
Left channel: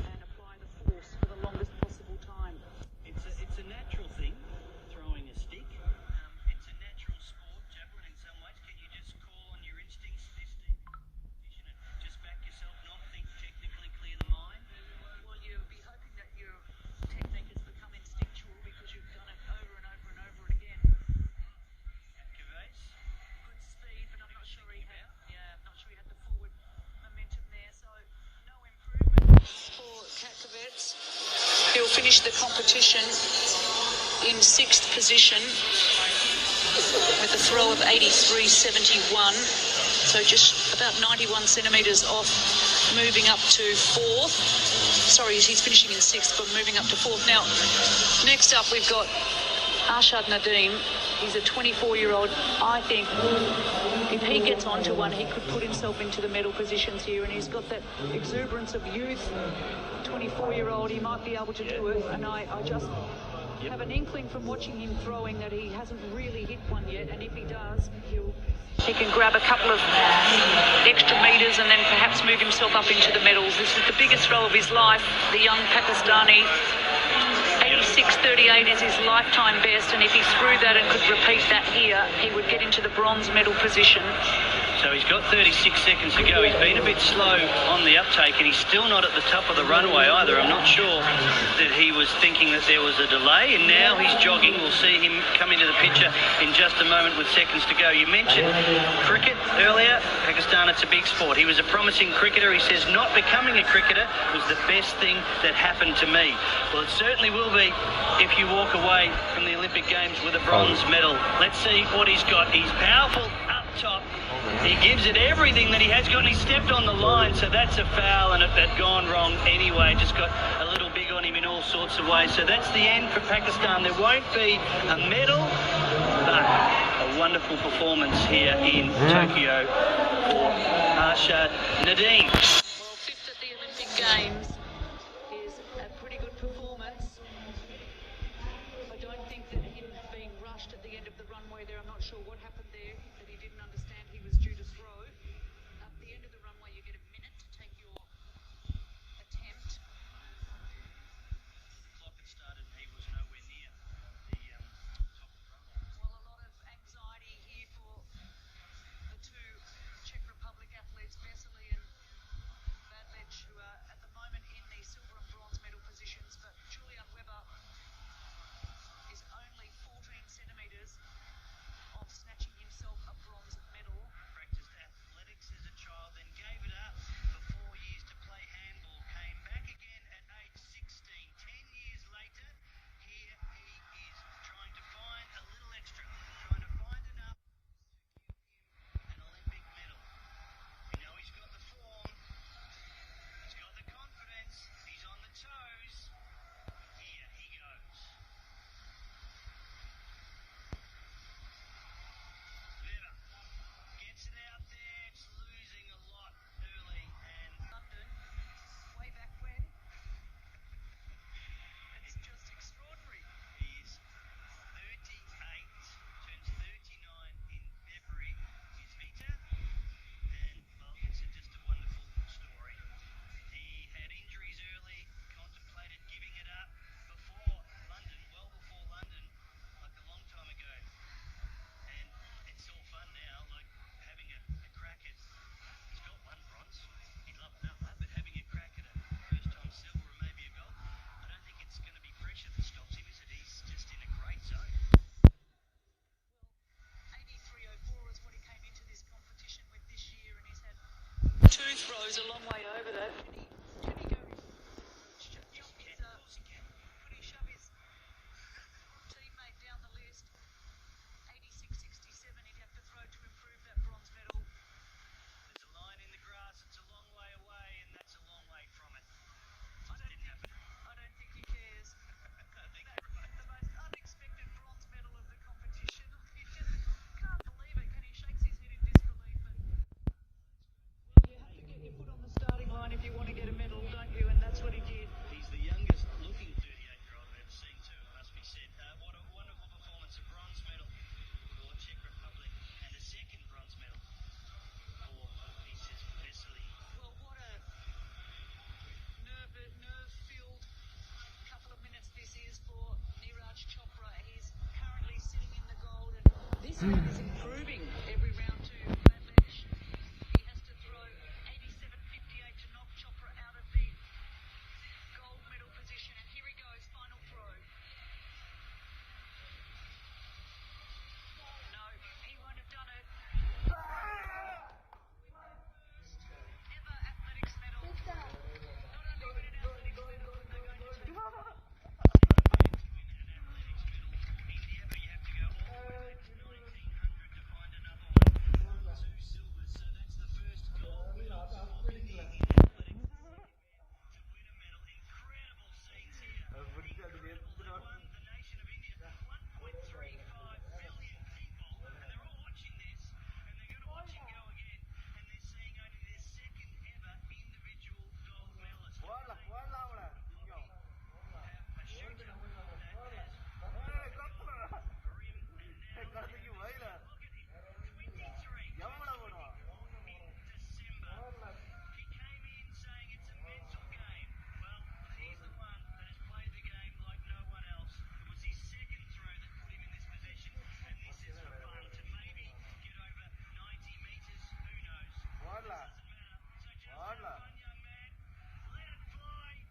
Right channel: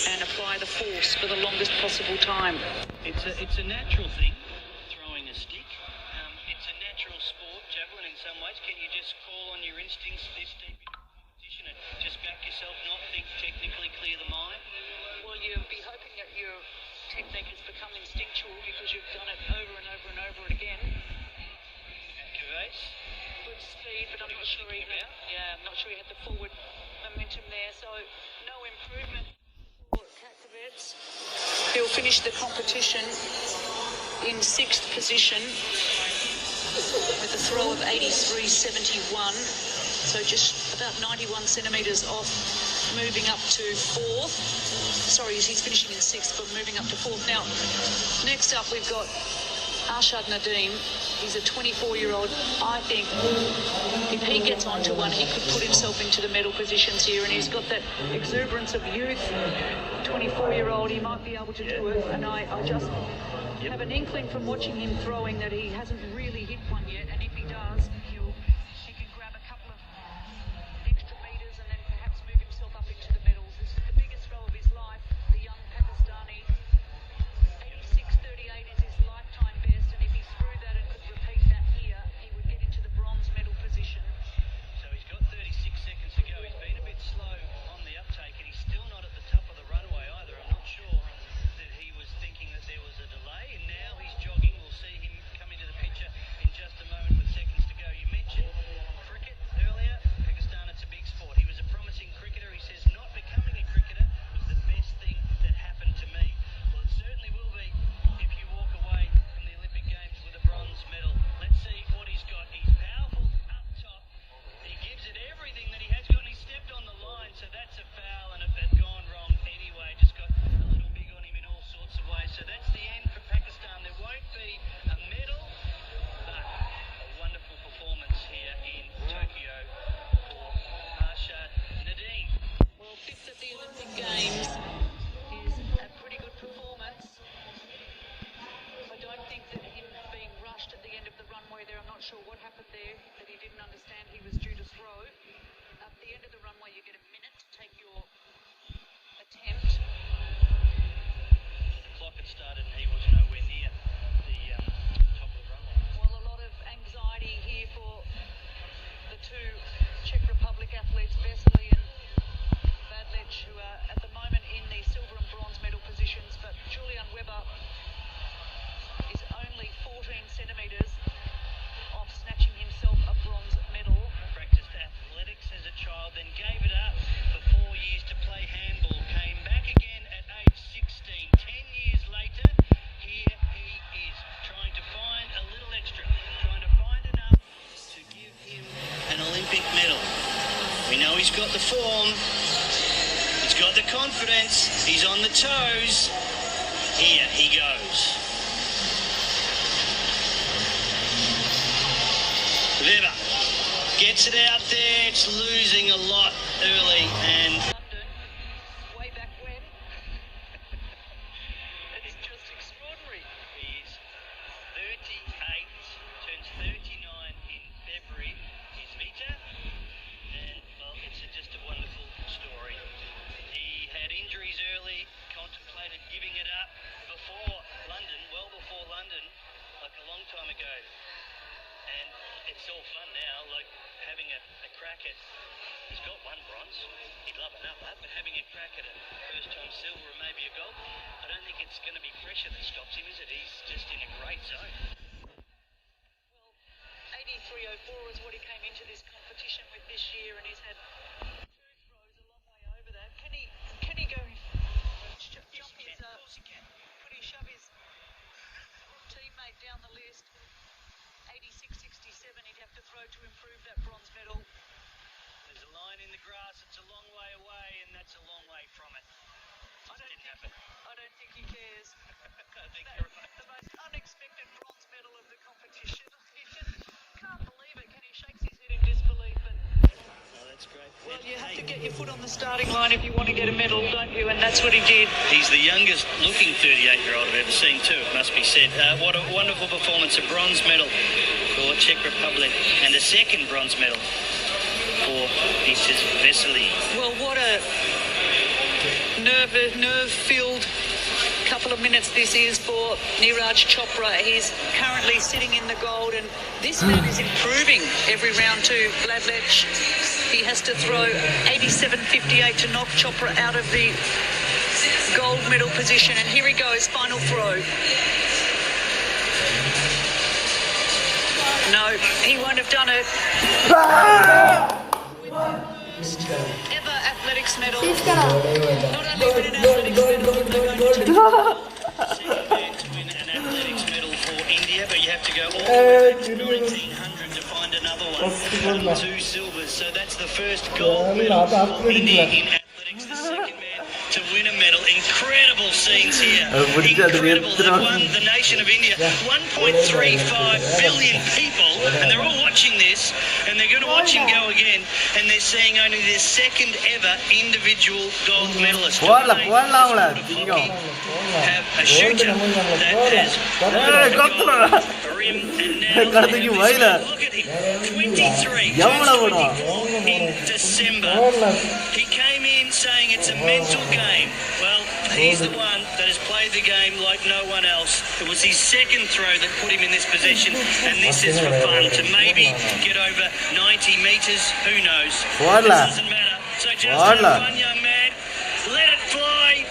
and apply the force for the longest possible time. It's a natural thing, throwing a stick. It's a natural sport, javelin in some ways. Can you just call on your instincts this deep in competition and just back yourself, not think technically, clear the mind? Well, you'll be hoping that your technique has become instinctual because you've done it over and over and over again. Gervais? Good speed, but I'm not sure he had the forward momentum there. So no improvement for Kakovets. He'll finish the competition in 6th position with a throw of 83.71. So just about 91 centimetres off moving up to 4th. Sorry, he's finishing in 6th, but moving up to 4th. Now, next up we've got Arshad Nadeem. He's a 24-year-old. I think if he gets onto one, he could put himself into the medal positions here, and he's got that exuberance of youth. 24-year-old, he might be able to do it, and I just have an inkling from watching him throwing that he hasn't really hit one yet, and if he does, he can grab a couple of extra metres and then perhaps move himself up into the medals. This is the biggest throw of his life. The young Pakistani, 86.38 is his lifetime best, and if he threw that and could repeat that here, he would get into the bronze medal position. So he's got 36 seconds to go. He's been a bit slow on the uptake, and he's still not at the top of the runway either. I'm not sure that he was thinking that there was a delay, and now he's jogging. We'll see him come into the picture in just a moment with seconds to go. You mentioned cricket earlier. Pakistan, it's a big sport. He was a promising cricketer. He says not becoming a cricketer was the best thing that happened to me. Well, it certainly will be if you walk away from the Olympic Games with a bronze medal. Let's see what he's got. He's powerful up top. He gives it everything that he has got, and he stepped on the line, so that's a foul, and it had gone wrong anyway. Just got a little big on him in all sorts of ways. So that's the end for Pakistan. There won't be a medal, but a wonderful performance here in Tokyo for Arshad Nadeem. Well, 5th at the Olympic Games is a pretty good performance. I don't think that him being rushed at the end of the runway there, I'm not sure what happened there, that he didn't understand he was due to throw. At the end of the runway you get a minute to take your attempt. The clock had started and he was nowhere near the top of the runway. Well, a lot of anxiety here for the two Czech Republic athletes, Vesely and Badlec, who are at the moment in got the form. He's got the confidence. He's on the toes. Here he goes. Weber gets it out there. It's losing a lot early and Way back when. It's just extraordinary. he's 38, turns 39 in February. His Vita, and well, it's just a wonderful story. He had injuries early, contemplated giving it up before London, well before London, like a long time ago. And it's all fun now, like having a crack at, he's got one bronze, he'd love another, but having a crack at a first time silver and maybe a gold, I don't think it's going to be pressure that stops him, is it? He's just in a great zone. Well, 83.04 is what he came into this competition with this year, and he's had 2 throws a long way over that. Can he go jump his, could he shove his teammate down the list? 86.67 he'd have to throw to improve that bronze medal. There's a line in the grass, it's a long way away, and that's a long way from it. I don't think he cares. I think you're right. The most unexpected bronze medal of the competition. He just can't believe it. Can he shakes his head in disbelief? But Oh, that's great. well, you have to get your foot on the starting line if you want to get a medal, don't you? And that's what he did. He's the youngest looking 38-year-old I've ever seen too, it must be said. What a wonderful performance, a bronze medal for Czech Republic and a second bronze medal for Isis Vesely. Well, what a nerve-filled couple of minutes this is for Neeraj Chopra. He's currently sitting in the gold, and this man is improving every round too. Vladlech, he has to throw 87.58 to knock Chopra out of the gold medal position. And here he goes, final throw. No, he won't have done it. Ever athletics medal. Not only win an athletics medal, but they're going to take To win an athletics medal for India, but you have to go all the way back to 1900 to find another one. 2 silvers, so that's the first gold medal for India in athletics. The second man to win a medal. Incredible scenes here. Incredible. They've won the nation of India. 1.35 billion people, and they're all watching this, and they're going to watch him go again, and they're seeing only their second ever individual gold medalist. Have a shooter that has a rim, and now look at him, 23 in December. He came in saying it's a mental game. Well, he's the one that has played the game like no one else. It was his second throw that put him in this position, and this is for fun, to maybe get over 90 metres. Who knows? It doesn't matter. So just have fun, young man. Let it fly.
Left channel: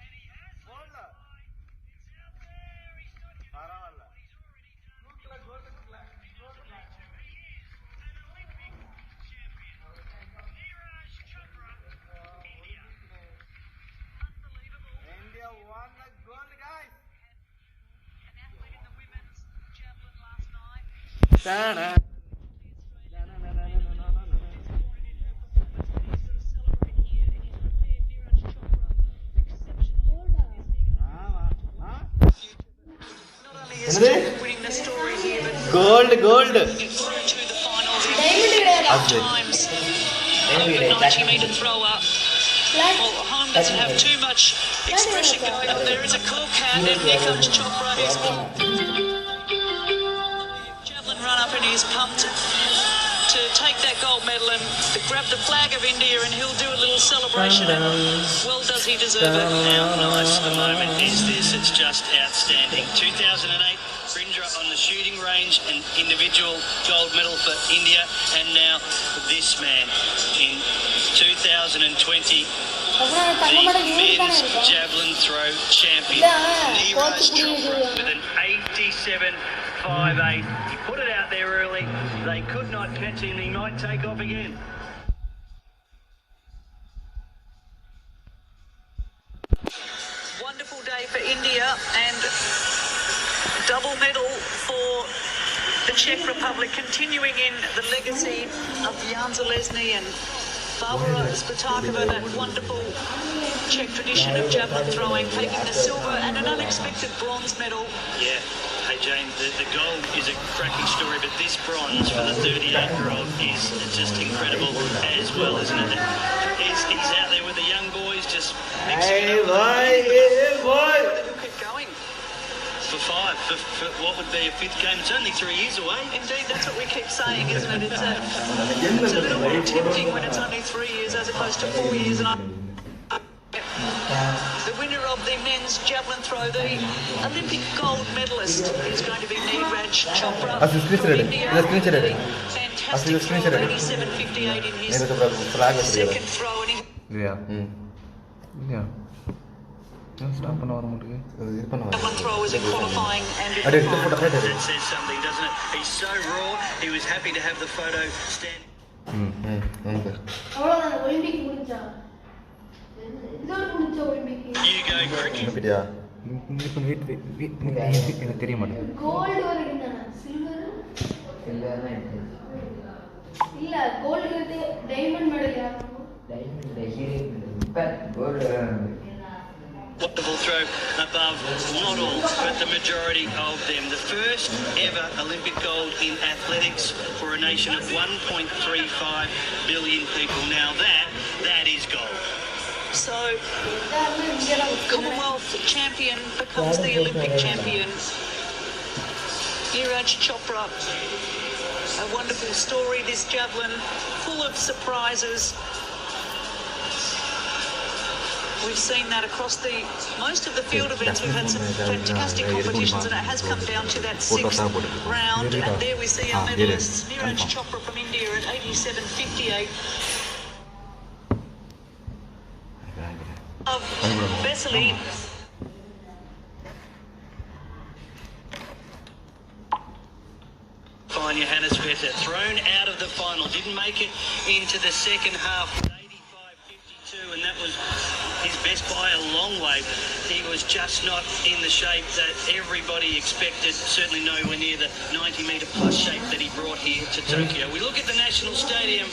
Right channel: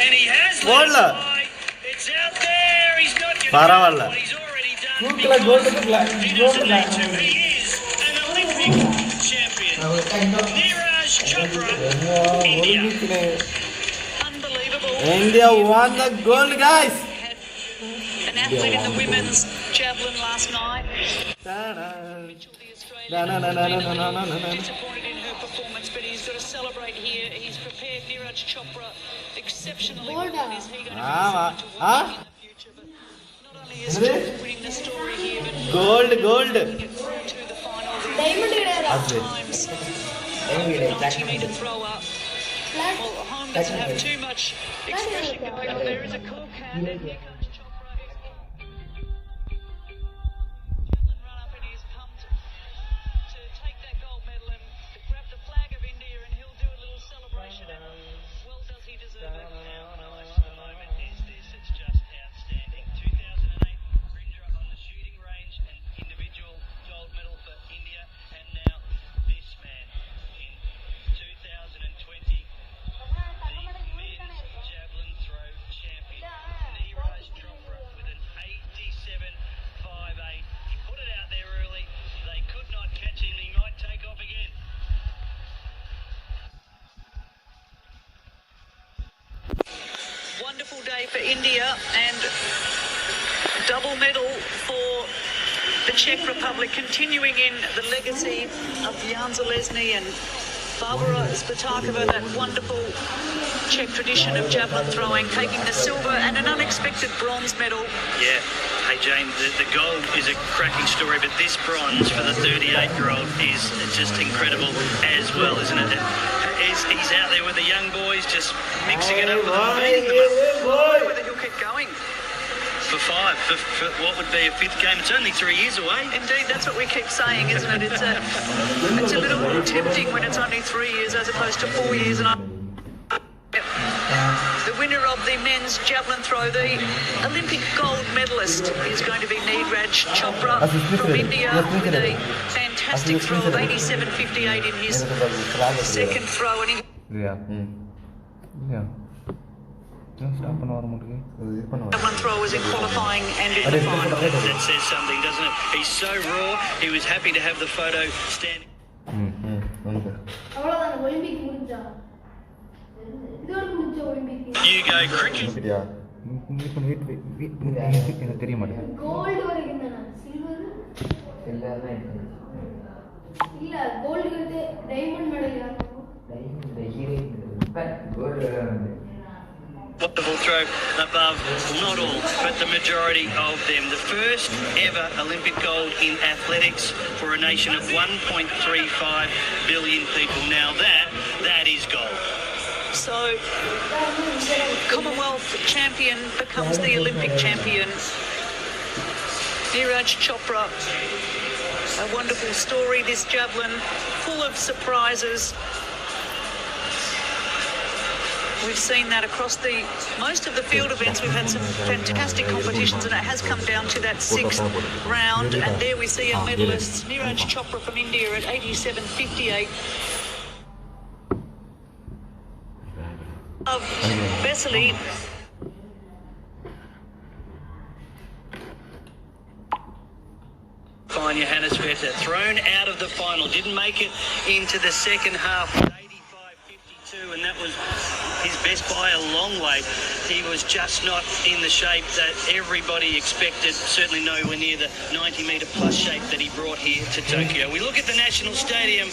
And he has let it fly. It's out there. He's not going to do what he's already done because he doesn't need to. He is an Olympic champion. Neeraj Chopra, India. Unbelievable. India won the gold, guys. An athlete in the women's javelin last night. Mitchell, the Australian, disappointed in her performance, but he's got to celebrate here. He's prepared Neeraj Chopra exceptionally well. Is he going to be in the future? But not only is Chopra winning the story here, but Gold. get through to the finals. Times over 90-metre thrower. Well, Hohn doesn't have too much expression going on. There is a cool count, and here comes Chopra. He's javelin run up, and he's pumped to take that gold medal and grab the flag of India, and he'll do a little celebration. And well, does he deserve it? How nice a moment is this? It's just outstanding. 2008, Brindra on the shooting range, an individual gold medal for India, and now this man in 2020, the men's javelin throw champion, Neeraj Chopra, with an 87.58. He put it out there early. They could not catch him. He might take off again. Wonderful day for India, and double medal for the Czech Republic, continuing in the legacy of Jan Zelezny and Barbara Spatakova, that wonderful Czech tradition of javelin throwing, taking the silver and an unexpected bronze medal. Yeah. Hey, Jane, the gold is a cracking story, but this bronze for the 38-year-old is just incredible as well, isn't it? He's out there with the young boys, just mixing it up. Whether he'll keep going. For five, for what would be a fifth game. It's only 3 years away. Indeed, that's what we keep saying, isn't it? It's a little more tempting when it's only 3 years as opposed to 4 years. The winner of the men's javelin throw, the Olympic gold medalist, is going to be Neeraj Chopra from India with a fantastic throw of 87.58 in his second throw. And stop பண்ண வர மாட்டேங்குது javelin throw was in qualifying and in the final. That says something, doesn't it? He's so raw. He was happy to have the photo stand. You go cricket. எனக்கு தெரிய மாட்டேங்குது gold வரைக்கும் silver இல்ல gold வந்து diamond medal யாரு Wonderful throw above, not all, but the majority of them. The first ever Olympic gold in athletics for a nation of 1.35 billion people. Now that is gold. So, Commonwealth champion becomes the Olympic champion. Neeraj Chopra, a wonderful story, this javelin, full of surprises. We've seen that across most of the field events. We've had some fantastic competitions, and it has come down to that sixth round. And there we see our medalists, Neeraj Chopra from India at 87.58. Of Vesely. Fine, Johannes Vetter, thrown out of the final, didn't make it into the second half. 85.52, and that was his best by a long way. He was just not in the shape that everybody expected, certainly nowhere near the 90-metre plus shape that he brought here to Tokyo. We look at the National Stadium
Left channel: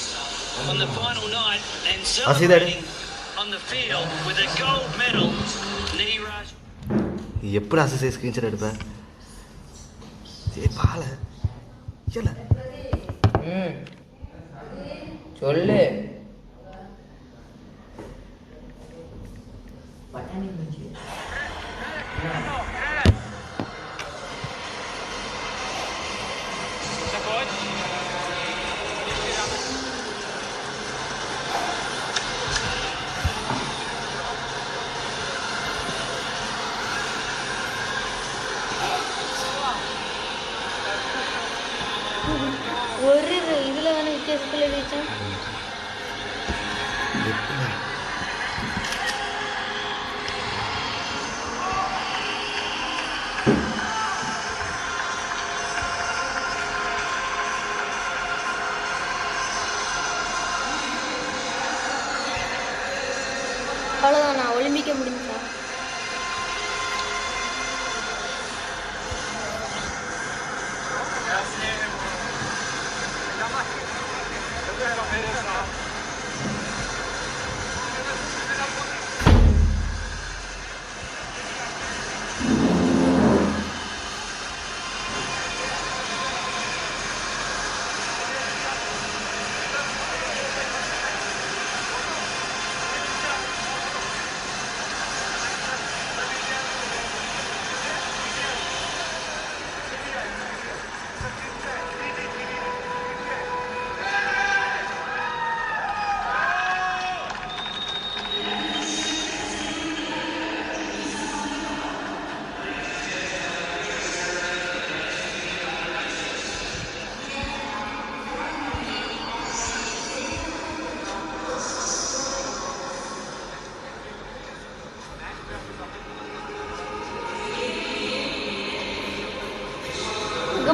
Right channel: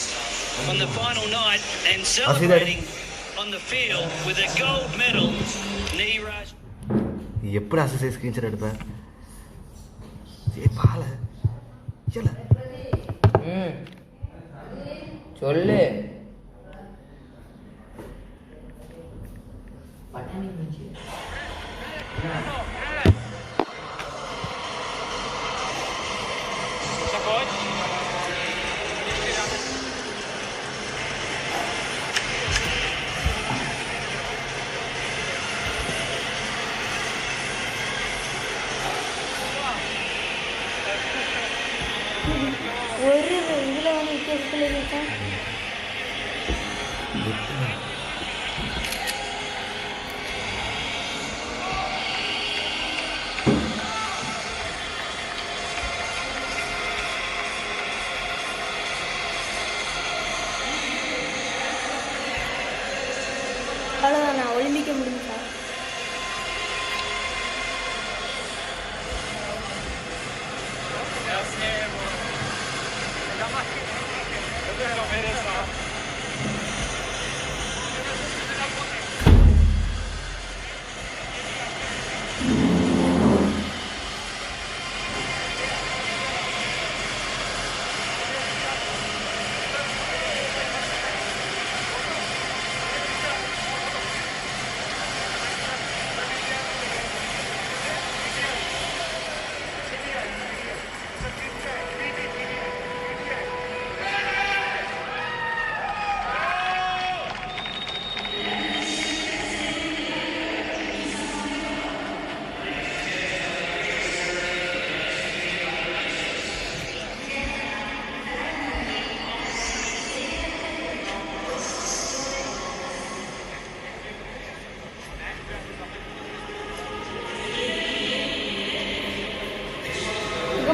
on the final night and celebrating on the field with a gold medal, Neeraj. எப்படி அசை screenshot எடுப்பேன் பால சொல்லு ஒரு இதுல வேணும் வித்தியாசத்துல ஜெயிச்சோம் அவ்வளோதான் நான் ஒலிம்பிக்க முடிஞ்சா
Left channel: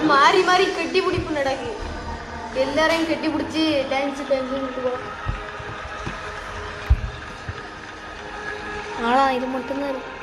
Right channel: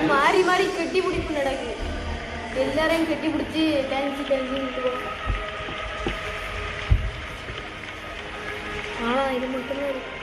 மாறி மாறி கட்டி பிடிப்பு நடக்கு எல்லாரையும் கட்டி பிடிச்சி டான்ஸ் விட்டுருவோம் ஆனா இது மட்டும்தான் இருக்கு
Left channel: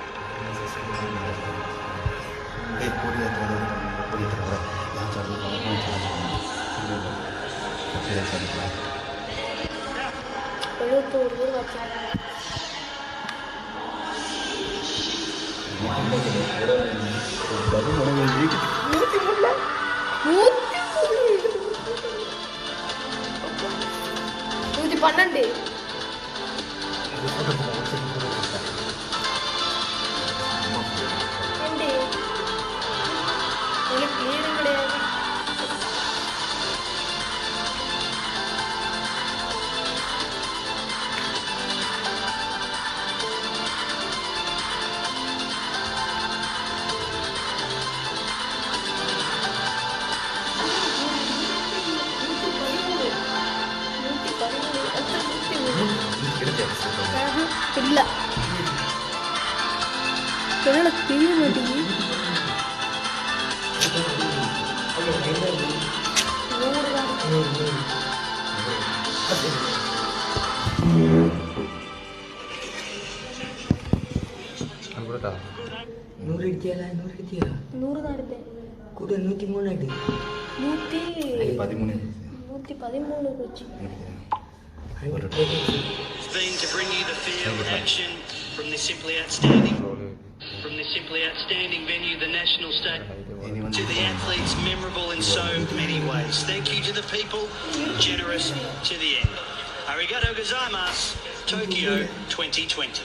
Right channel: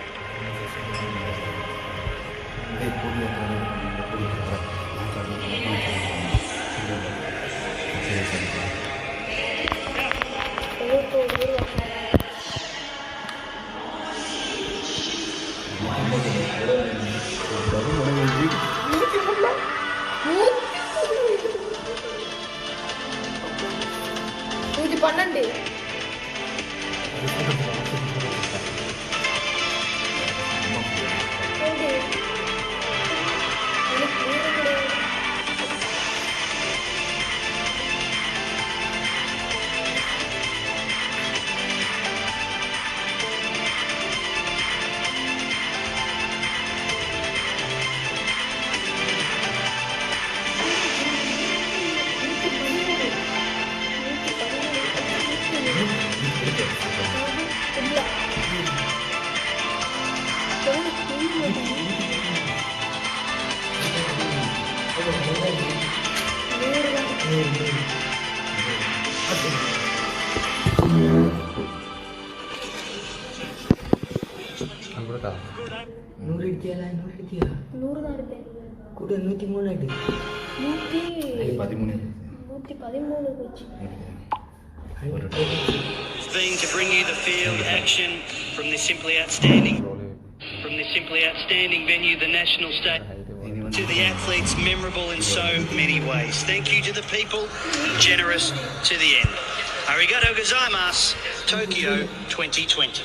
நூறு அடிச்சியா 100 தான் எடுத்தேன் கூட 103 அடி 113 போச்சு. Been to bring you the field action from this simply outstanding venue, the National Stadium. To the athletes, memorable in so many ways. Thank you to the people, generous to the end. Arigato gozaimasu, Tokyo 2020.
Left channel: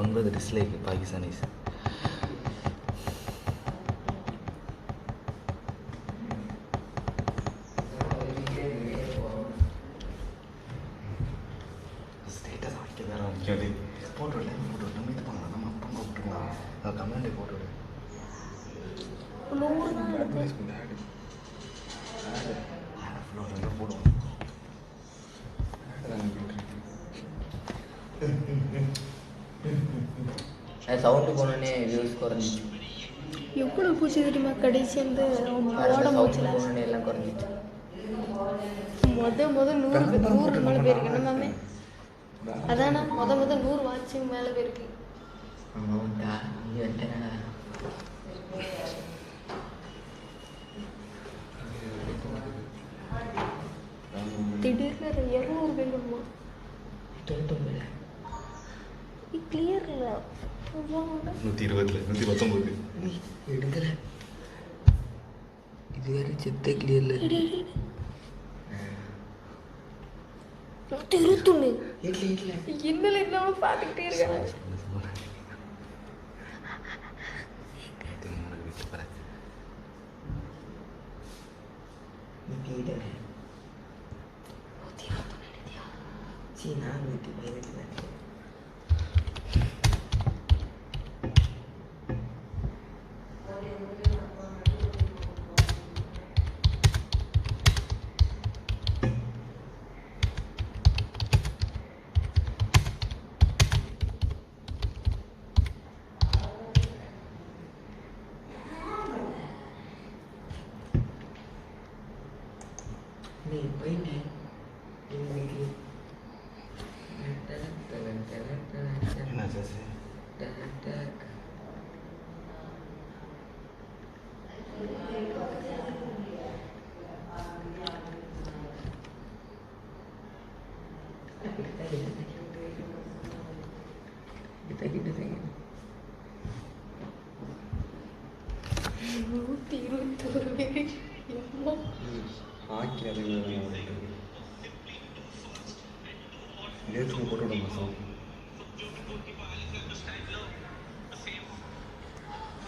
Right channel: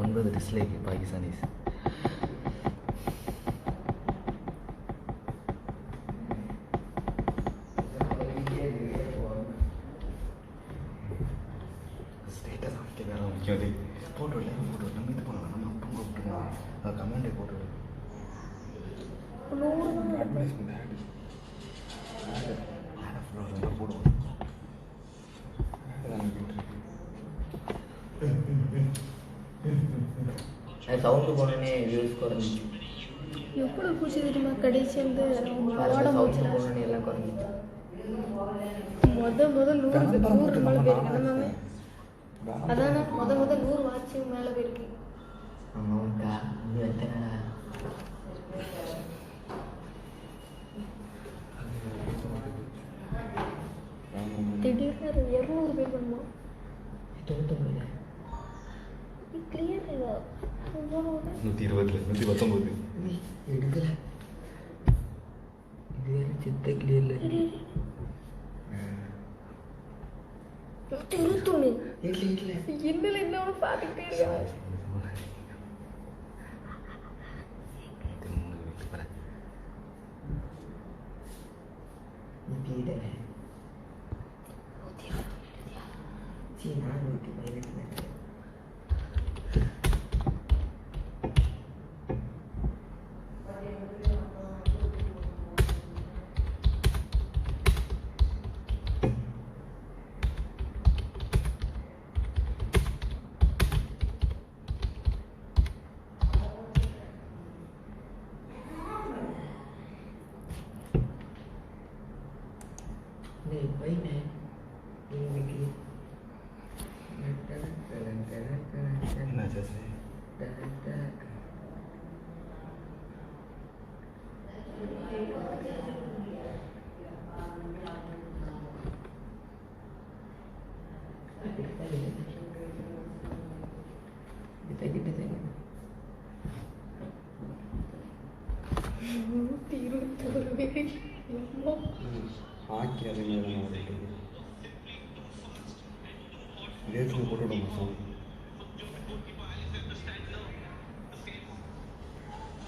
One brother dislike Pakistanis. Status ஆகிட்டு வேற முக்கியம் photo நம்ம இது பண்ணலாம் நம்ம அப்பா கூப்பிட்டுருவோம் comment photo போடுவோம் sound போனோடனே வியூஸ் குறைஞ்சிச்சு. எவ்வளோ பூச்சி தெரியுமா கடைசி வந்து சவுண்டு போனோடனே எல்லாம் குறைஞ்சிச்சு. முத 100 மேலே போயிருக்கு நம்மமே. அதானா முத 100 வாட்சிங் மேலே போயிருக்கு. ஆமாண்டா நீ வந்துட்டேனடா. திடீர்னு 200 பேர் வருமா? 99 கிளியர் இல்லை 120 119 எடுக்கல. இது வேறு செத்த கிளியர்ல 121 இன்னும் இல்லாம பார்த்துக்கிட்டே இருக்காங்க.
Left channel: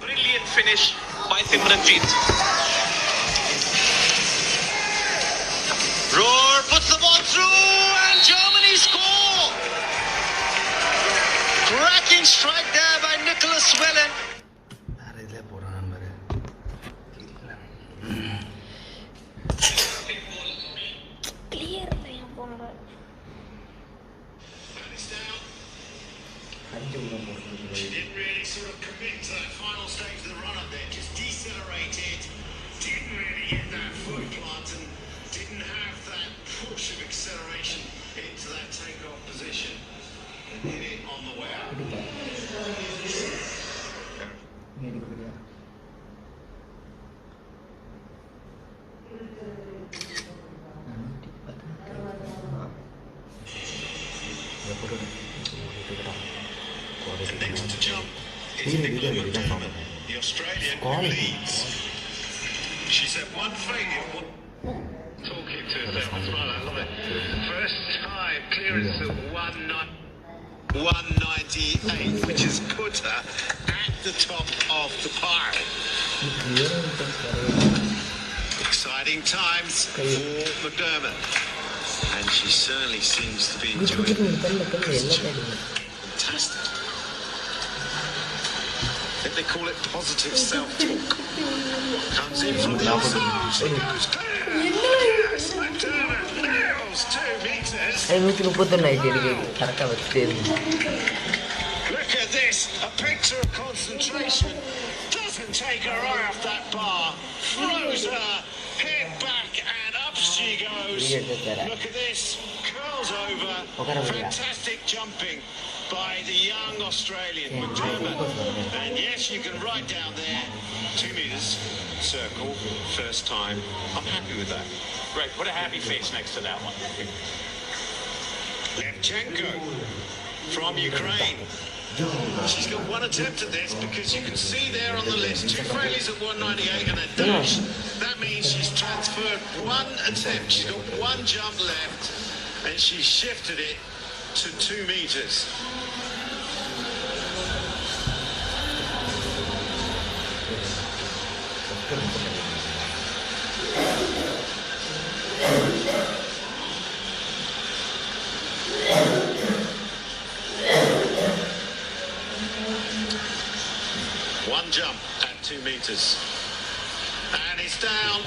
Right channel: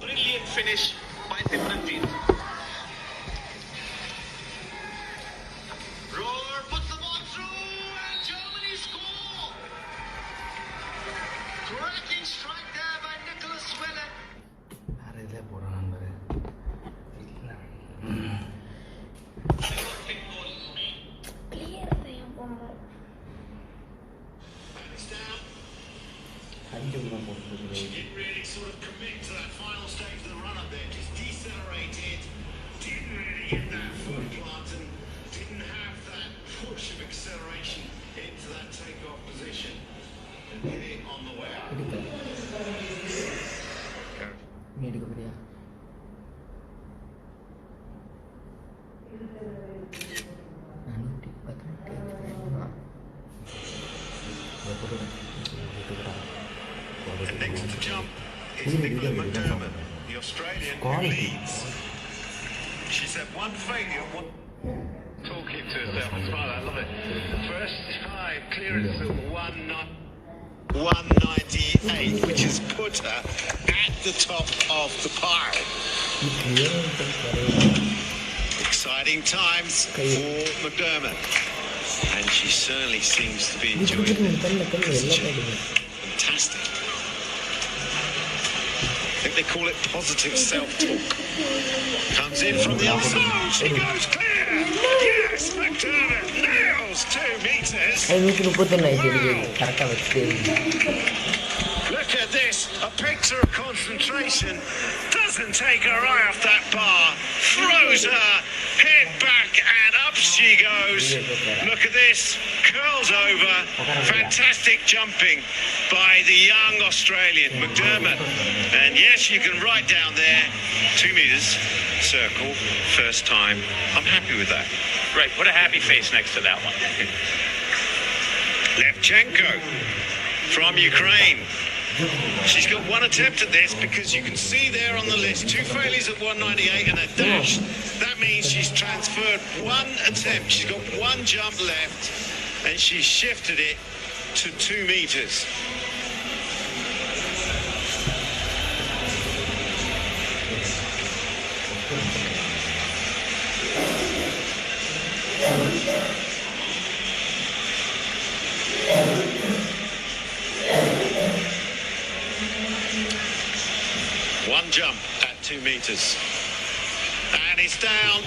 Brilliant finish by Simranjit. Roar puts the ball through and Germany score. Cracking strike there by Nicholas Wellen. Didn't really sort of commit to that final stage of the run-up there, just decelerated, didn't really hit that foot plant and didn't have that push of acceleration into that take-off position and hit it on the way up. The next to jump is Nicola McDermott, the Australian who leads. She said one failure, one... Talking to herself and smile. I love it. First time clearance of 198, which has put her at the top of the pile. Exciting times for McDermott, and she certainly seems to be enjoying it. Fantastic. I think they call it positive self-talk. Comes in from the outside. She goes clear. Yes, McDermott nails 2 meters. Look at this. A picture of concentration. Doesn't take her eye off that bar. Throws her head back and up she goes. Look at this. Curls over. Fantastic jumping by the young Australian McDermott. And yes, you can write down there 2 meters circle, first time. I'm happy with that. Great. Put a happy face next to that one. Levchenko from Ukraine. She's got 1 attempt at this because you can see there on the list 2 failures at 198 and a dash. That means she's transferred 1 attempt. She's got 1 jump left and she's shifted it to 2 meters. One jump at 2 meters. And it's down.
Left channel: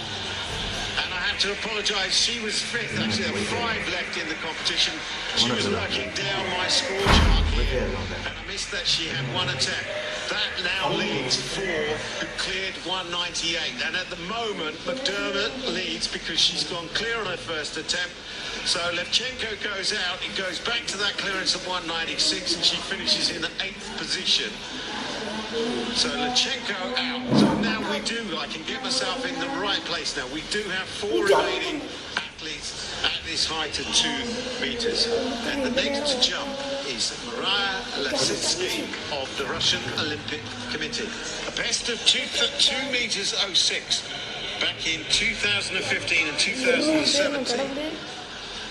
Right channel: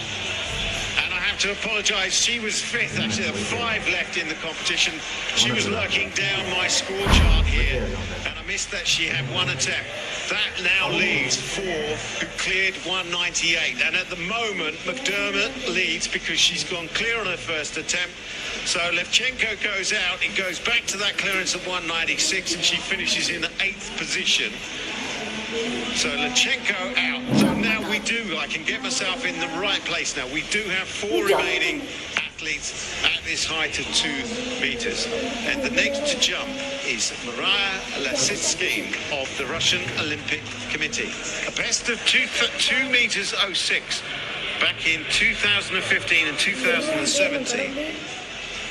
And I have to apologise, she was 5th, actually there were 5 left in the competition. She was lurking down my score chart here, and I missed that she had 1 attempt. That now leaves 4 who cleared 198, and at the moment McDermott leads because she's gone clear on her first attempt. So Levchenko goes out, it goes back to that clearance of 196, and she finishes in the 8th position. So Levchenko out. So now I can get myself in the right place now. We do have 4 remaining athletes at this height of 2 meters. And the next to jump is Maria Lasitsky of the Russian Olympic Committee. A best of 2 meters 06 back in 2015 and 2017.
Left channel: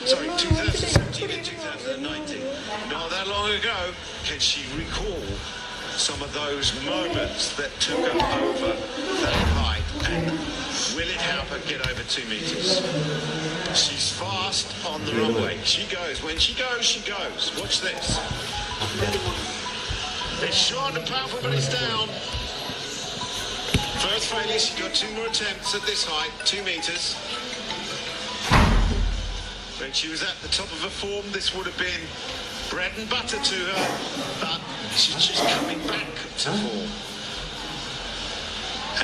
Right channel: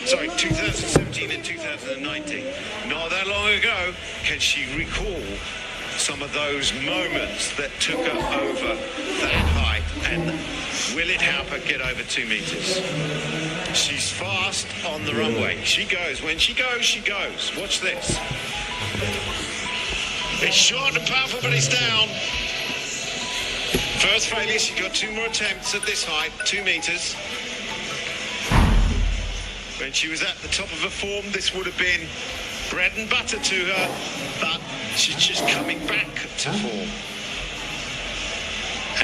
Sorry, 2017 and 2019. Not that long ago. Can she recall some of those moments that took her over that height, and will it help her get over 2 meters? She's fast on the runway. She goes. When she goes, she goes. Watch this. It's short and powerful, but it's down. First failure, she got 2 more attempts at this height, 2 meters. When she was at the top of her form, this would have been bread and butter to her, but she's just coming back to form.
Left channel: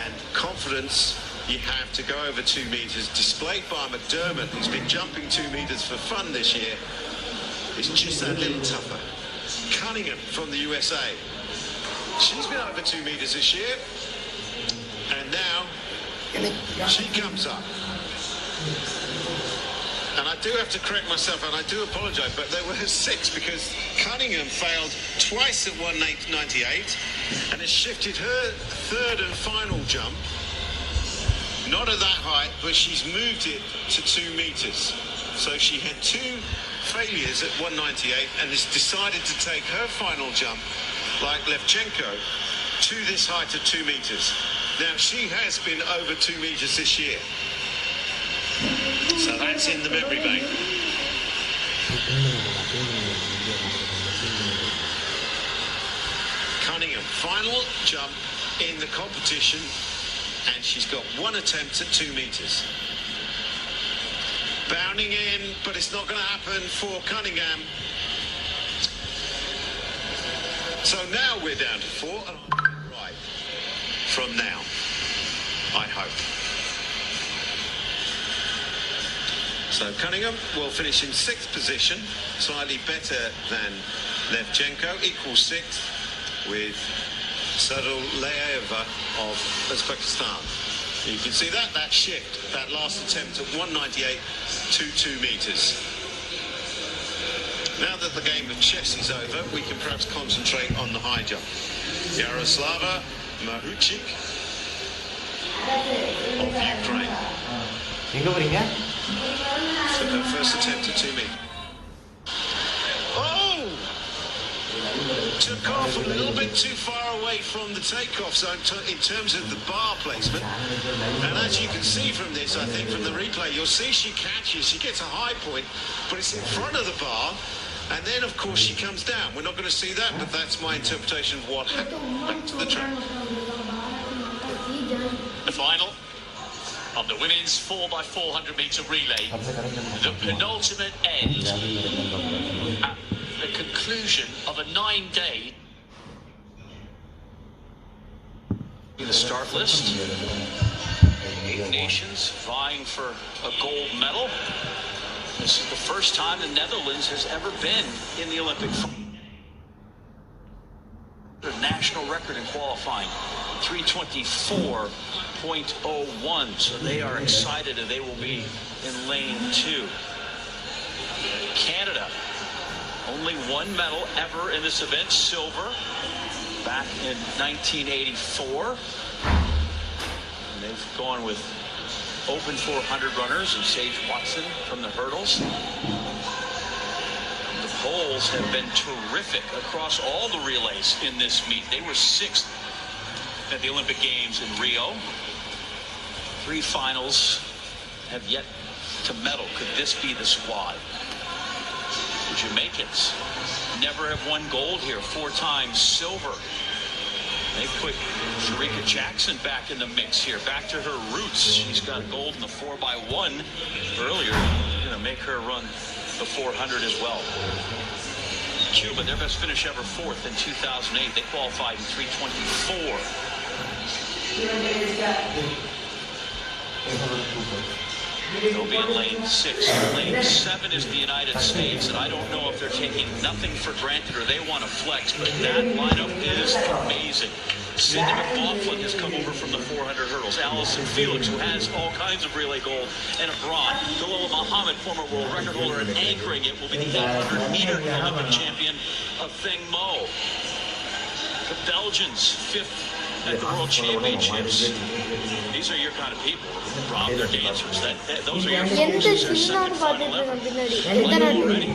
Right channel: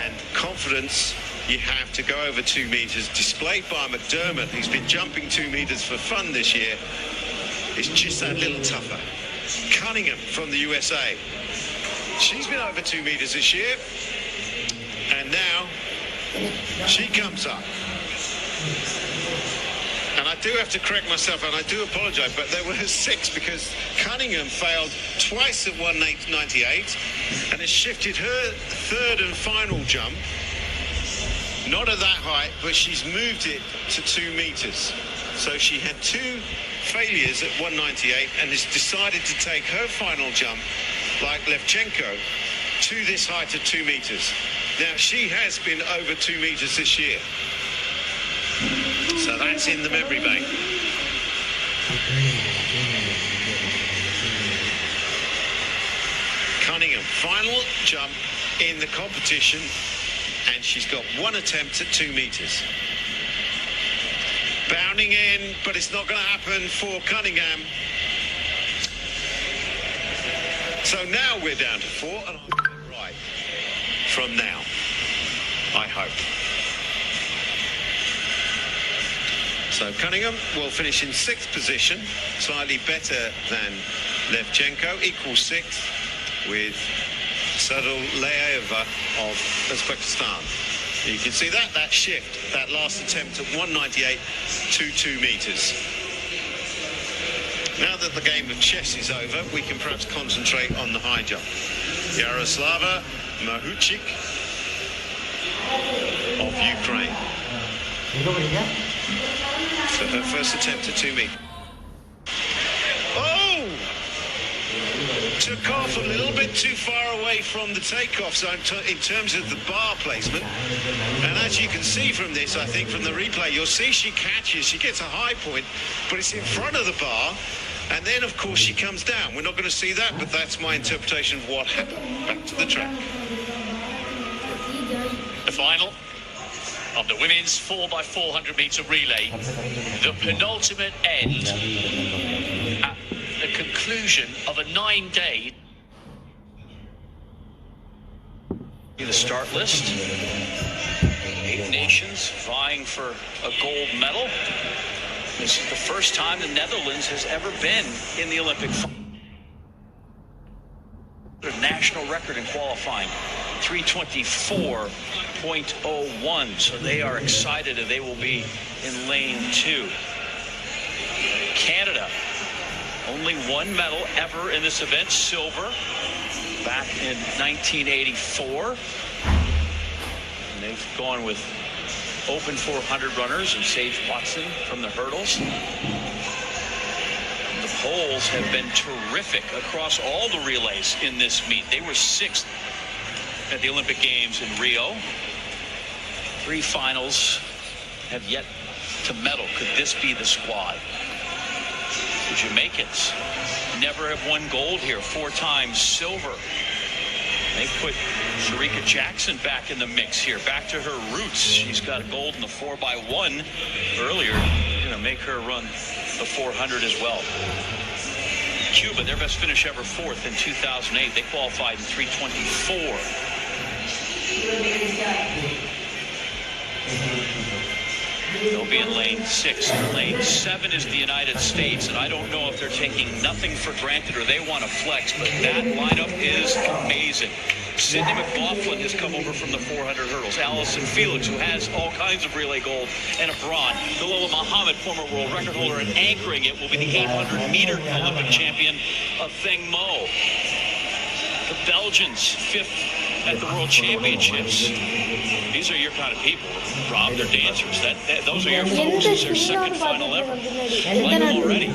And confidence, you have to go over 2 meters, displayed by McDermott, who's been jumping 2 meters for fun this year. It's just that little tougher. Cunningham from the USA. She's been over 2 meters this year, and now she comes up. And I do have to correct myself, and I do apologise, but there were 6 because Cunningham failed twice at 198 and has shifted her 3rd and final jump. Not at that height, but she's moved it to 2 meters. So she had 2 failures at 198 and has decided to take her final jump, like Levchenko, to this height of 2 meters. Now, she has been over 2 meters this year. So that's in the memory bank. Cunningham, final jump in the competition, and she's got 1 attempt at 2 meters. Bounding in, but it's not going to happen for Cunningham. So now we're down to 4, and I'll get it right from now, I hope. So Cunningham will finish in 6th position, slightly better than Levchenko, equal 6th with Sadolayeva of Uzbekistan. You can see that shift, that last attempt at 198 to 2 meters. Now that the game of chess is over, we can perhaps concentrate on the high jump. Yaroslava Mahuchik of Ukraine. for her first attempt at 2 meters. Oh! Took off a little bit too far away from the takeoff zone in terms of the bar placement. And as you can see from this, I think from the replay, you'll see she catches, she gets a high point, but it's in front of the bar. And then, of course, she comes down. We're not going to see that, but that's my interpretation of what happened. Back to the track. The final of the women's 4x400 metre relay. The penultimate end at the conclusion of a 9-day. The start list. 8 nations vying for a gold medal. This is the first time the Netherlands has ever been in the Olympic final. National record in qualifying, 324.01. So they are excited and they will be in lane 2. Canada, only 1 medal ever in this event, silver, back in 1984. And they've gone with open 400 runners and Sage Watson from the hurdles. The Poles have been terrific across all the relays in this meet. They were 6th at the Olympic Games in Rio. 3 finals have yet to medal. Could this be the squad? The Jamaicans never have won gold here. 4 times silver. They put Sharika Jackson back in the mix here, back to her roots. She's got gold in the 4x1 earlier. Going to make her run the 400 as well. Cuba, their best finish ever, 4th in 2008. They qualified in 3:24. They'll be in lane 6. Lane 7 is the United States, and I don't know if they're taking nothing for granted or they want to flex, but that lineup is amazing. Sydney McLaughlin has come over from the 400 hurdles. Allison Felix, who has all kinds of relay gold and a bronze. Dalilah Muhammad, former world record holder, and anchoring it will be the 800-meter Olympic champion, Theng Mo. The Belgians, 5th at the World Championships. These are your kind of people, Rob. They're dancers. Those are your folks. This is their second final ever. Like them already.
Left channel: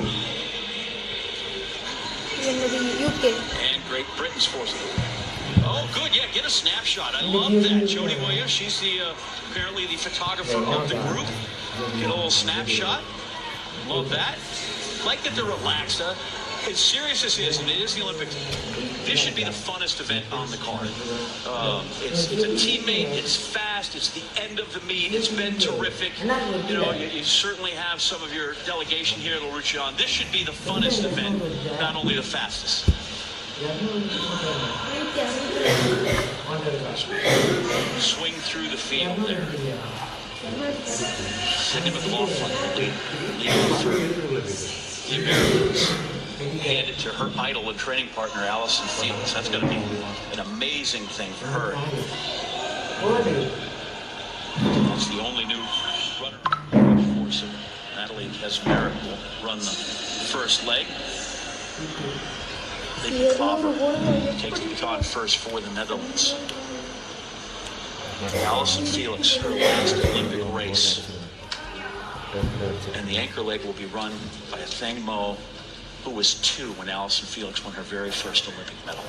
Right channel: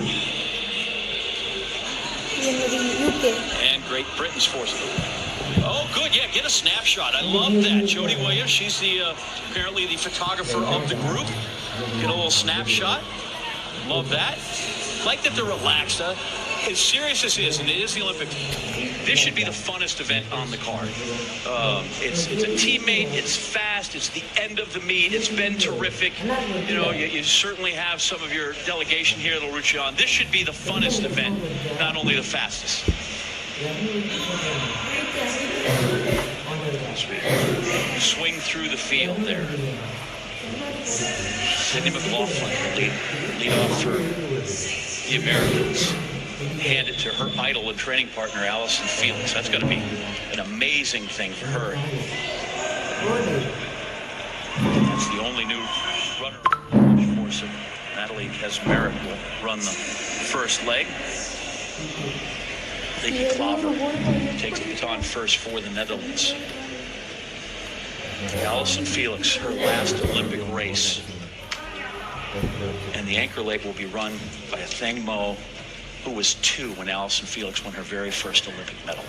And Great Britain's force. Oh, good. Yeah, get a snapshot. I love that. Jody Williams, she's the apparently the photographer of the group. Get a little snapshot. Love that. Like that they're relaxed. As serious as it is, and it is the Olympics, this should be the funnest event on the card. It's a teammate, it's fast, it's the end of the meet, it's been terrific. You know, you certainly have some of your delegation here that'll root you on. This should be the funnest event, not only the fastest. Swing through the field there. Sydney McLaughlin lead off through the Americans. Hand it to her idol and training partner, Allison Felix. That's going to be an amazing thing for her. That's the only new runner for us. Natalie Kesmerick will run the first leg. Vicky Klaver takes the baton first for the Netherlands. Allison Felix, her last Olympic race. And the anchor leg will be run by Theng Mo, who was 2 when Allison Felix won her very first Olympic medal.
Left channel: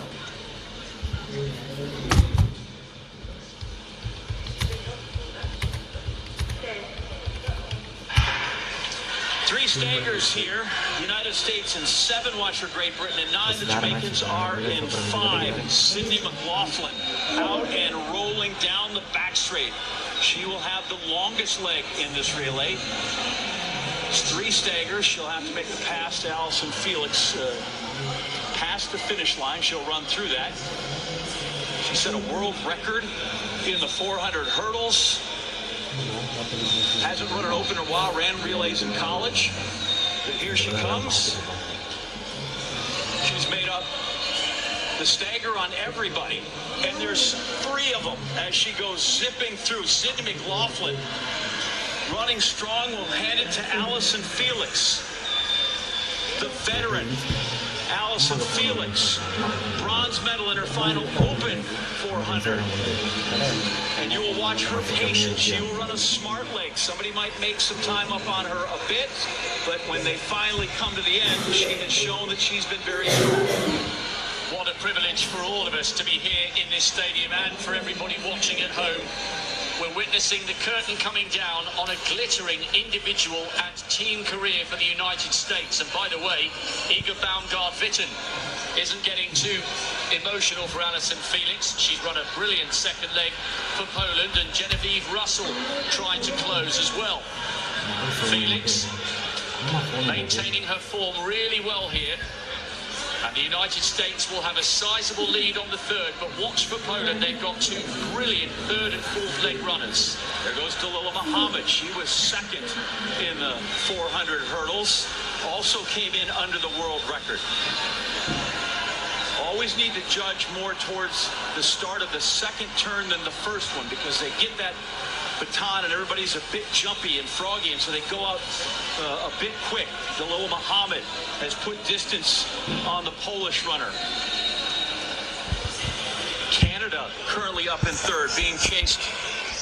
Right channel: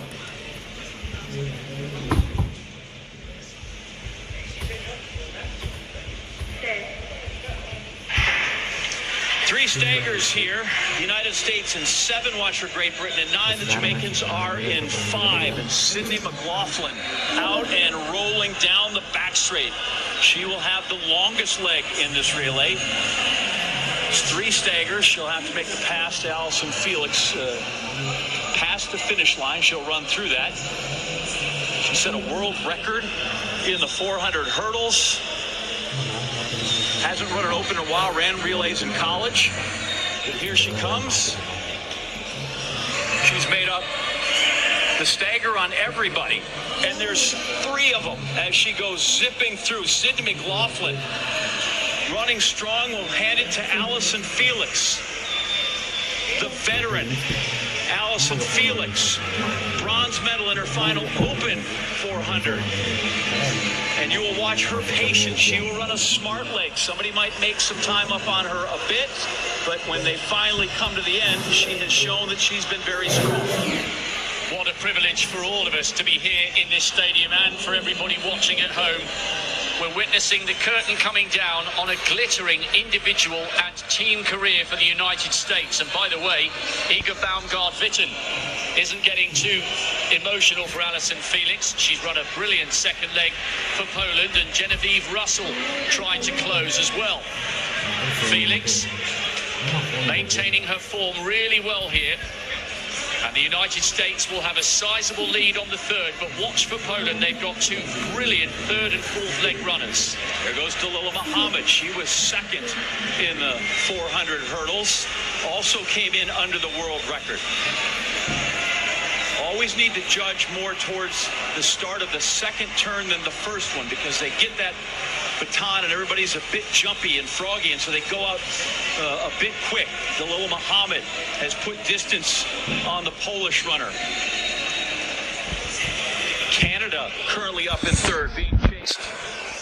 Three staggers here. The United States in 7, watch for Great Britain in 9. The Jamaicans are in 5. And Sydney McLaughlin out and rolling down the back straight. She will have the longest leg in this relay. 3 staggers. She'll have to make the pass to Allison Felix. Past the finish line. She'll run through that. She set a world record in the 400 hurdles. Hasn't run an open in a while. Ran relays in college. But here she comes. She's made up the stagger on everybody. And there's 3 of them as she goes zipping through. Sydney McLaughlin, running strong, will hand it to Allison Felix. The veteran, Allison Allyson Felix, bronze medal in her final open 400. And you will watch her patience. She will run a smart leg. Somebody might make some time up on her a bit, but when they finally come to the end, she has shown that she's been very strong. What a privilege for all of us to be here in this stadium and for everybody watching at home. We're witnessing the curtain coming down on a glittering individual and team career for the United States. And by the way, Iga Baumgart-Witten isn't getting too emotional for Allyson Felix. She's run a brilliant second leg for Poland, and Genevieve Russell trying to close as well. Felix maintaining her form really well here. And the United States will have a sizable lead on the third, but watch for Poland. They've got two brilliant third and fourth leg runners. There goes Dalilah Muhammad. She was second in the 400 hurdles. Also came in under the world record. Always need to judge more towards the start of the second turn than the first one, because they get that baton and everybody's a bit jumpy and froggy, and so they go out a bit quick. Dalilah Muhammad has put distance on the Polish runner. Canada currently up in third, being chased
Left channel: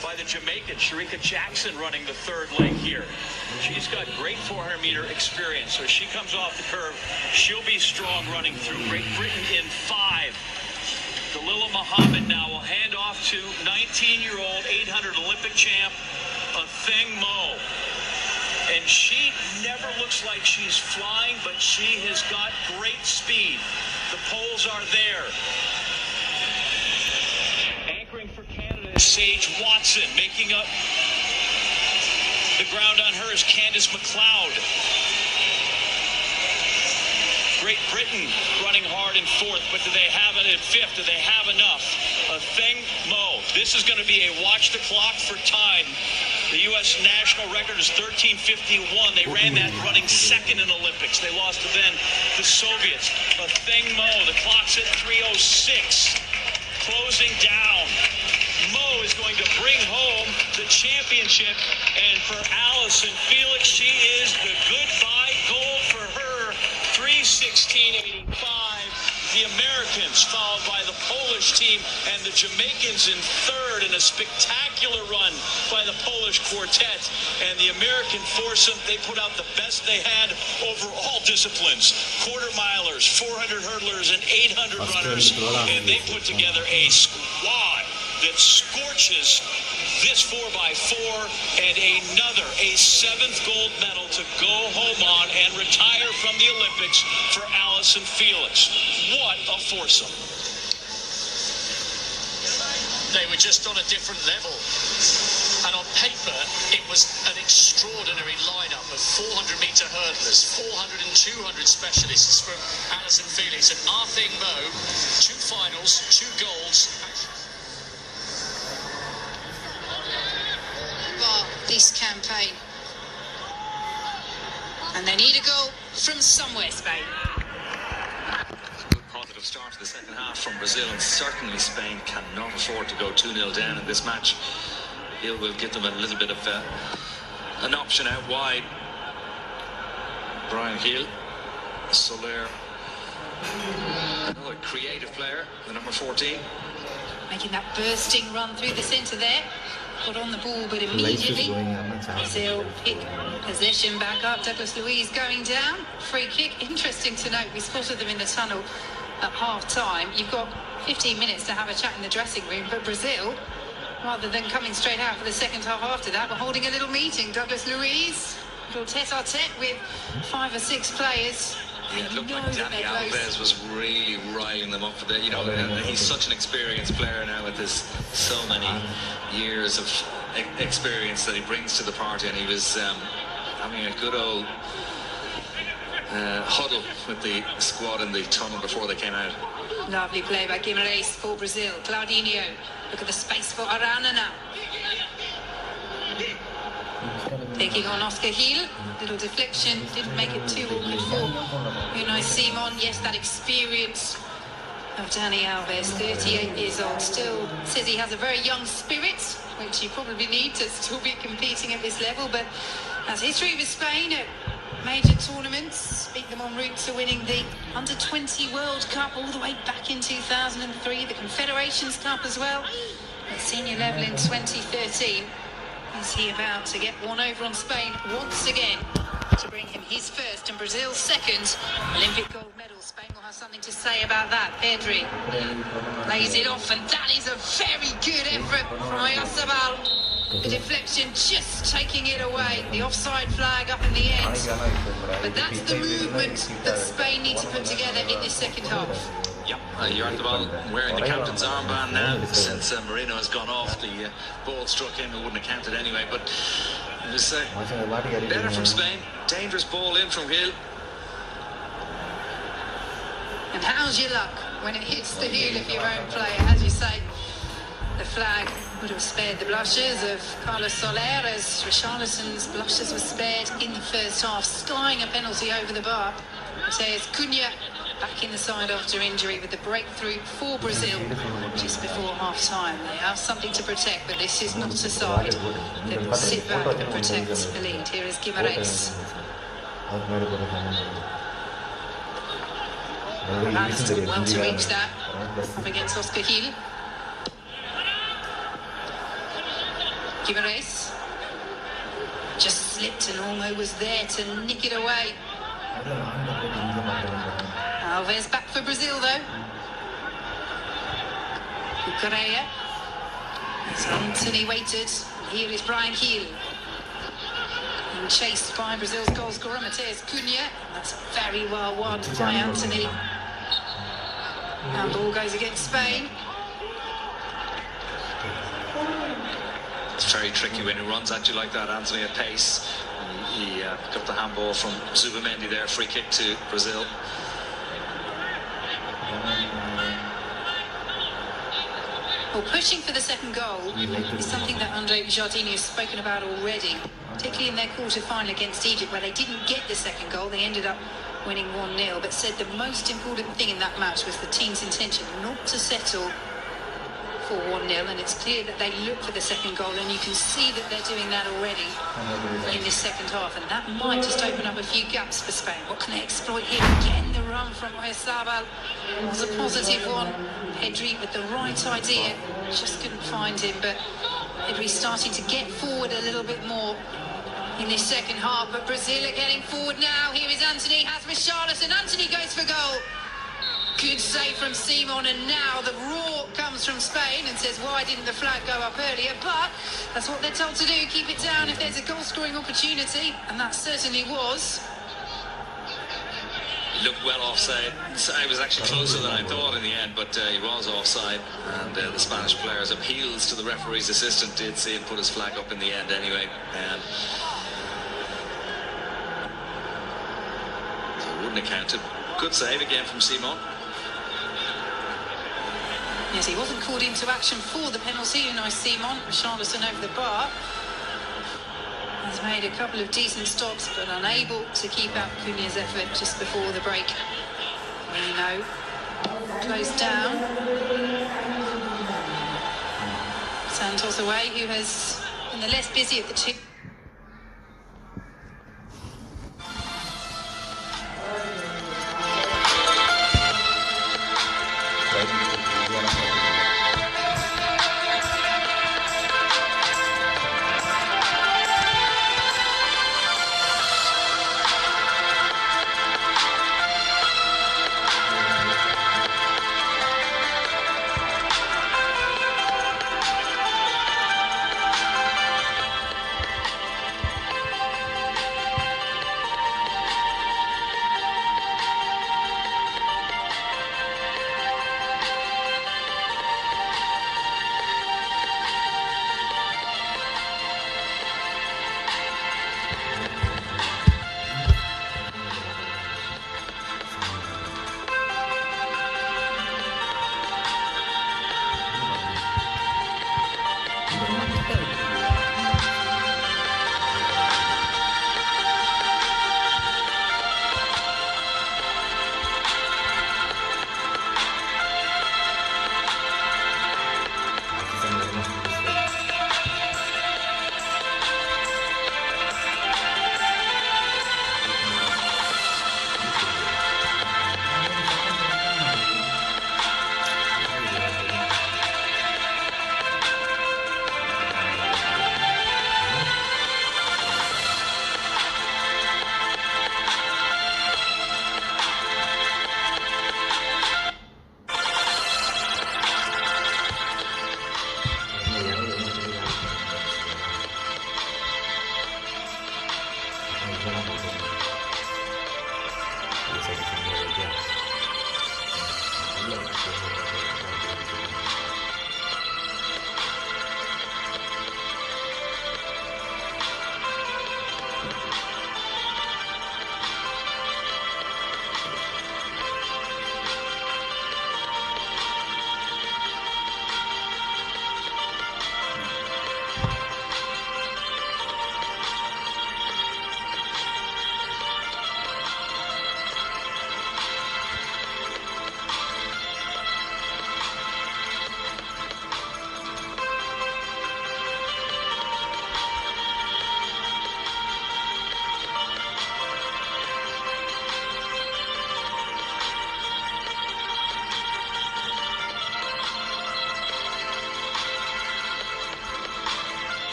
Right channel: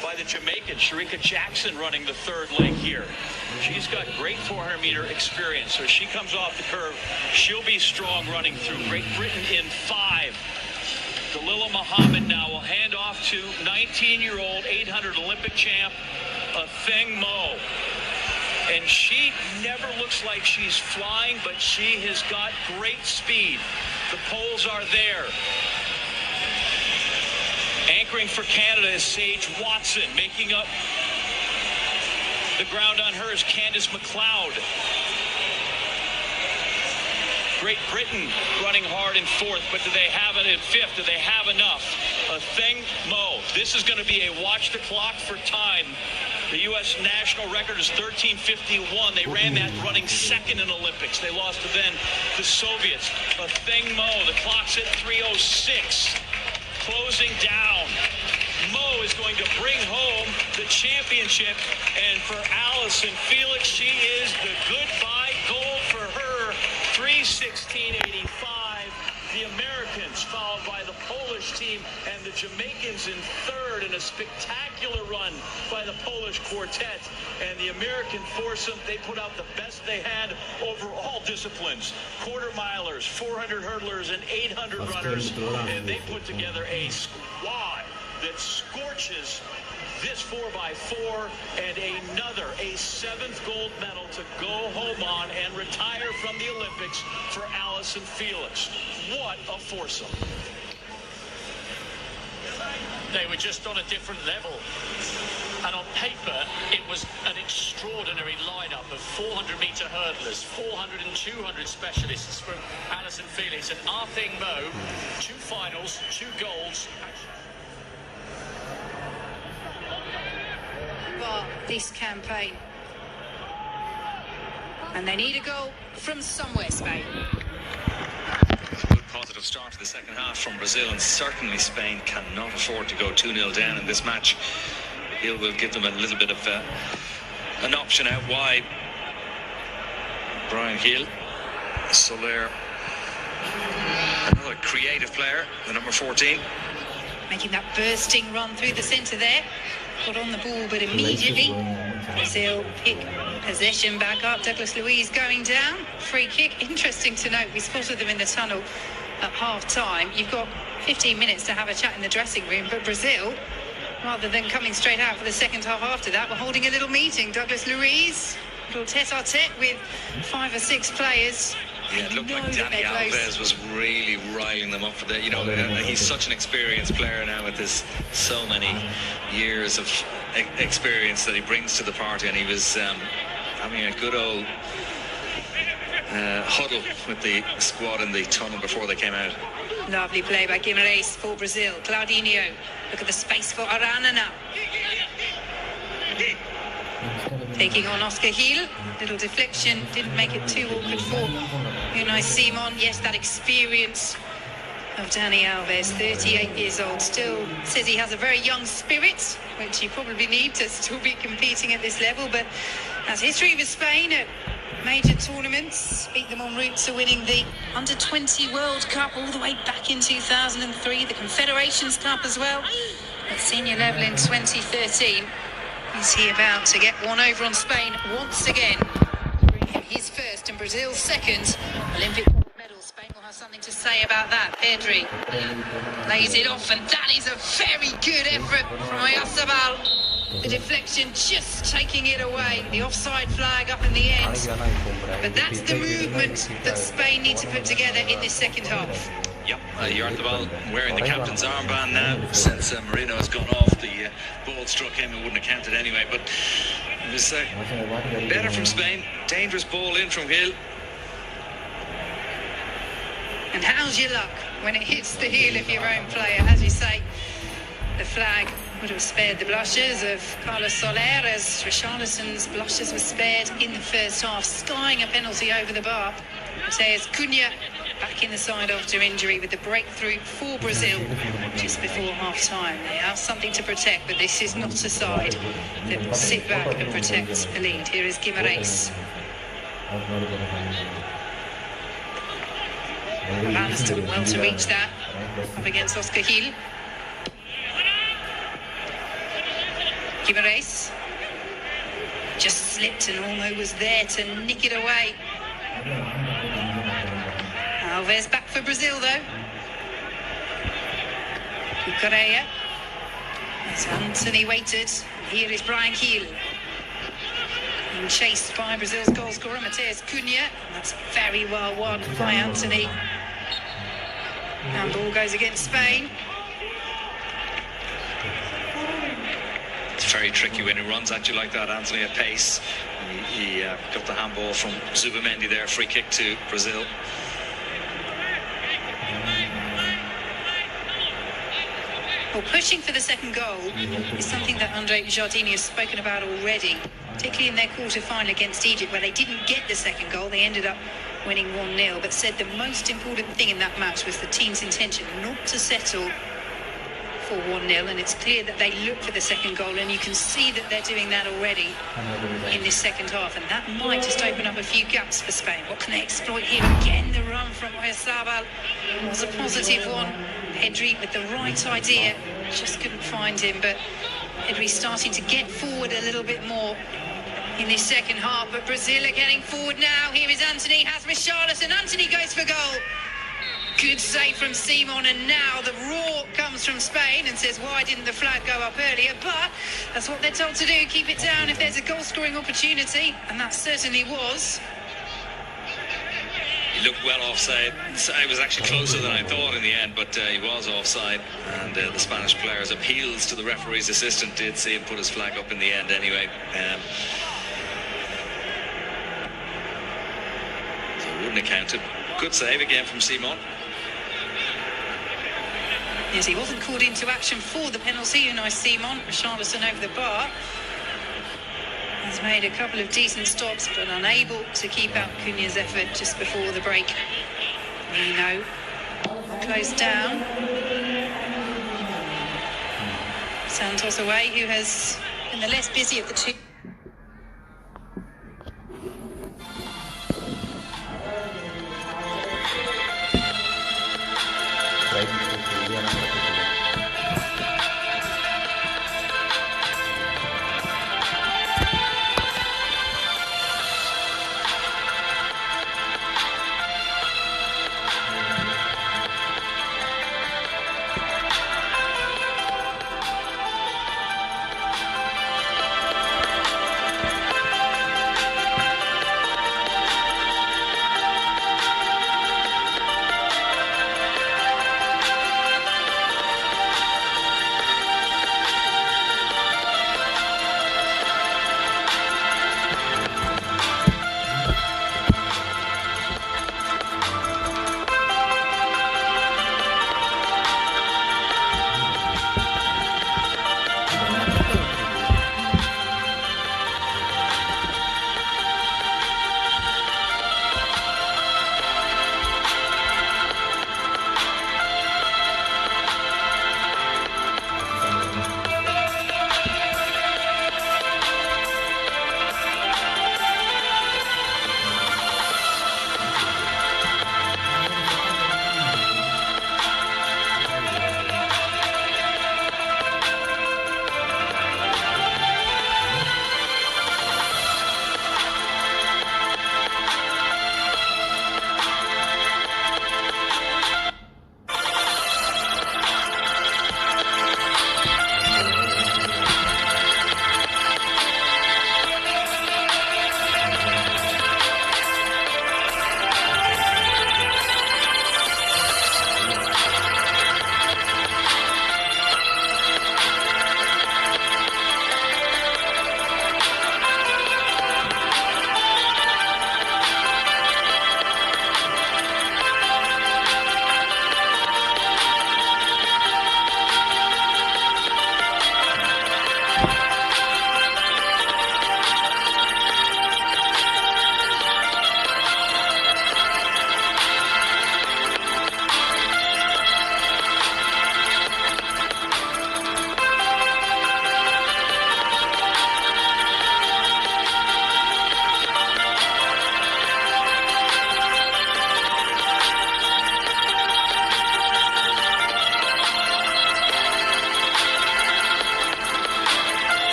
by the Jamaican Sharika Jackson, running the third leg here. She's got great 400 meter experience, so she comes off the curve. She'll be strong running through. Great Britain in 5. Dalilah Muhammad now will hand off to 19-year-old 800 Olympic champ, Athing Mo. And she never looks like she's flying, but she has got great speed. The poles are there. Anchoring for Canada is Sage Watson. Making up the ground on her is Candice McLeod. Great Britain running hard in fourth, but do they have it in fifth? Do they have enough? Athing Mo. This is going to be a watch the clock for time. The U.S. national record is 13:51. They ran that running second in Olympics. They lost to then the Soviets. Athing Mo. The clock's at 3:06. Closing down. Mo is going to bring home the championship, and for Allyson Felix, she is the goodbye gold for her. 3:16.85. The Americans followed by the Polish team and the Jamaicans in third, in a spectacular run by the Polish quartet. And the American foursome, they put out the best they had over all disciplines. Quarter milers, 400 hurdlers, and 800 runners. And they put together a squad that scorches this 4x4, and another, a 7th gold medal to go home on and retire from the Olympics for Allyson Felix. What a foursome. They were just on a different level. And on paper, it was an extraordinary lineup of 400-meter hurdlers, 400 and 200 specialists from Allyson Felix, and Athing Mo, 2 finals, 2 golds. This campaign, and they need a goal from somewhere, Spain. Good positive start to the second half from Brazil, and certainly Spain cannot afford to go 2-0 down in this match. Hill will give them a little bit of an option out wide. Brian Hill, Soler, another creative player, the number 14. Making that bursting run through the centre there. Got on the ball, but immediately Brazil pick possession back up. Douglas Luiz going down. Free kick. Interesting to note, we spotted them in the tunnel at half-time. You've got 15 minutes to have a chat in the dressing room, but Brazil, rather than coming straight out for the second half after that, were holding a little meeting. Douglas Luiz, a little tete-a-tete with 5 or 6 players. Yeah, it looked like Danny Alves was really riling them up for that. You know, he's such an experienced player now with this so many years of experience that he brings to the party, and he was having a good old huddle with the squad in the tunnel before they came out. Lovely play by Guimarães for Brazil. Claudinho, look at the space for Arana now. Taking on Oscar Hill, little deflection, didn't make it too awkward for Unai Simon. Yes, that experience of Dani Alves, 38 years old, still says he has a very young spirit, which you probably need to still be competing at this level. But as history with Spain at major tournaments, beat them en route to winning the Under-20 World Cup all the way back in 2003, the Confederations Cup as well, at senior level in 2013. Is he about to get one over on Spain once again to bring him his first and Brazil's second Olympic gold medal? Spain will have something to say about that. Pedri lays it off, and that is a very good effort from Oyarzabal. The deflection just taking it away. The offside flag up in the end. But that's the movement that Spain need to put together in this second half. Yep, Oyarzabal wearing the captain's armband now. Since Marino has gone off, the ball struck him. It wouldn't have counted anyway. But it was better from Spain. Dangerous ball in from Gil. And how's your luck when it hits the heel of your own player? As you say, the flag would have spared the blushes of Carlos Soler, as Richarlison's blushes were spared in the first half, skying a penalty over the bar. Matheus Cunha back in the side after injury with the breakthrough for Brazil just before half-time. They have something to protect, but this is not a side that will sit back and protect the lead. Here is Guimarães. Balance took well to reach that, up against Oscar Gil. Guimarães just slipped and almost was there to nick it away. Alves back for Brazil though. Correa. As Anthony waited, here is Bryan Gil. Being chased by Brazil's goal scorer Matheus Cunha. That's very well won by Anthony. And ball goes against Spain. It's very tricky when he runs at you like that, Anthony, at pace. He got the handball from Subamendi there, free kick to Brazil. Well, pushing for the second goal is something that Andre Jardine has spoken about already, particularly in their quarter-final against Egypt, where they didn't get the second goal. They ended up winning 1-0, but said the most important thing in that match was the team's intention not to settle for 1-0, and it's clear that they look for the second goal, and you can see that they're doing that already in this second half, and that might just open up a few gaps for Spain. What can they exploit here? Again, the run from Oyarzabal was a positive one. Pedri with the right idea, just couldn't find him, but Pedri starting to get forward a little bit more in this second half, but Brazil are getting forward now. Here is Anthony, has Richarlison, Anthony goes for goal. Good save from Simon, and now the roar comes from Spain and says, why didn't the flag go up earlier? But that's what they're told to do, keep it down if there's a goal-scoring opportunity, and that certainly was. He looked well offside. It was actually closer than I thought in the end, but he was offside, and the Spanish player's appeals to the referee's assistant did see him put his flag up in the end anyway. So it wouldn't have counted. Good save again from Simon. Yes, he wasn't called into action for the penalty. Nice Simon. Richarlison over the bar. He's made a couple of decent stops, but unable to keep out Cunha's effort just before the break. Nino closed down. Santos away, who has been the less busy of the two.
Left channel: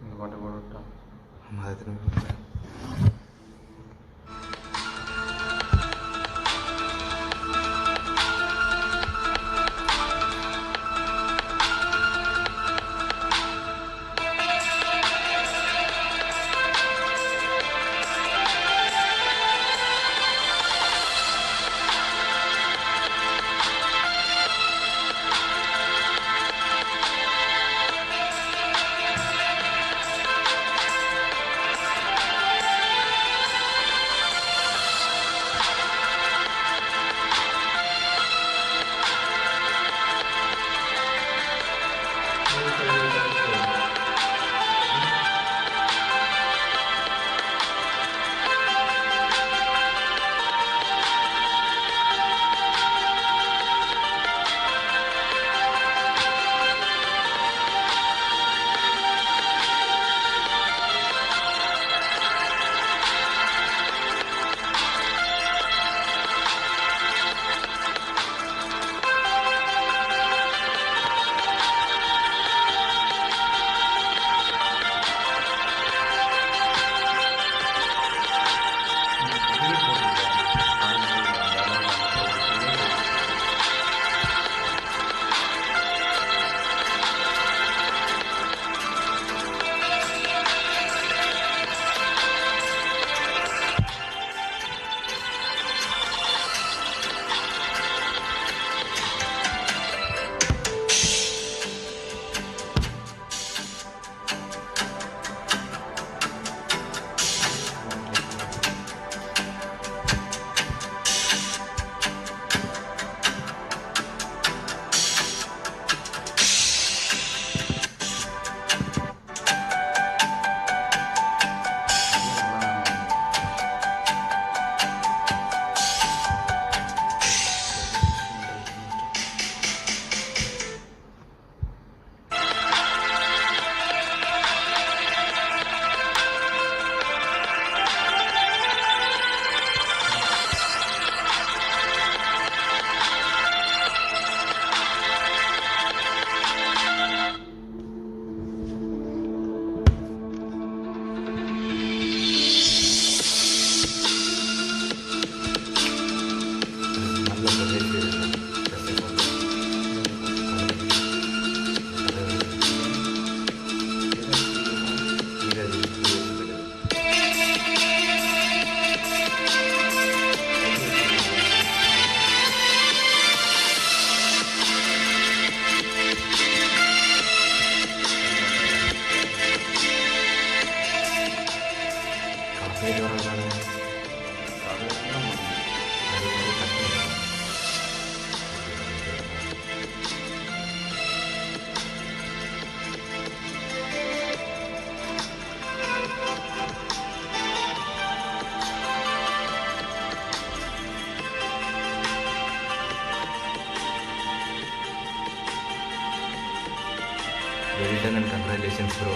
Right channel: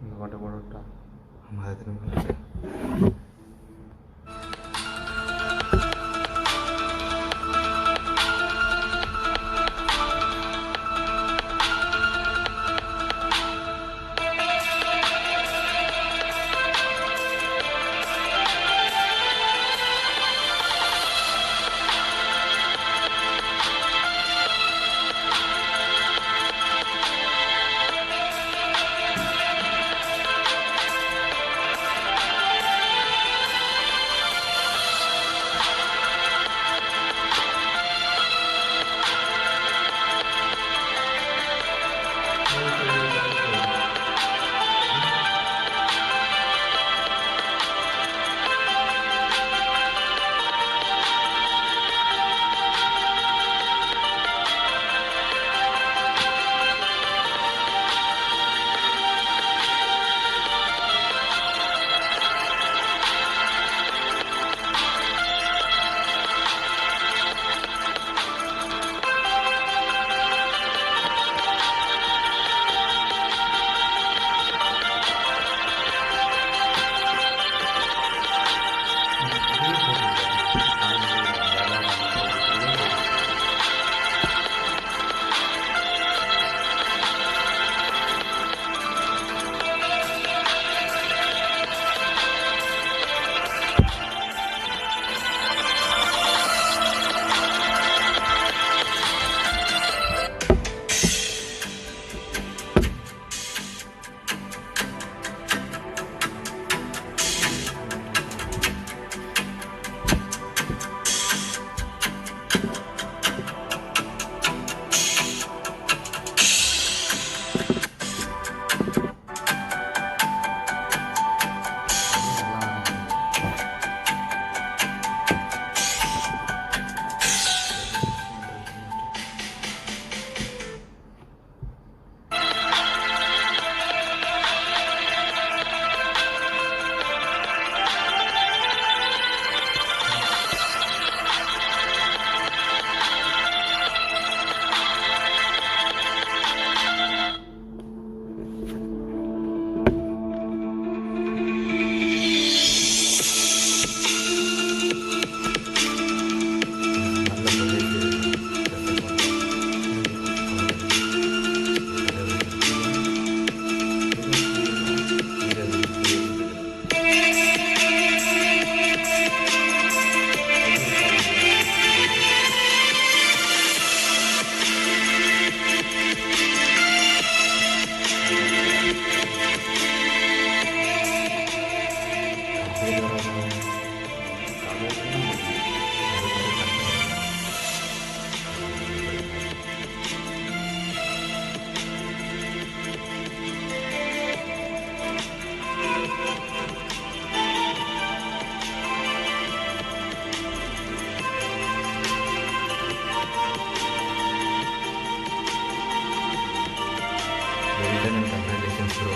இந்த பாட்டு போட்டு ஆமாம் அதை திரும்பி Well done and congratulations, bro.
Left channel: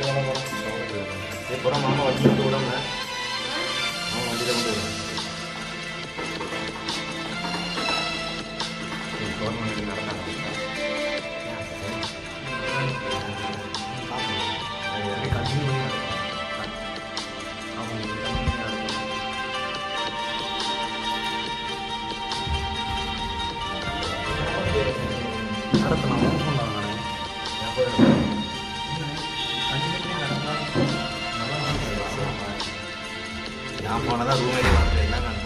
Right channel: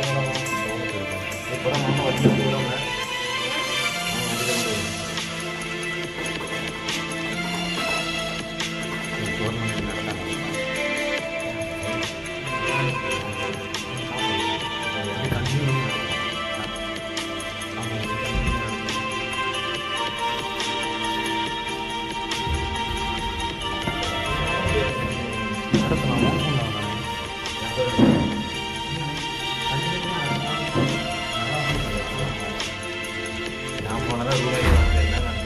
அப்புறம் மாமா வச்சு விடாமல அவன் வண்டியில் கொண்டு விடுறேன். நான் போனதான் ரூம் ஏறி வந்து என்ன காணும்.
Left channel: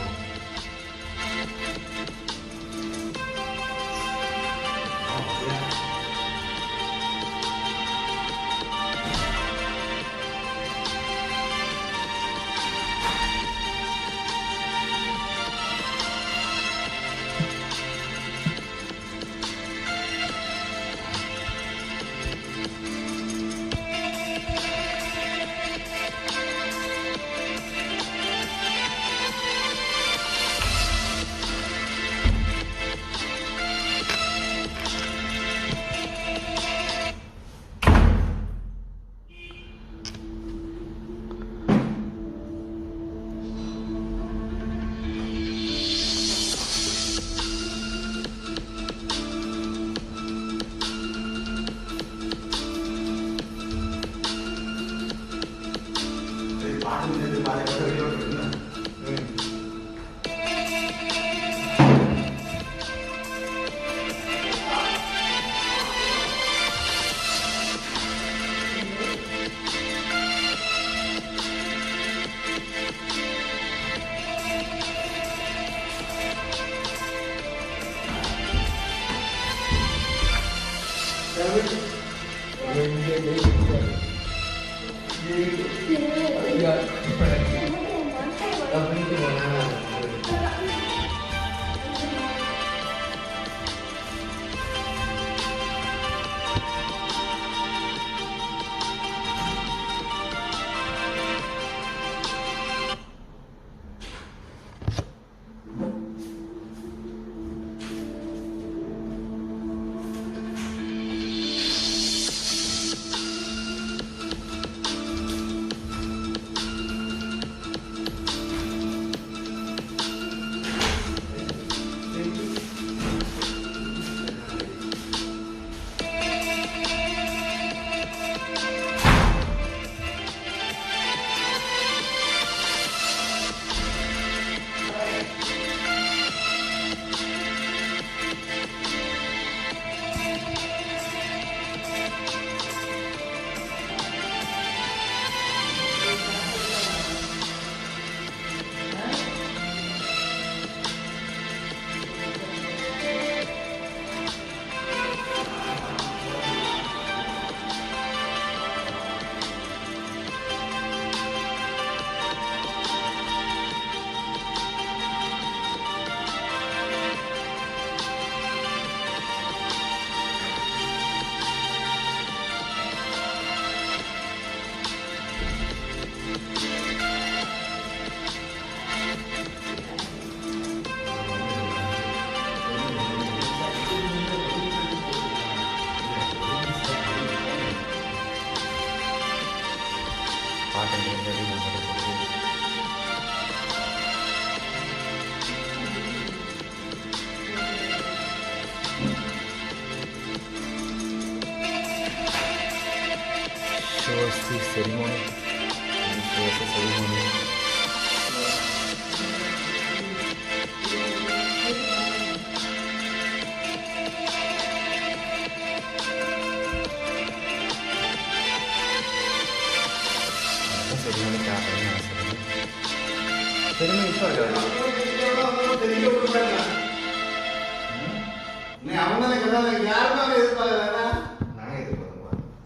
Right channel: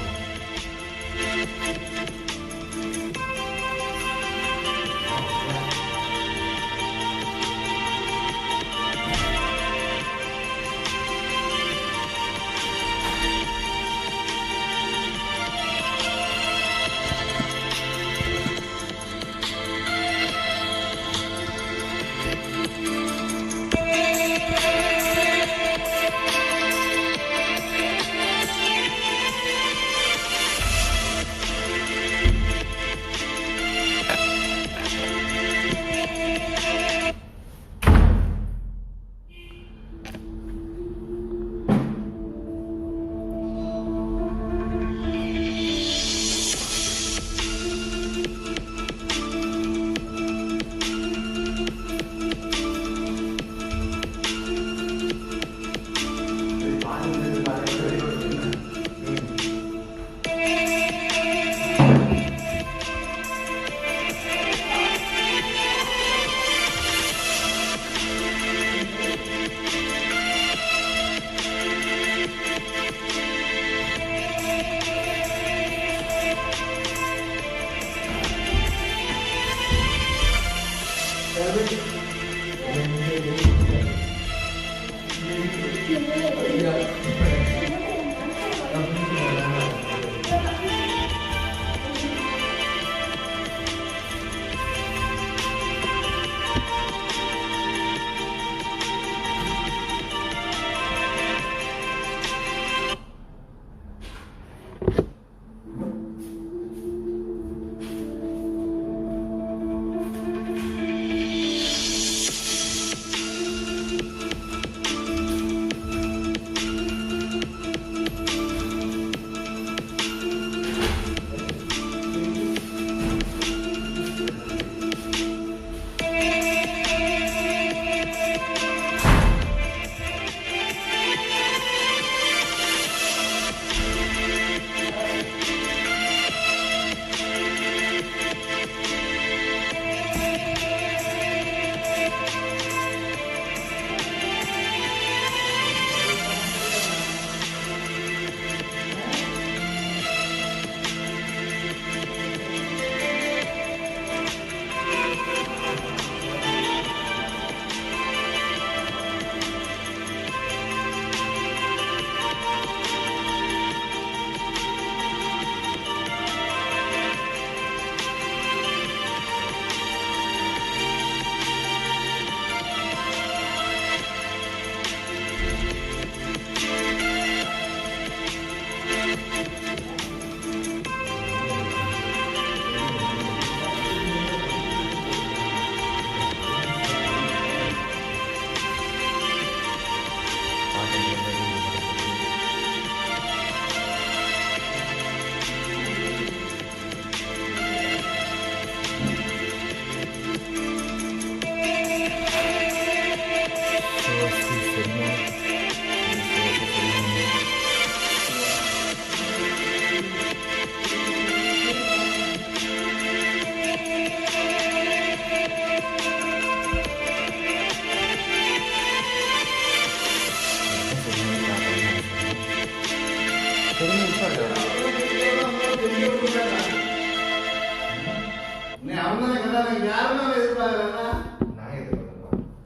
ceremony.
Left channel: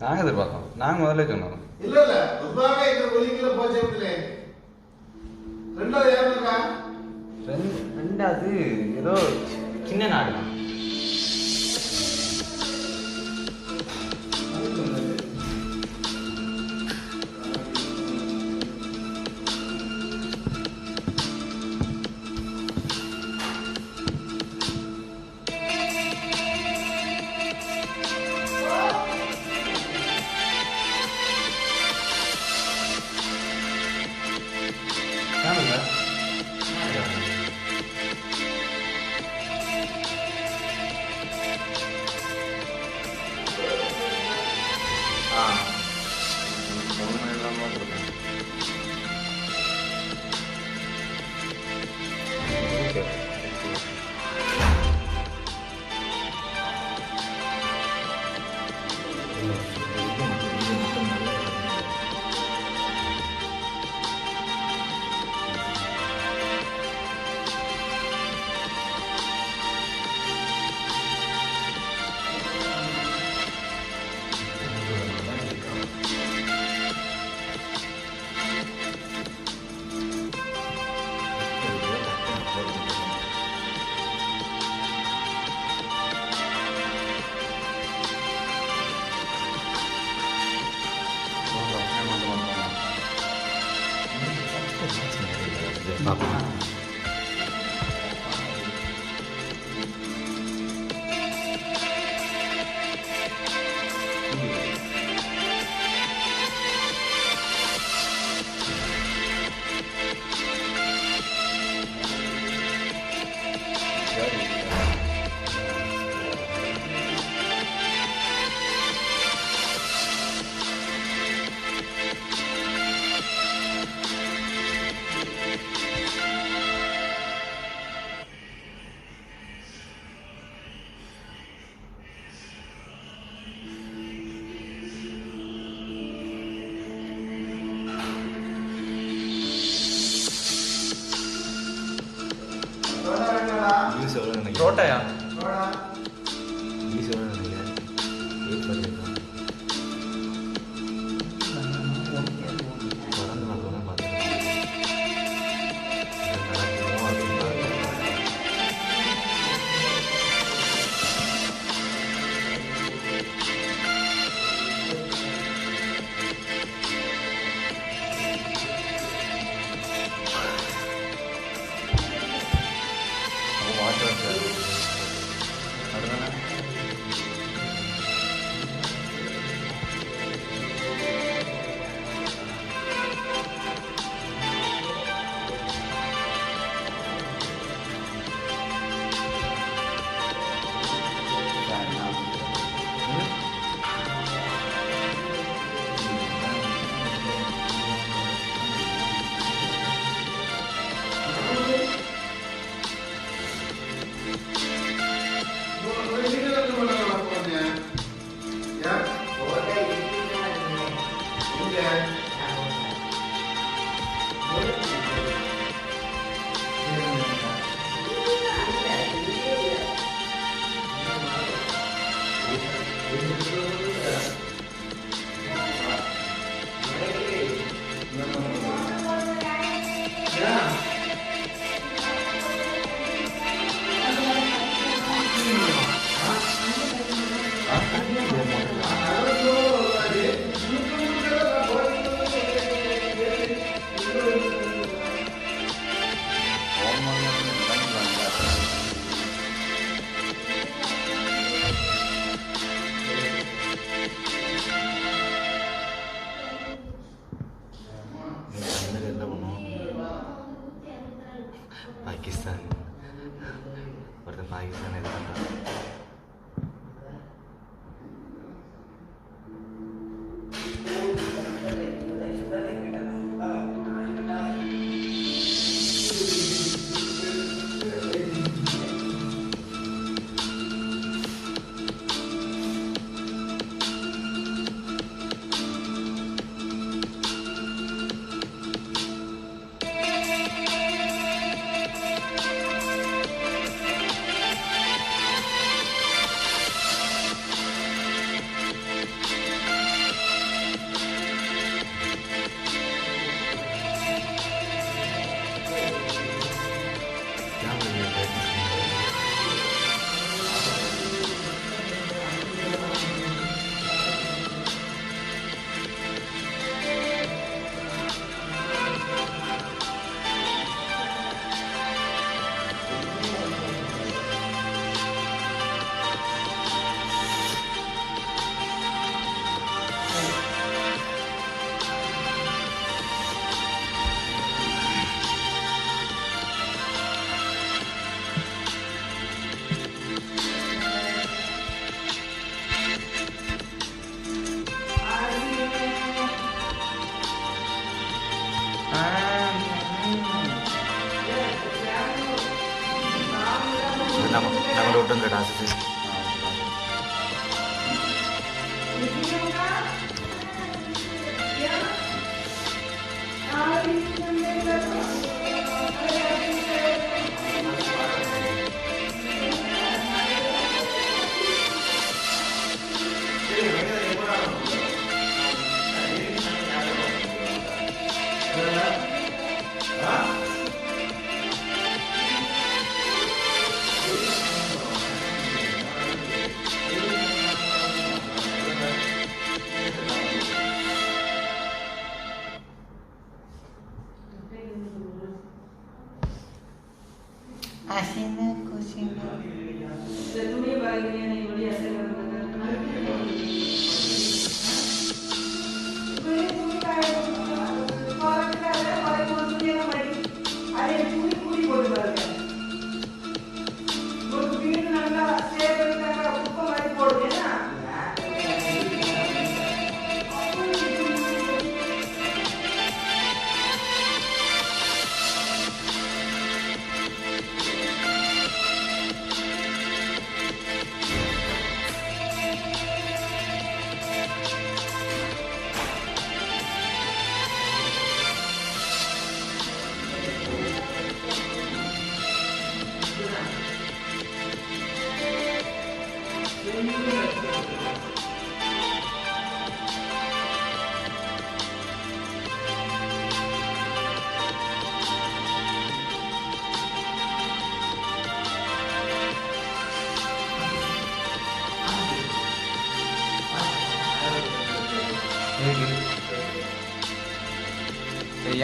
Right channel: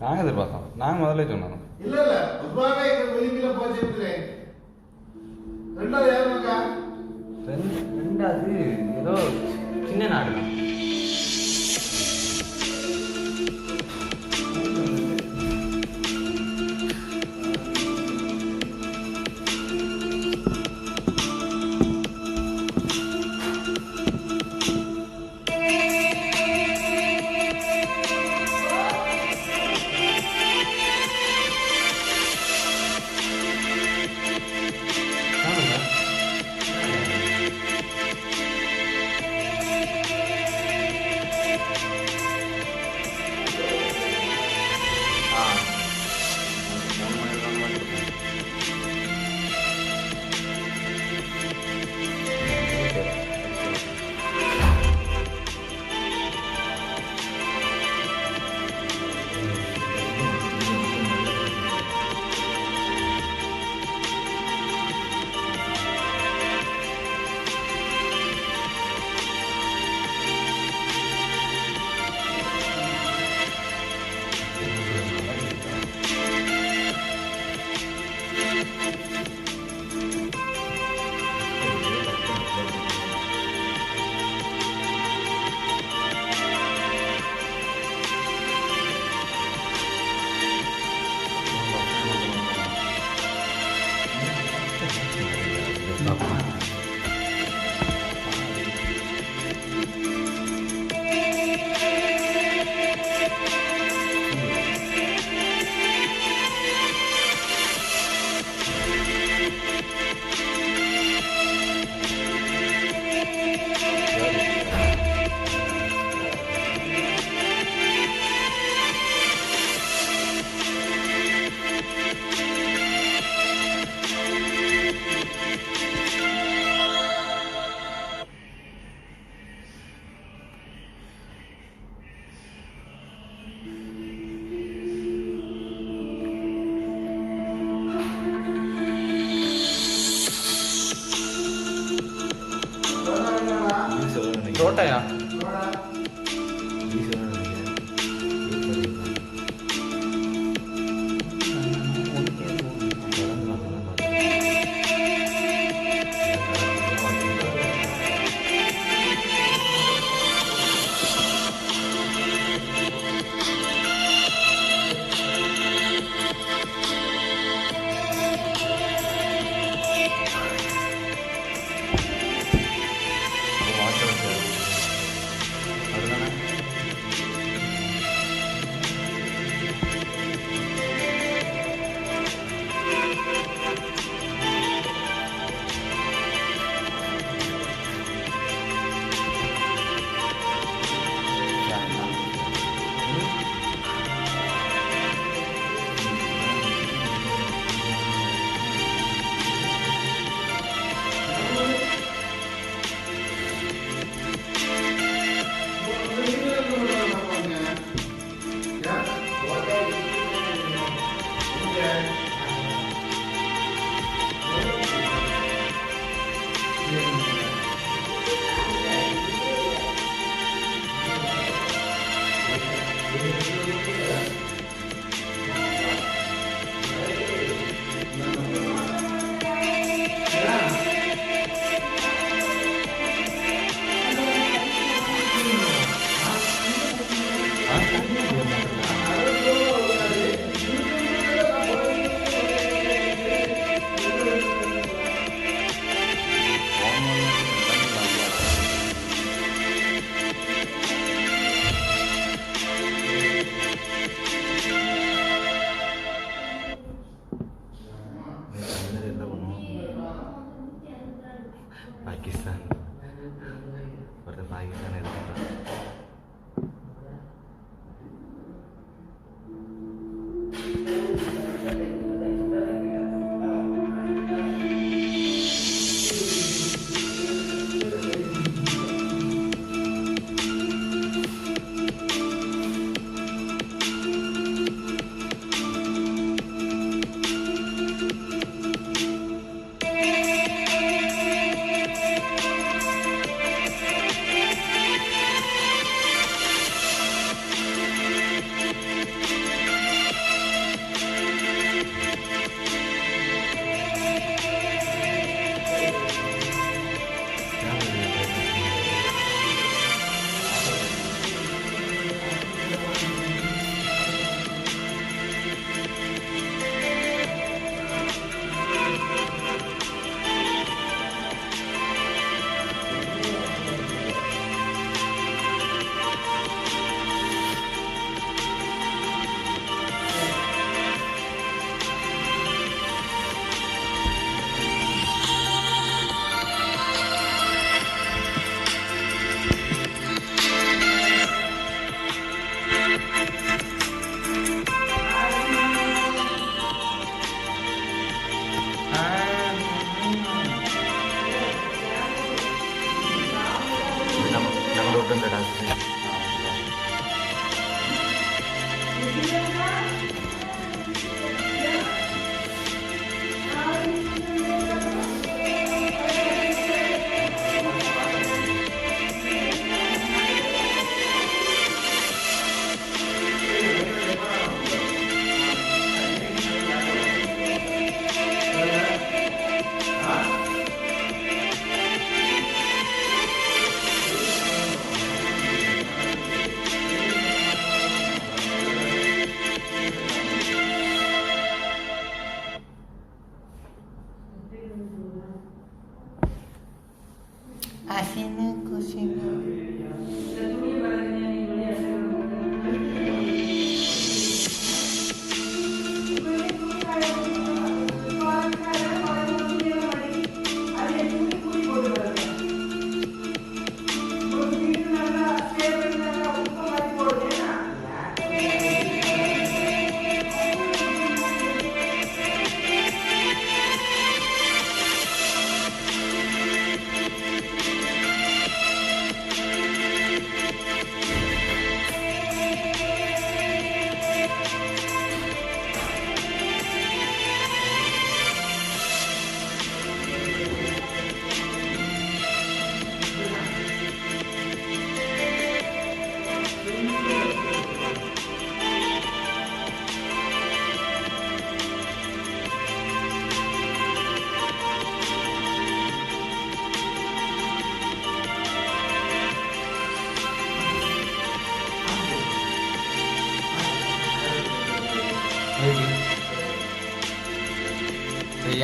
நாங்கள் எதிர்பார்த்தோம். நாங்கள் முதல்ல சொன்னோம். இல்லை இல்லை ரெண்டாவது ஏதோ சின்ன நாடு தான். ஃபோன் பண்ணிடலான்னு இருக்கேன். ஓகே ரோட்டையா ஈஸியாக நினைக்கிறேன் வெயிட் பண்ணியிருக்கேன் தொடர்ந்து நான் சொன்ன பார்த்துருக்கேன் நடக்குமோ அப்படின்னு பார்க்கலாம். பாகிஸ்தான் ஒருத்தன் பாகிஸ்தான் இது பண்ணுறான்.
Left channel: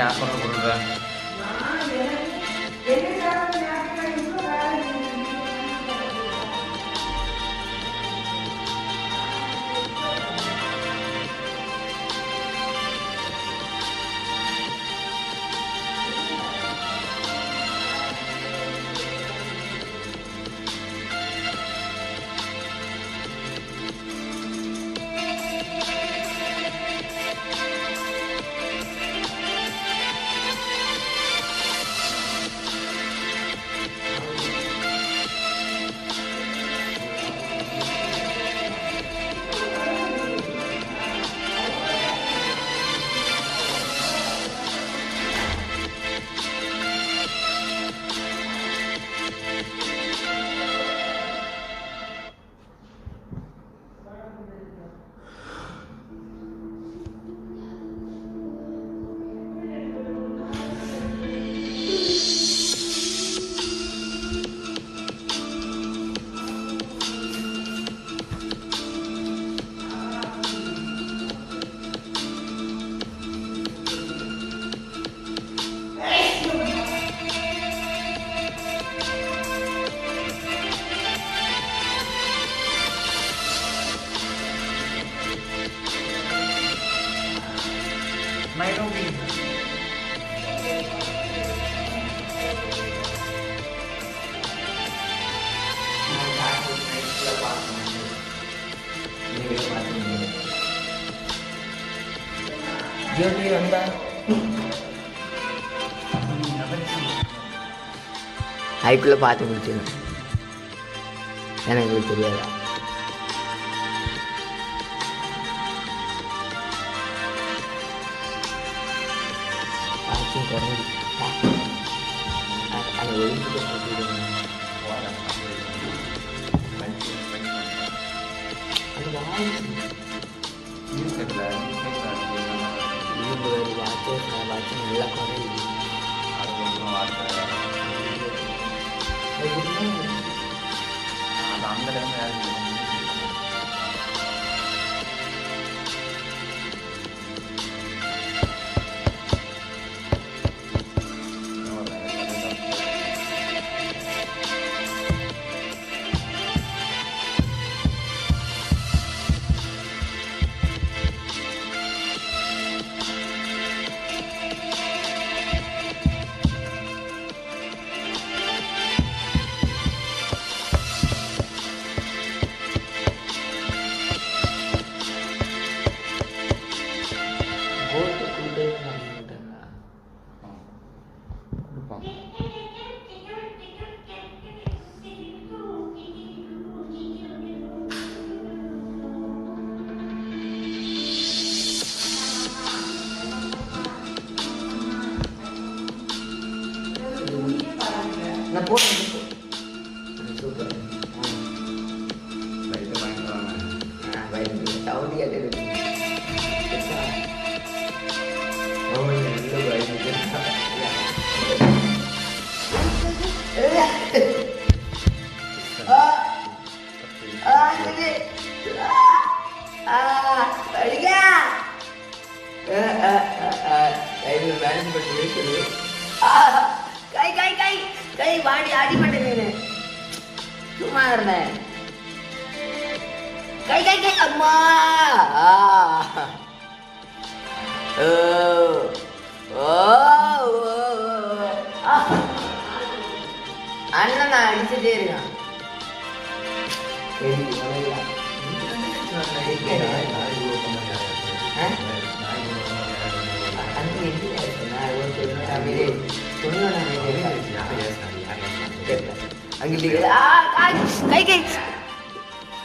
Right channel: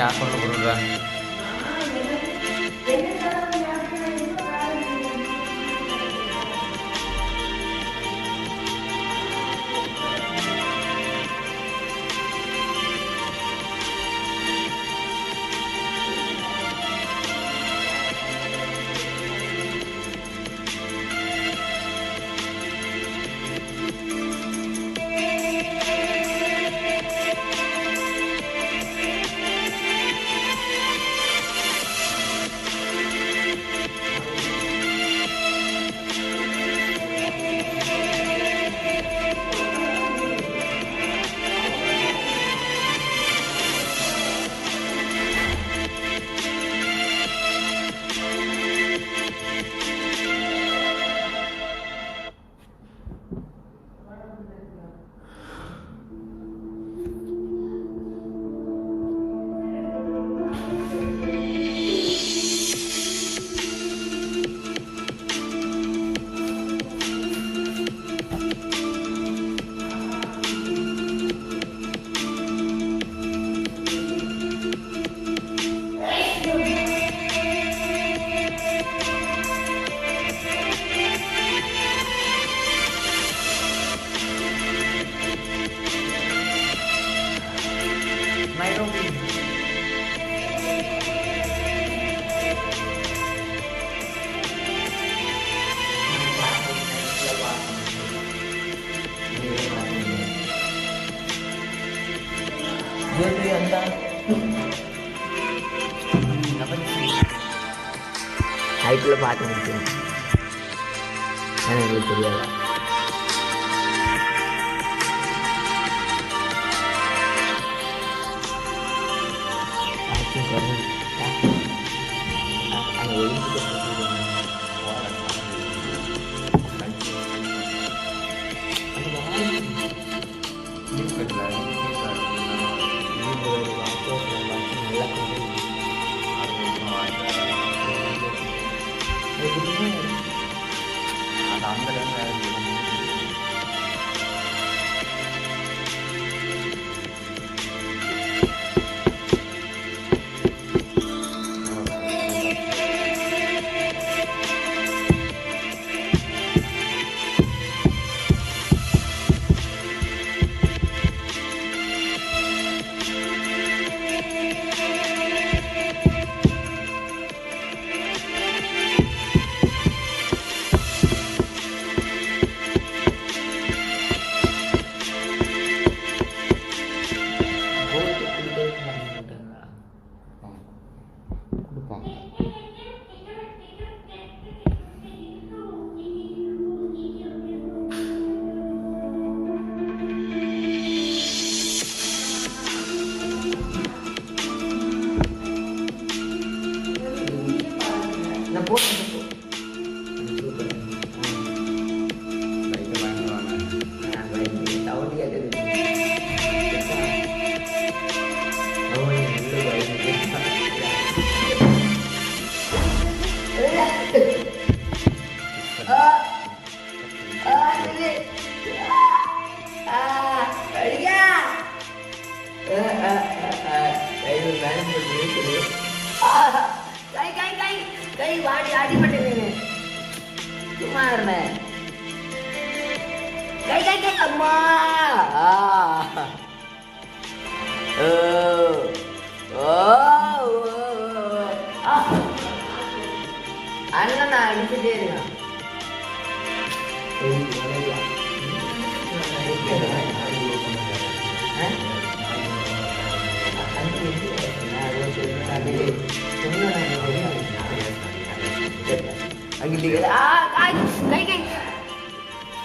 apa berubah? Jadi anda ஹைக்குள்ளே பார்த்து முடிச்சுங்க ஏன்னா எங்களுக்கு தெரியாதா பார்க்கிங் குறைஞ்சி அந்த ஒலிம்பிக்கை போட்டுவிடுவாங்க அது வாய் இந்த ஒரு வாட்ச் நல்லா குறையுது அந்த டைமில் போட்டு சூப்பர் சவுண்ட் கேட்டது நல்ல மேனேஜ் பண்ணி இருக்குது கை கை கை கை வாடி அடிபட்டு சும்மா இருந்தேன் கை கை கை அம்மா அண்ணன் நான் அடிச்சுட்டே இருக்கான்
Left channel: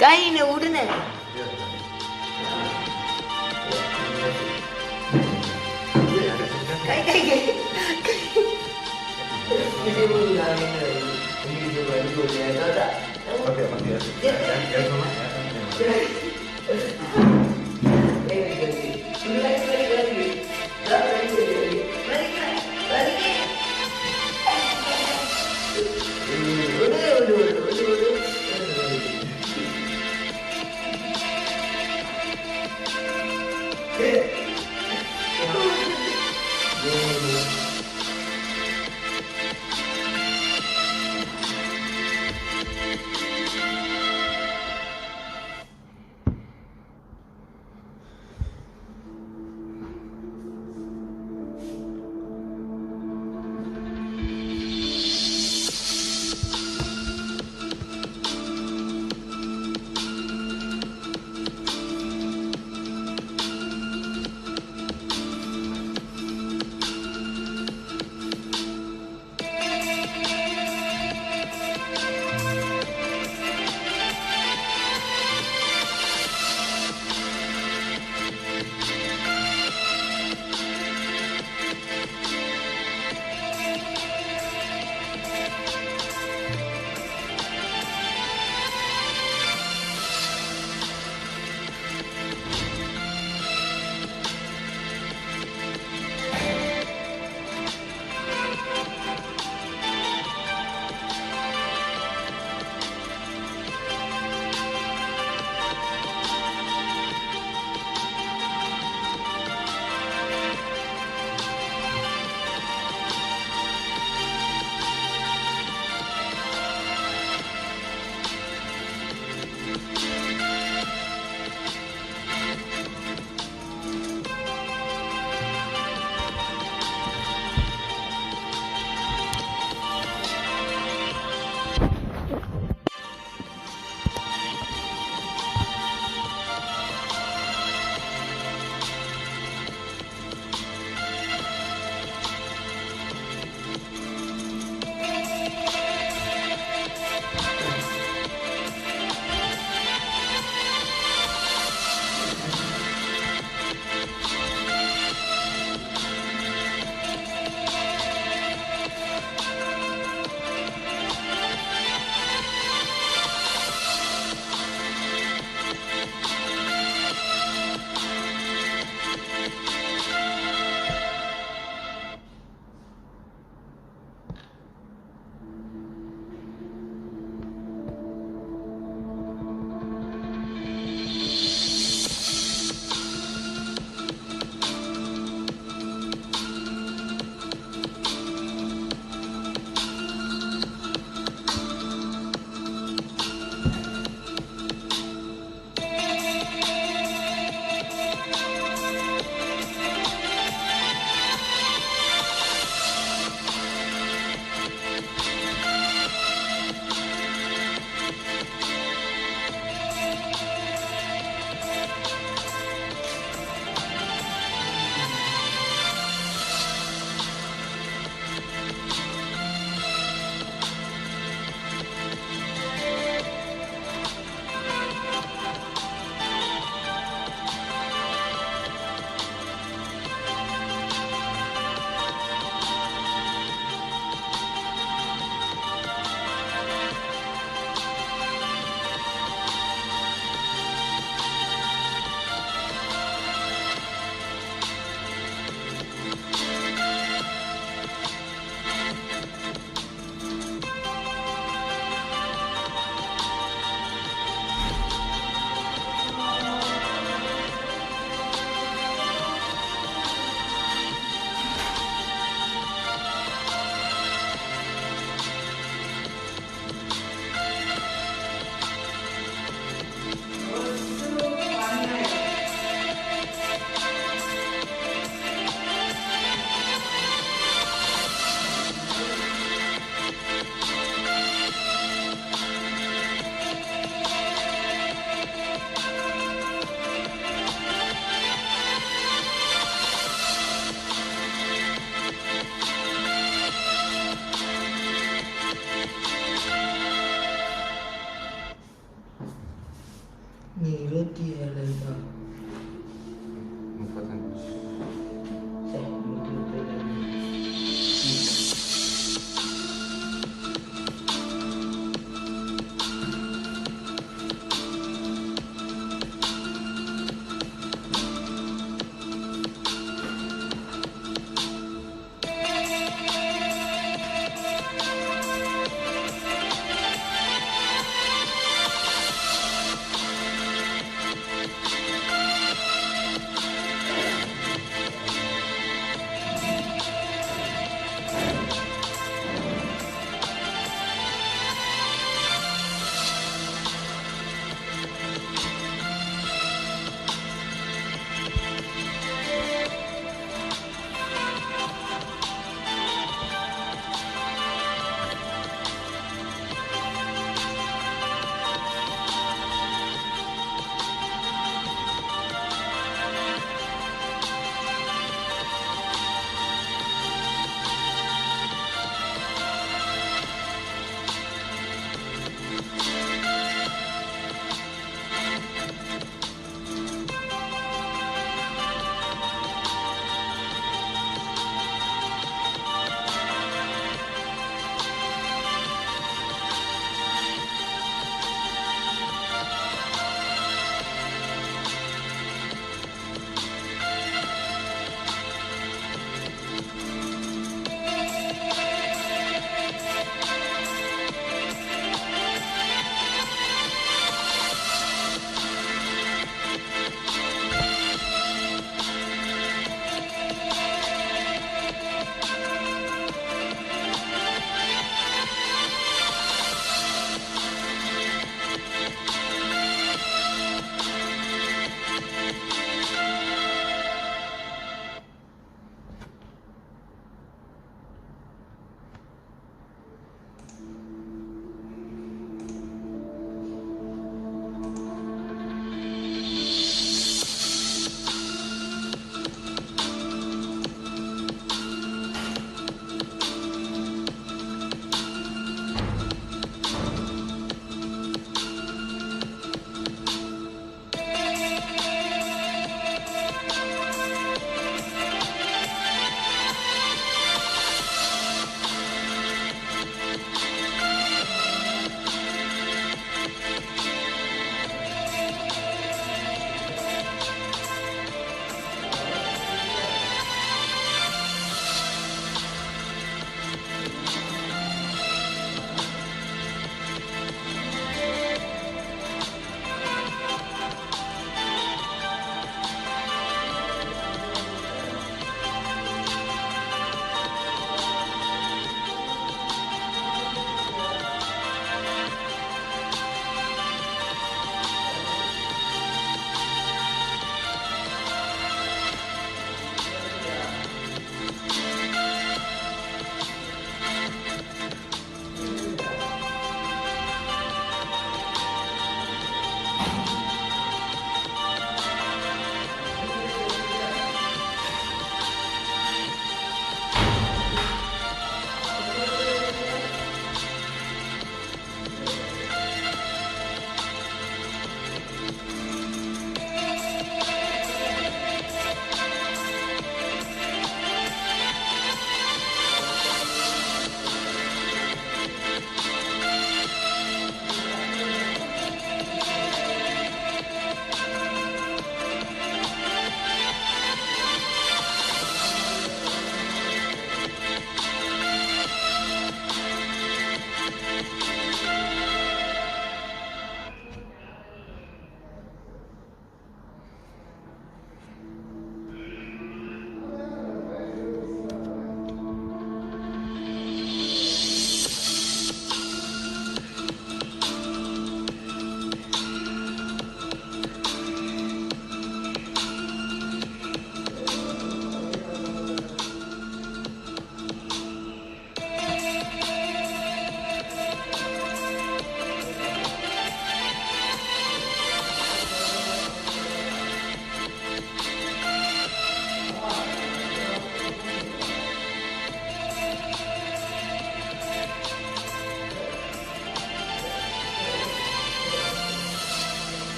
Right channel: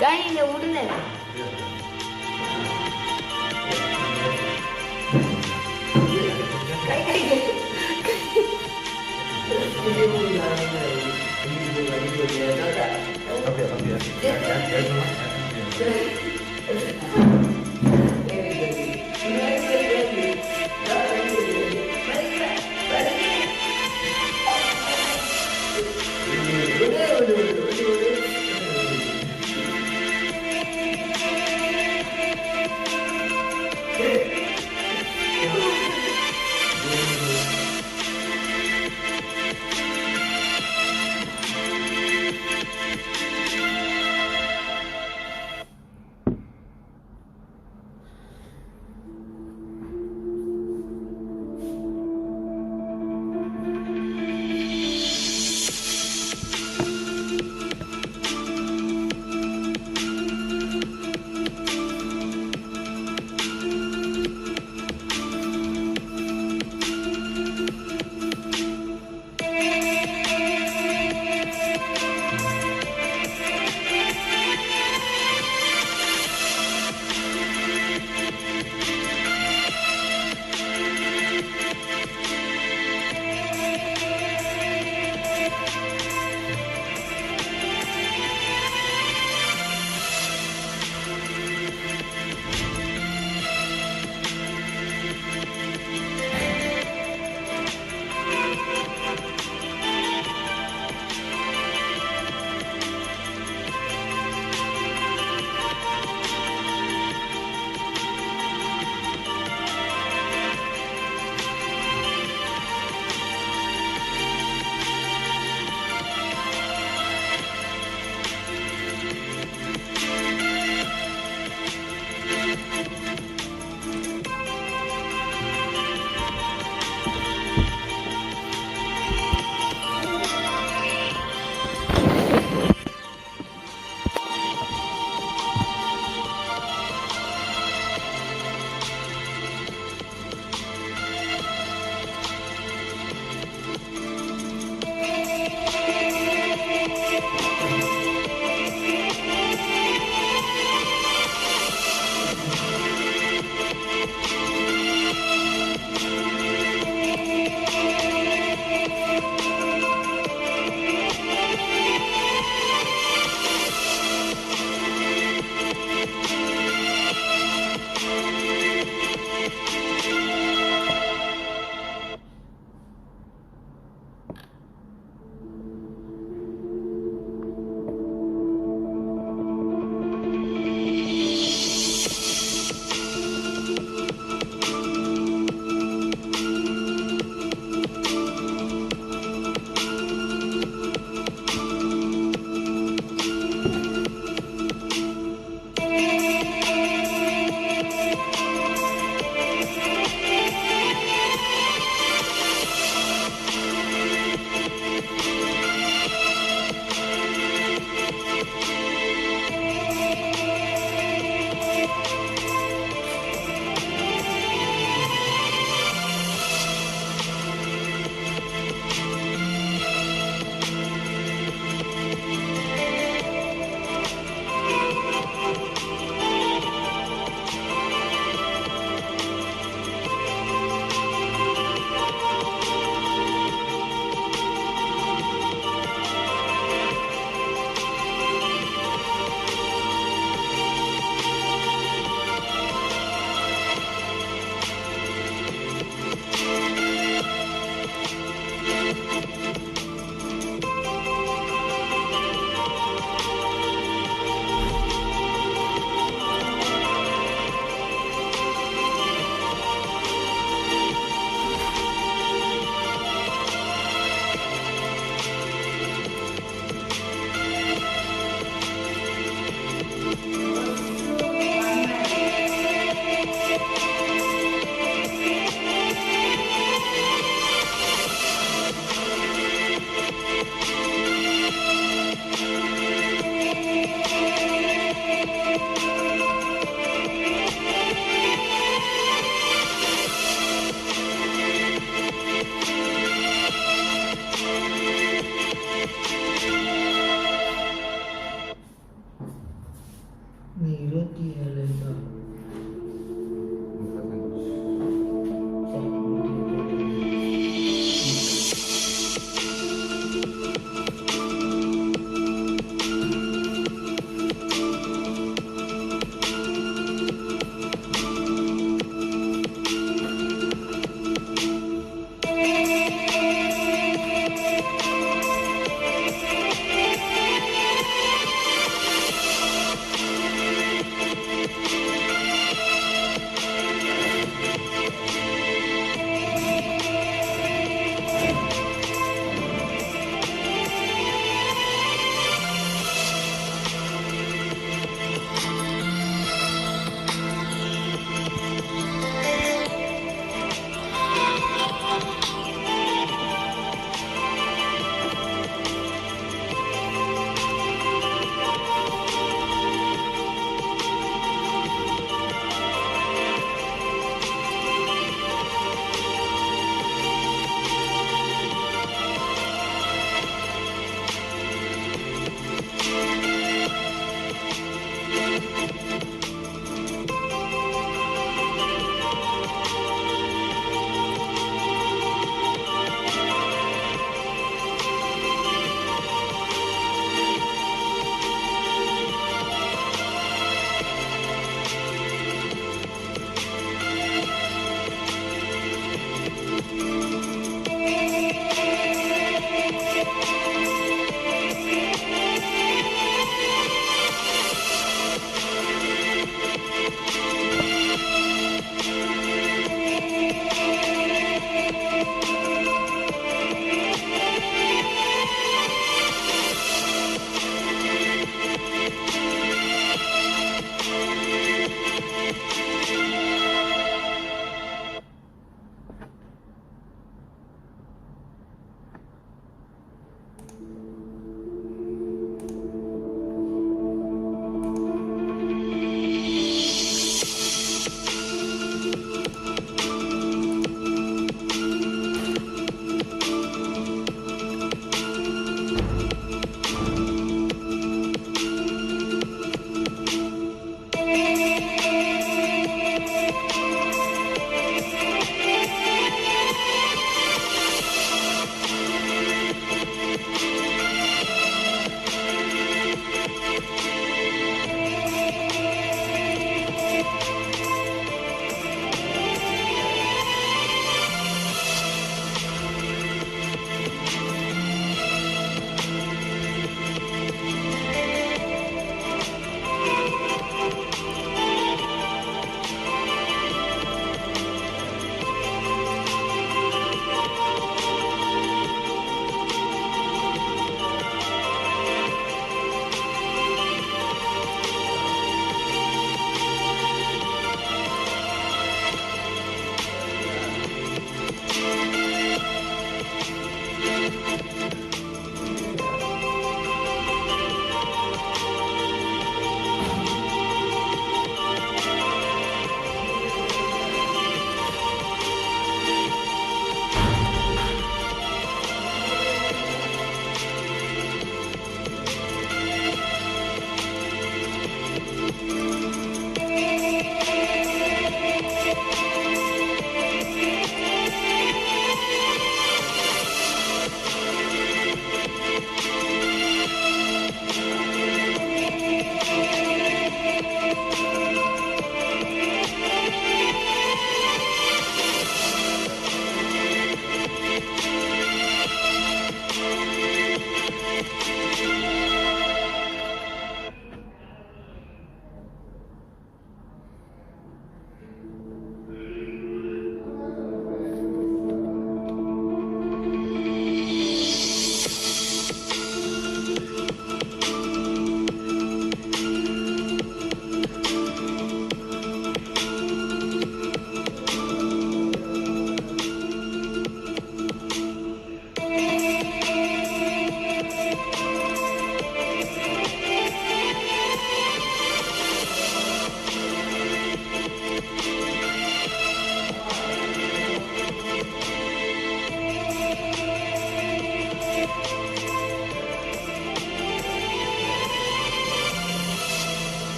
கையில விடுன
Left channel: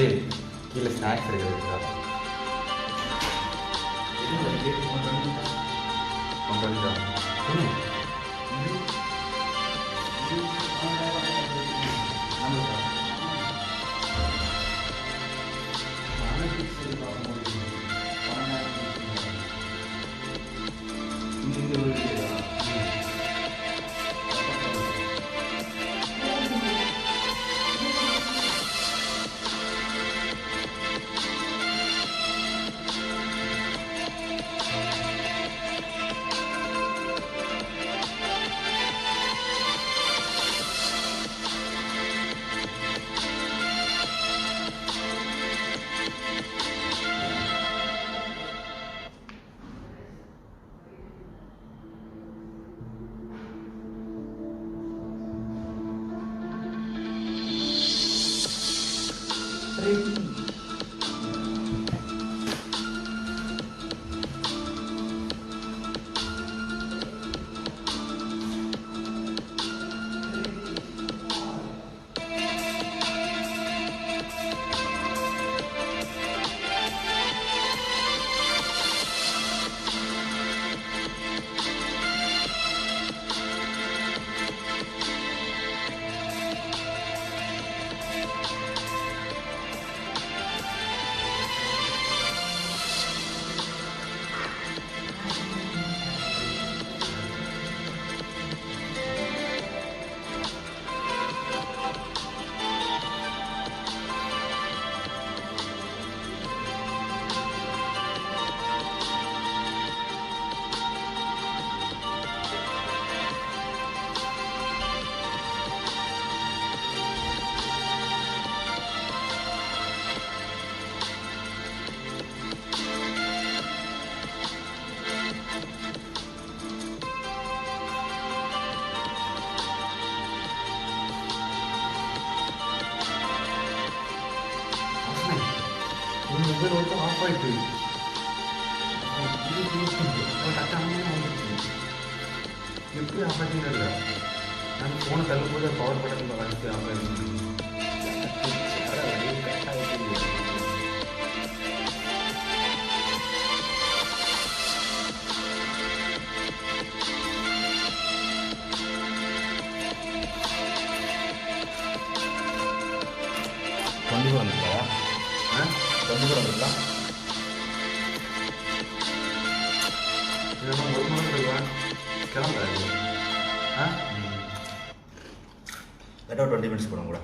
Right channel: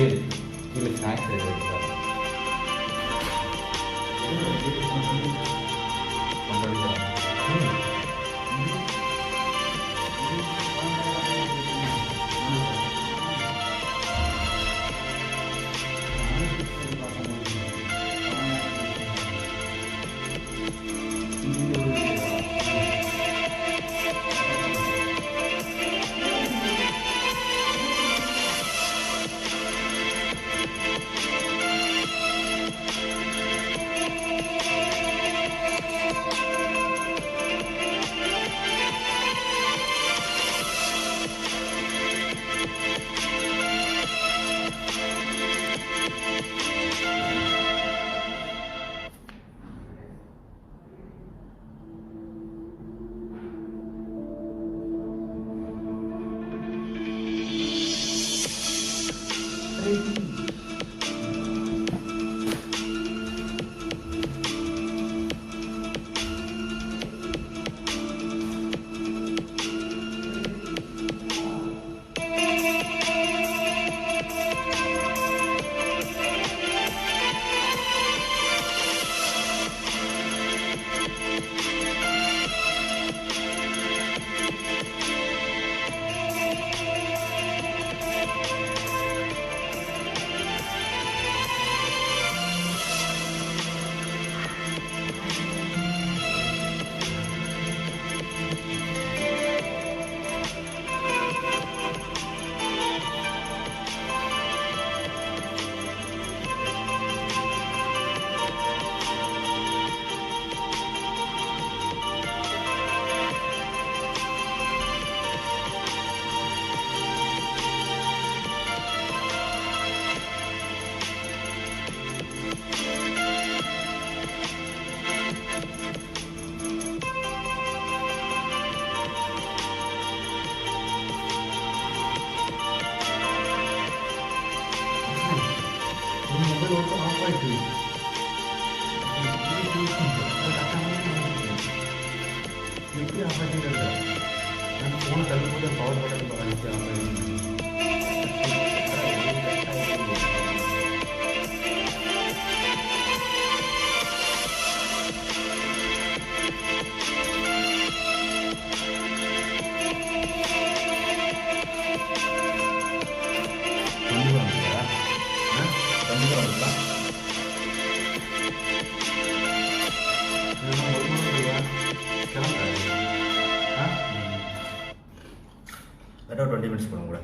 ஏய் இல்லை ஸ்நாக்ஸ் எடுக்கிறதுக்கா பண்ணுறதுக்கா மொபைல் ஒர்க்கும் ஆஃப் ஆகிட்டு எப்படி ஆஃப் ஆகிட்டு நான் ஃபோனை தள்ளும்போது பவர் பட்டன் அடிச்சு ஆஃப் ஆகிட்டு கட் ஆகிட்டு கண்டிப்பாக இருக்கலாம் இதெல்லாம் ஒரு மணி நேரம் கிளம்புறாரு ஒரு 20 மினிட்ஸ் போடும் கூட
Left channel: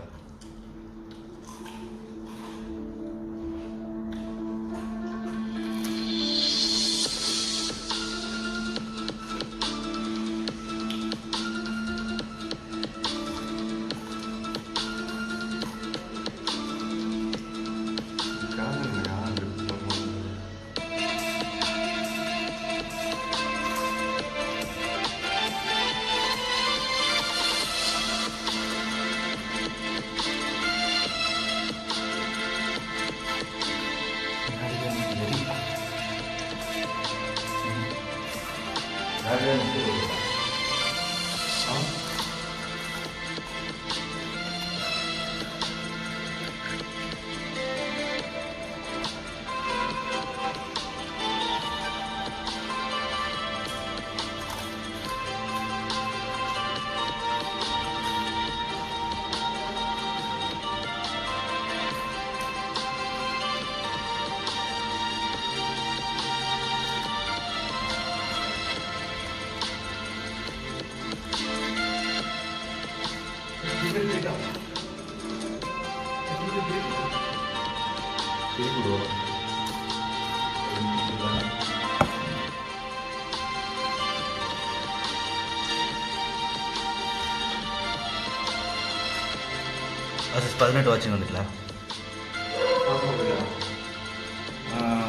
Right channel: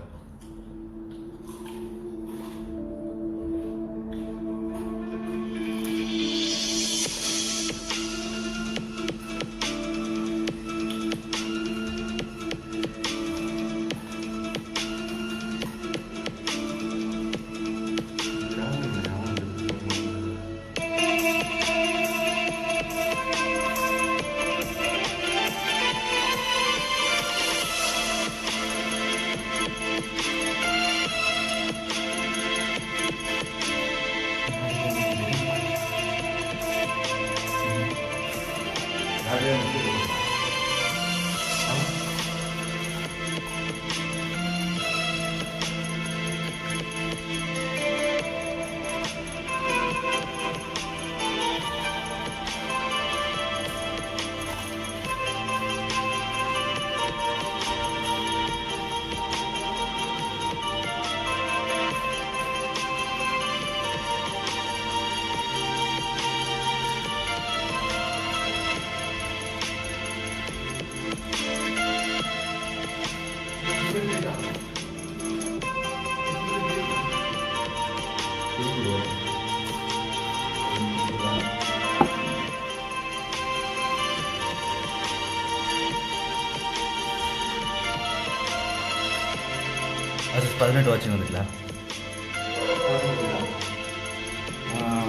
அது 18 வாட்சிங் வந்துட்டல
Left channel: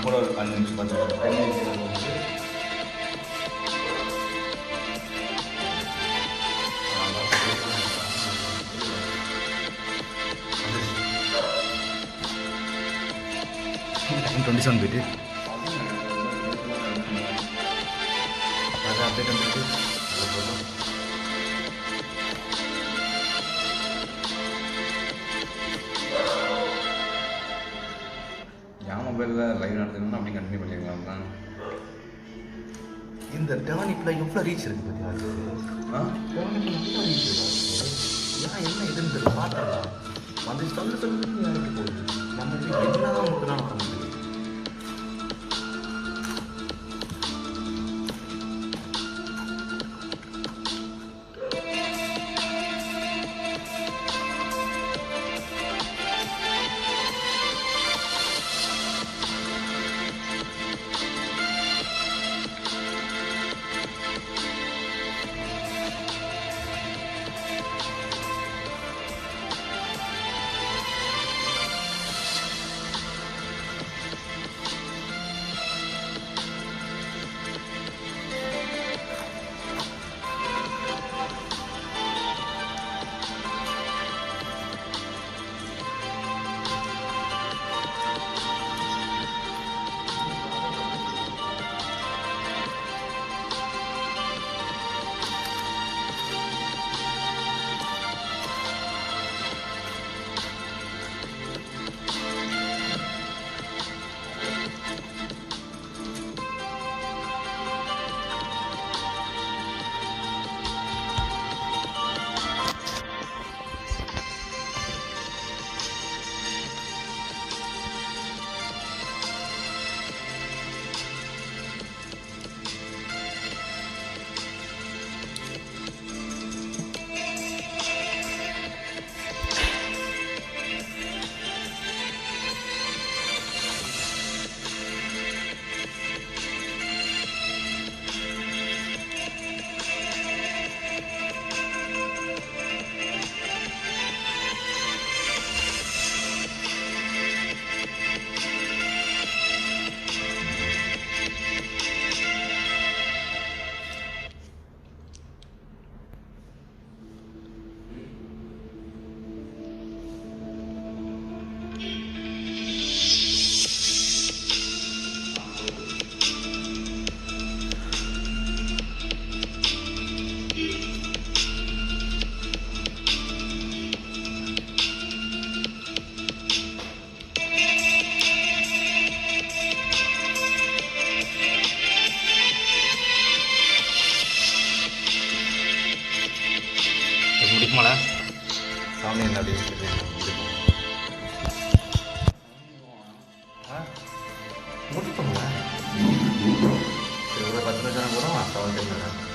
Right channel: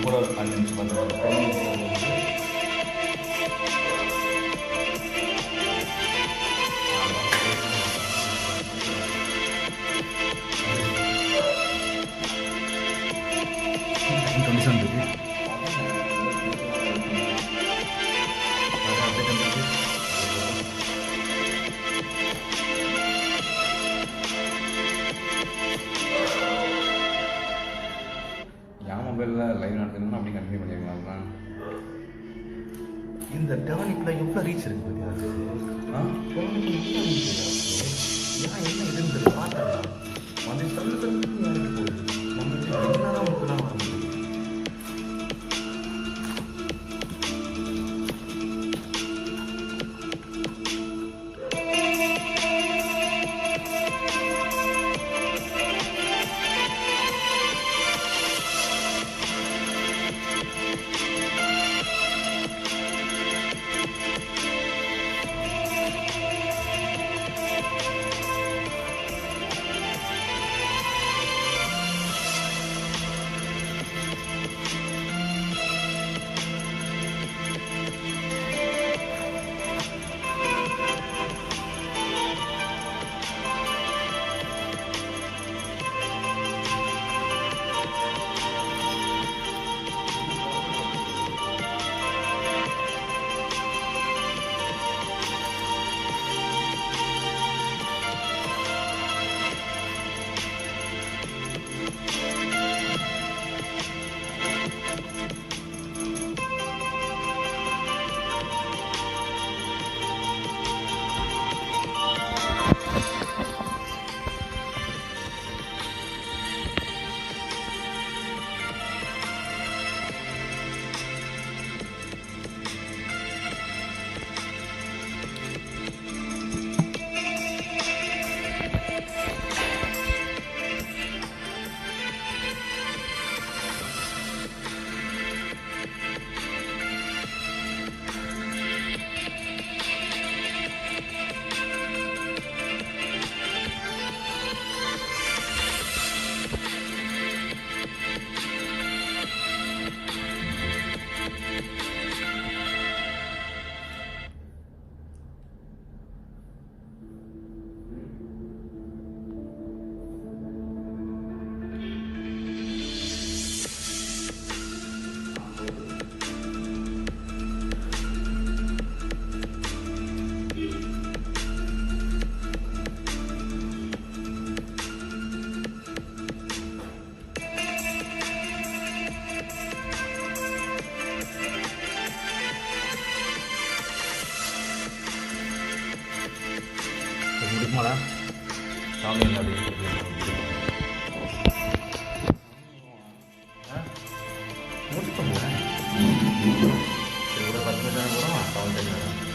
கூட ஒரு 5 நிமிஷம் வந்துட்டு 10 நிமிஷம் கண்டிஷன் போயிட்டு அது அப்டேட் வந்துட்டு அது போட்டோம் டெவனிப்பில் எவ்வளோ ரீச் இருக்குது பற்றியா டெவனிப்பில் நல்லா ரீச் இருக்குது ஏன் என்ன இதுன்னு தெரியல பார்த்துடலாம் வந்து சொல்லு யாருக்கு போகுது நம்ம என்ன தான் உங்களுக்கு தான் வர முடியும். முடிக்குமாடா சாமி என்ன முடிப்போங்களா சரி ஒரு 10 நிமிஷம் போகிறோமா 7 டைம்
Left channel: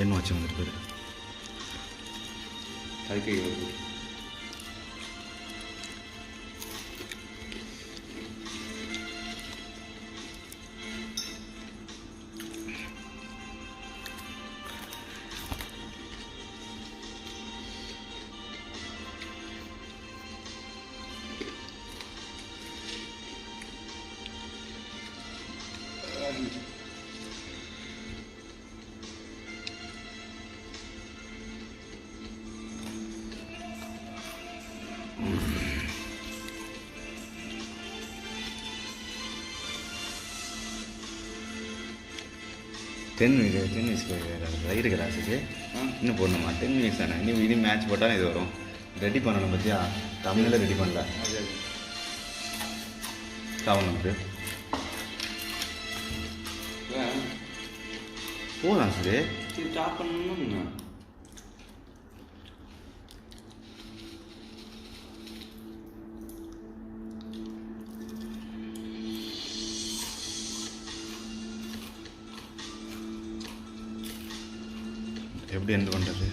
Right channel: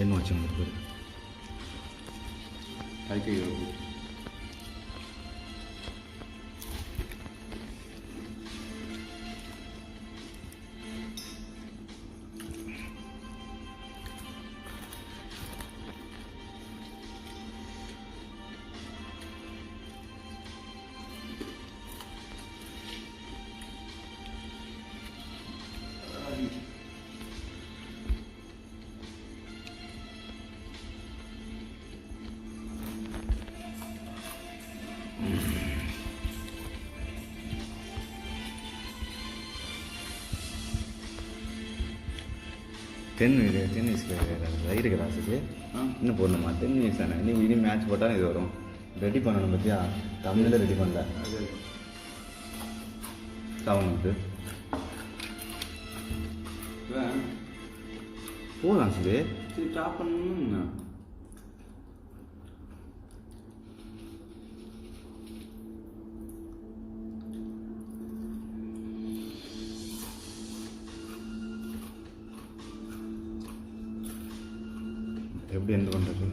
என்ன வச்சு வந்துட்டு பேர் கல்கி டென் மினிட்ஸ்க்கு வயிறு கிளாஸுக்கு இன்னும் போடணுமா 10 மினிட்ஸ் தானே இனி மேட்ச் போட்டால் இது வரும் ரெடி பண்ணணும் பற்றியா தமிழில் ரெடி பண்ணல சாவணுக்கு போகலாம் சரி ஸ்டாப் பண்ணணும்னா எப்படி எண்ட் பண்ணுறது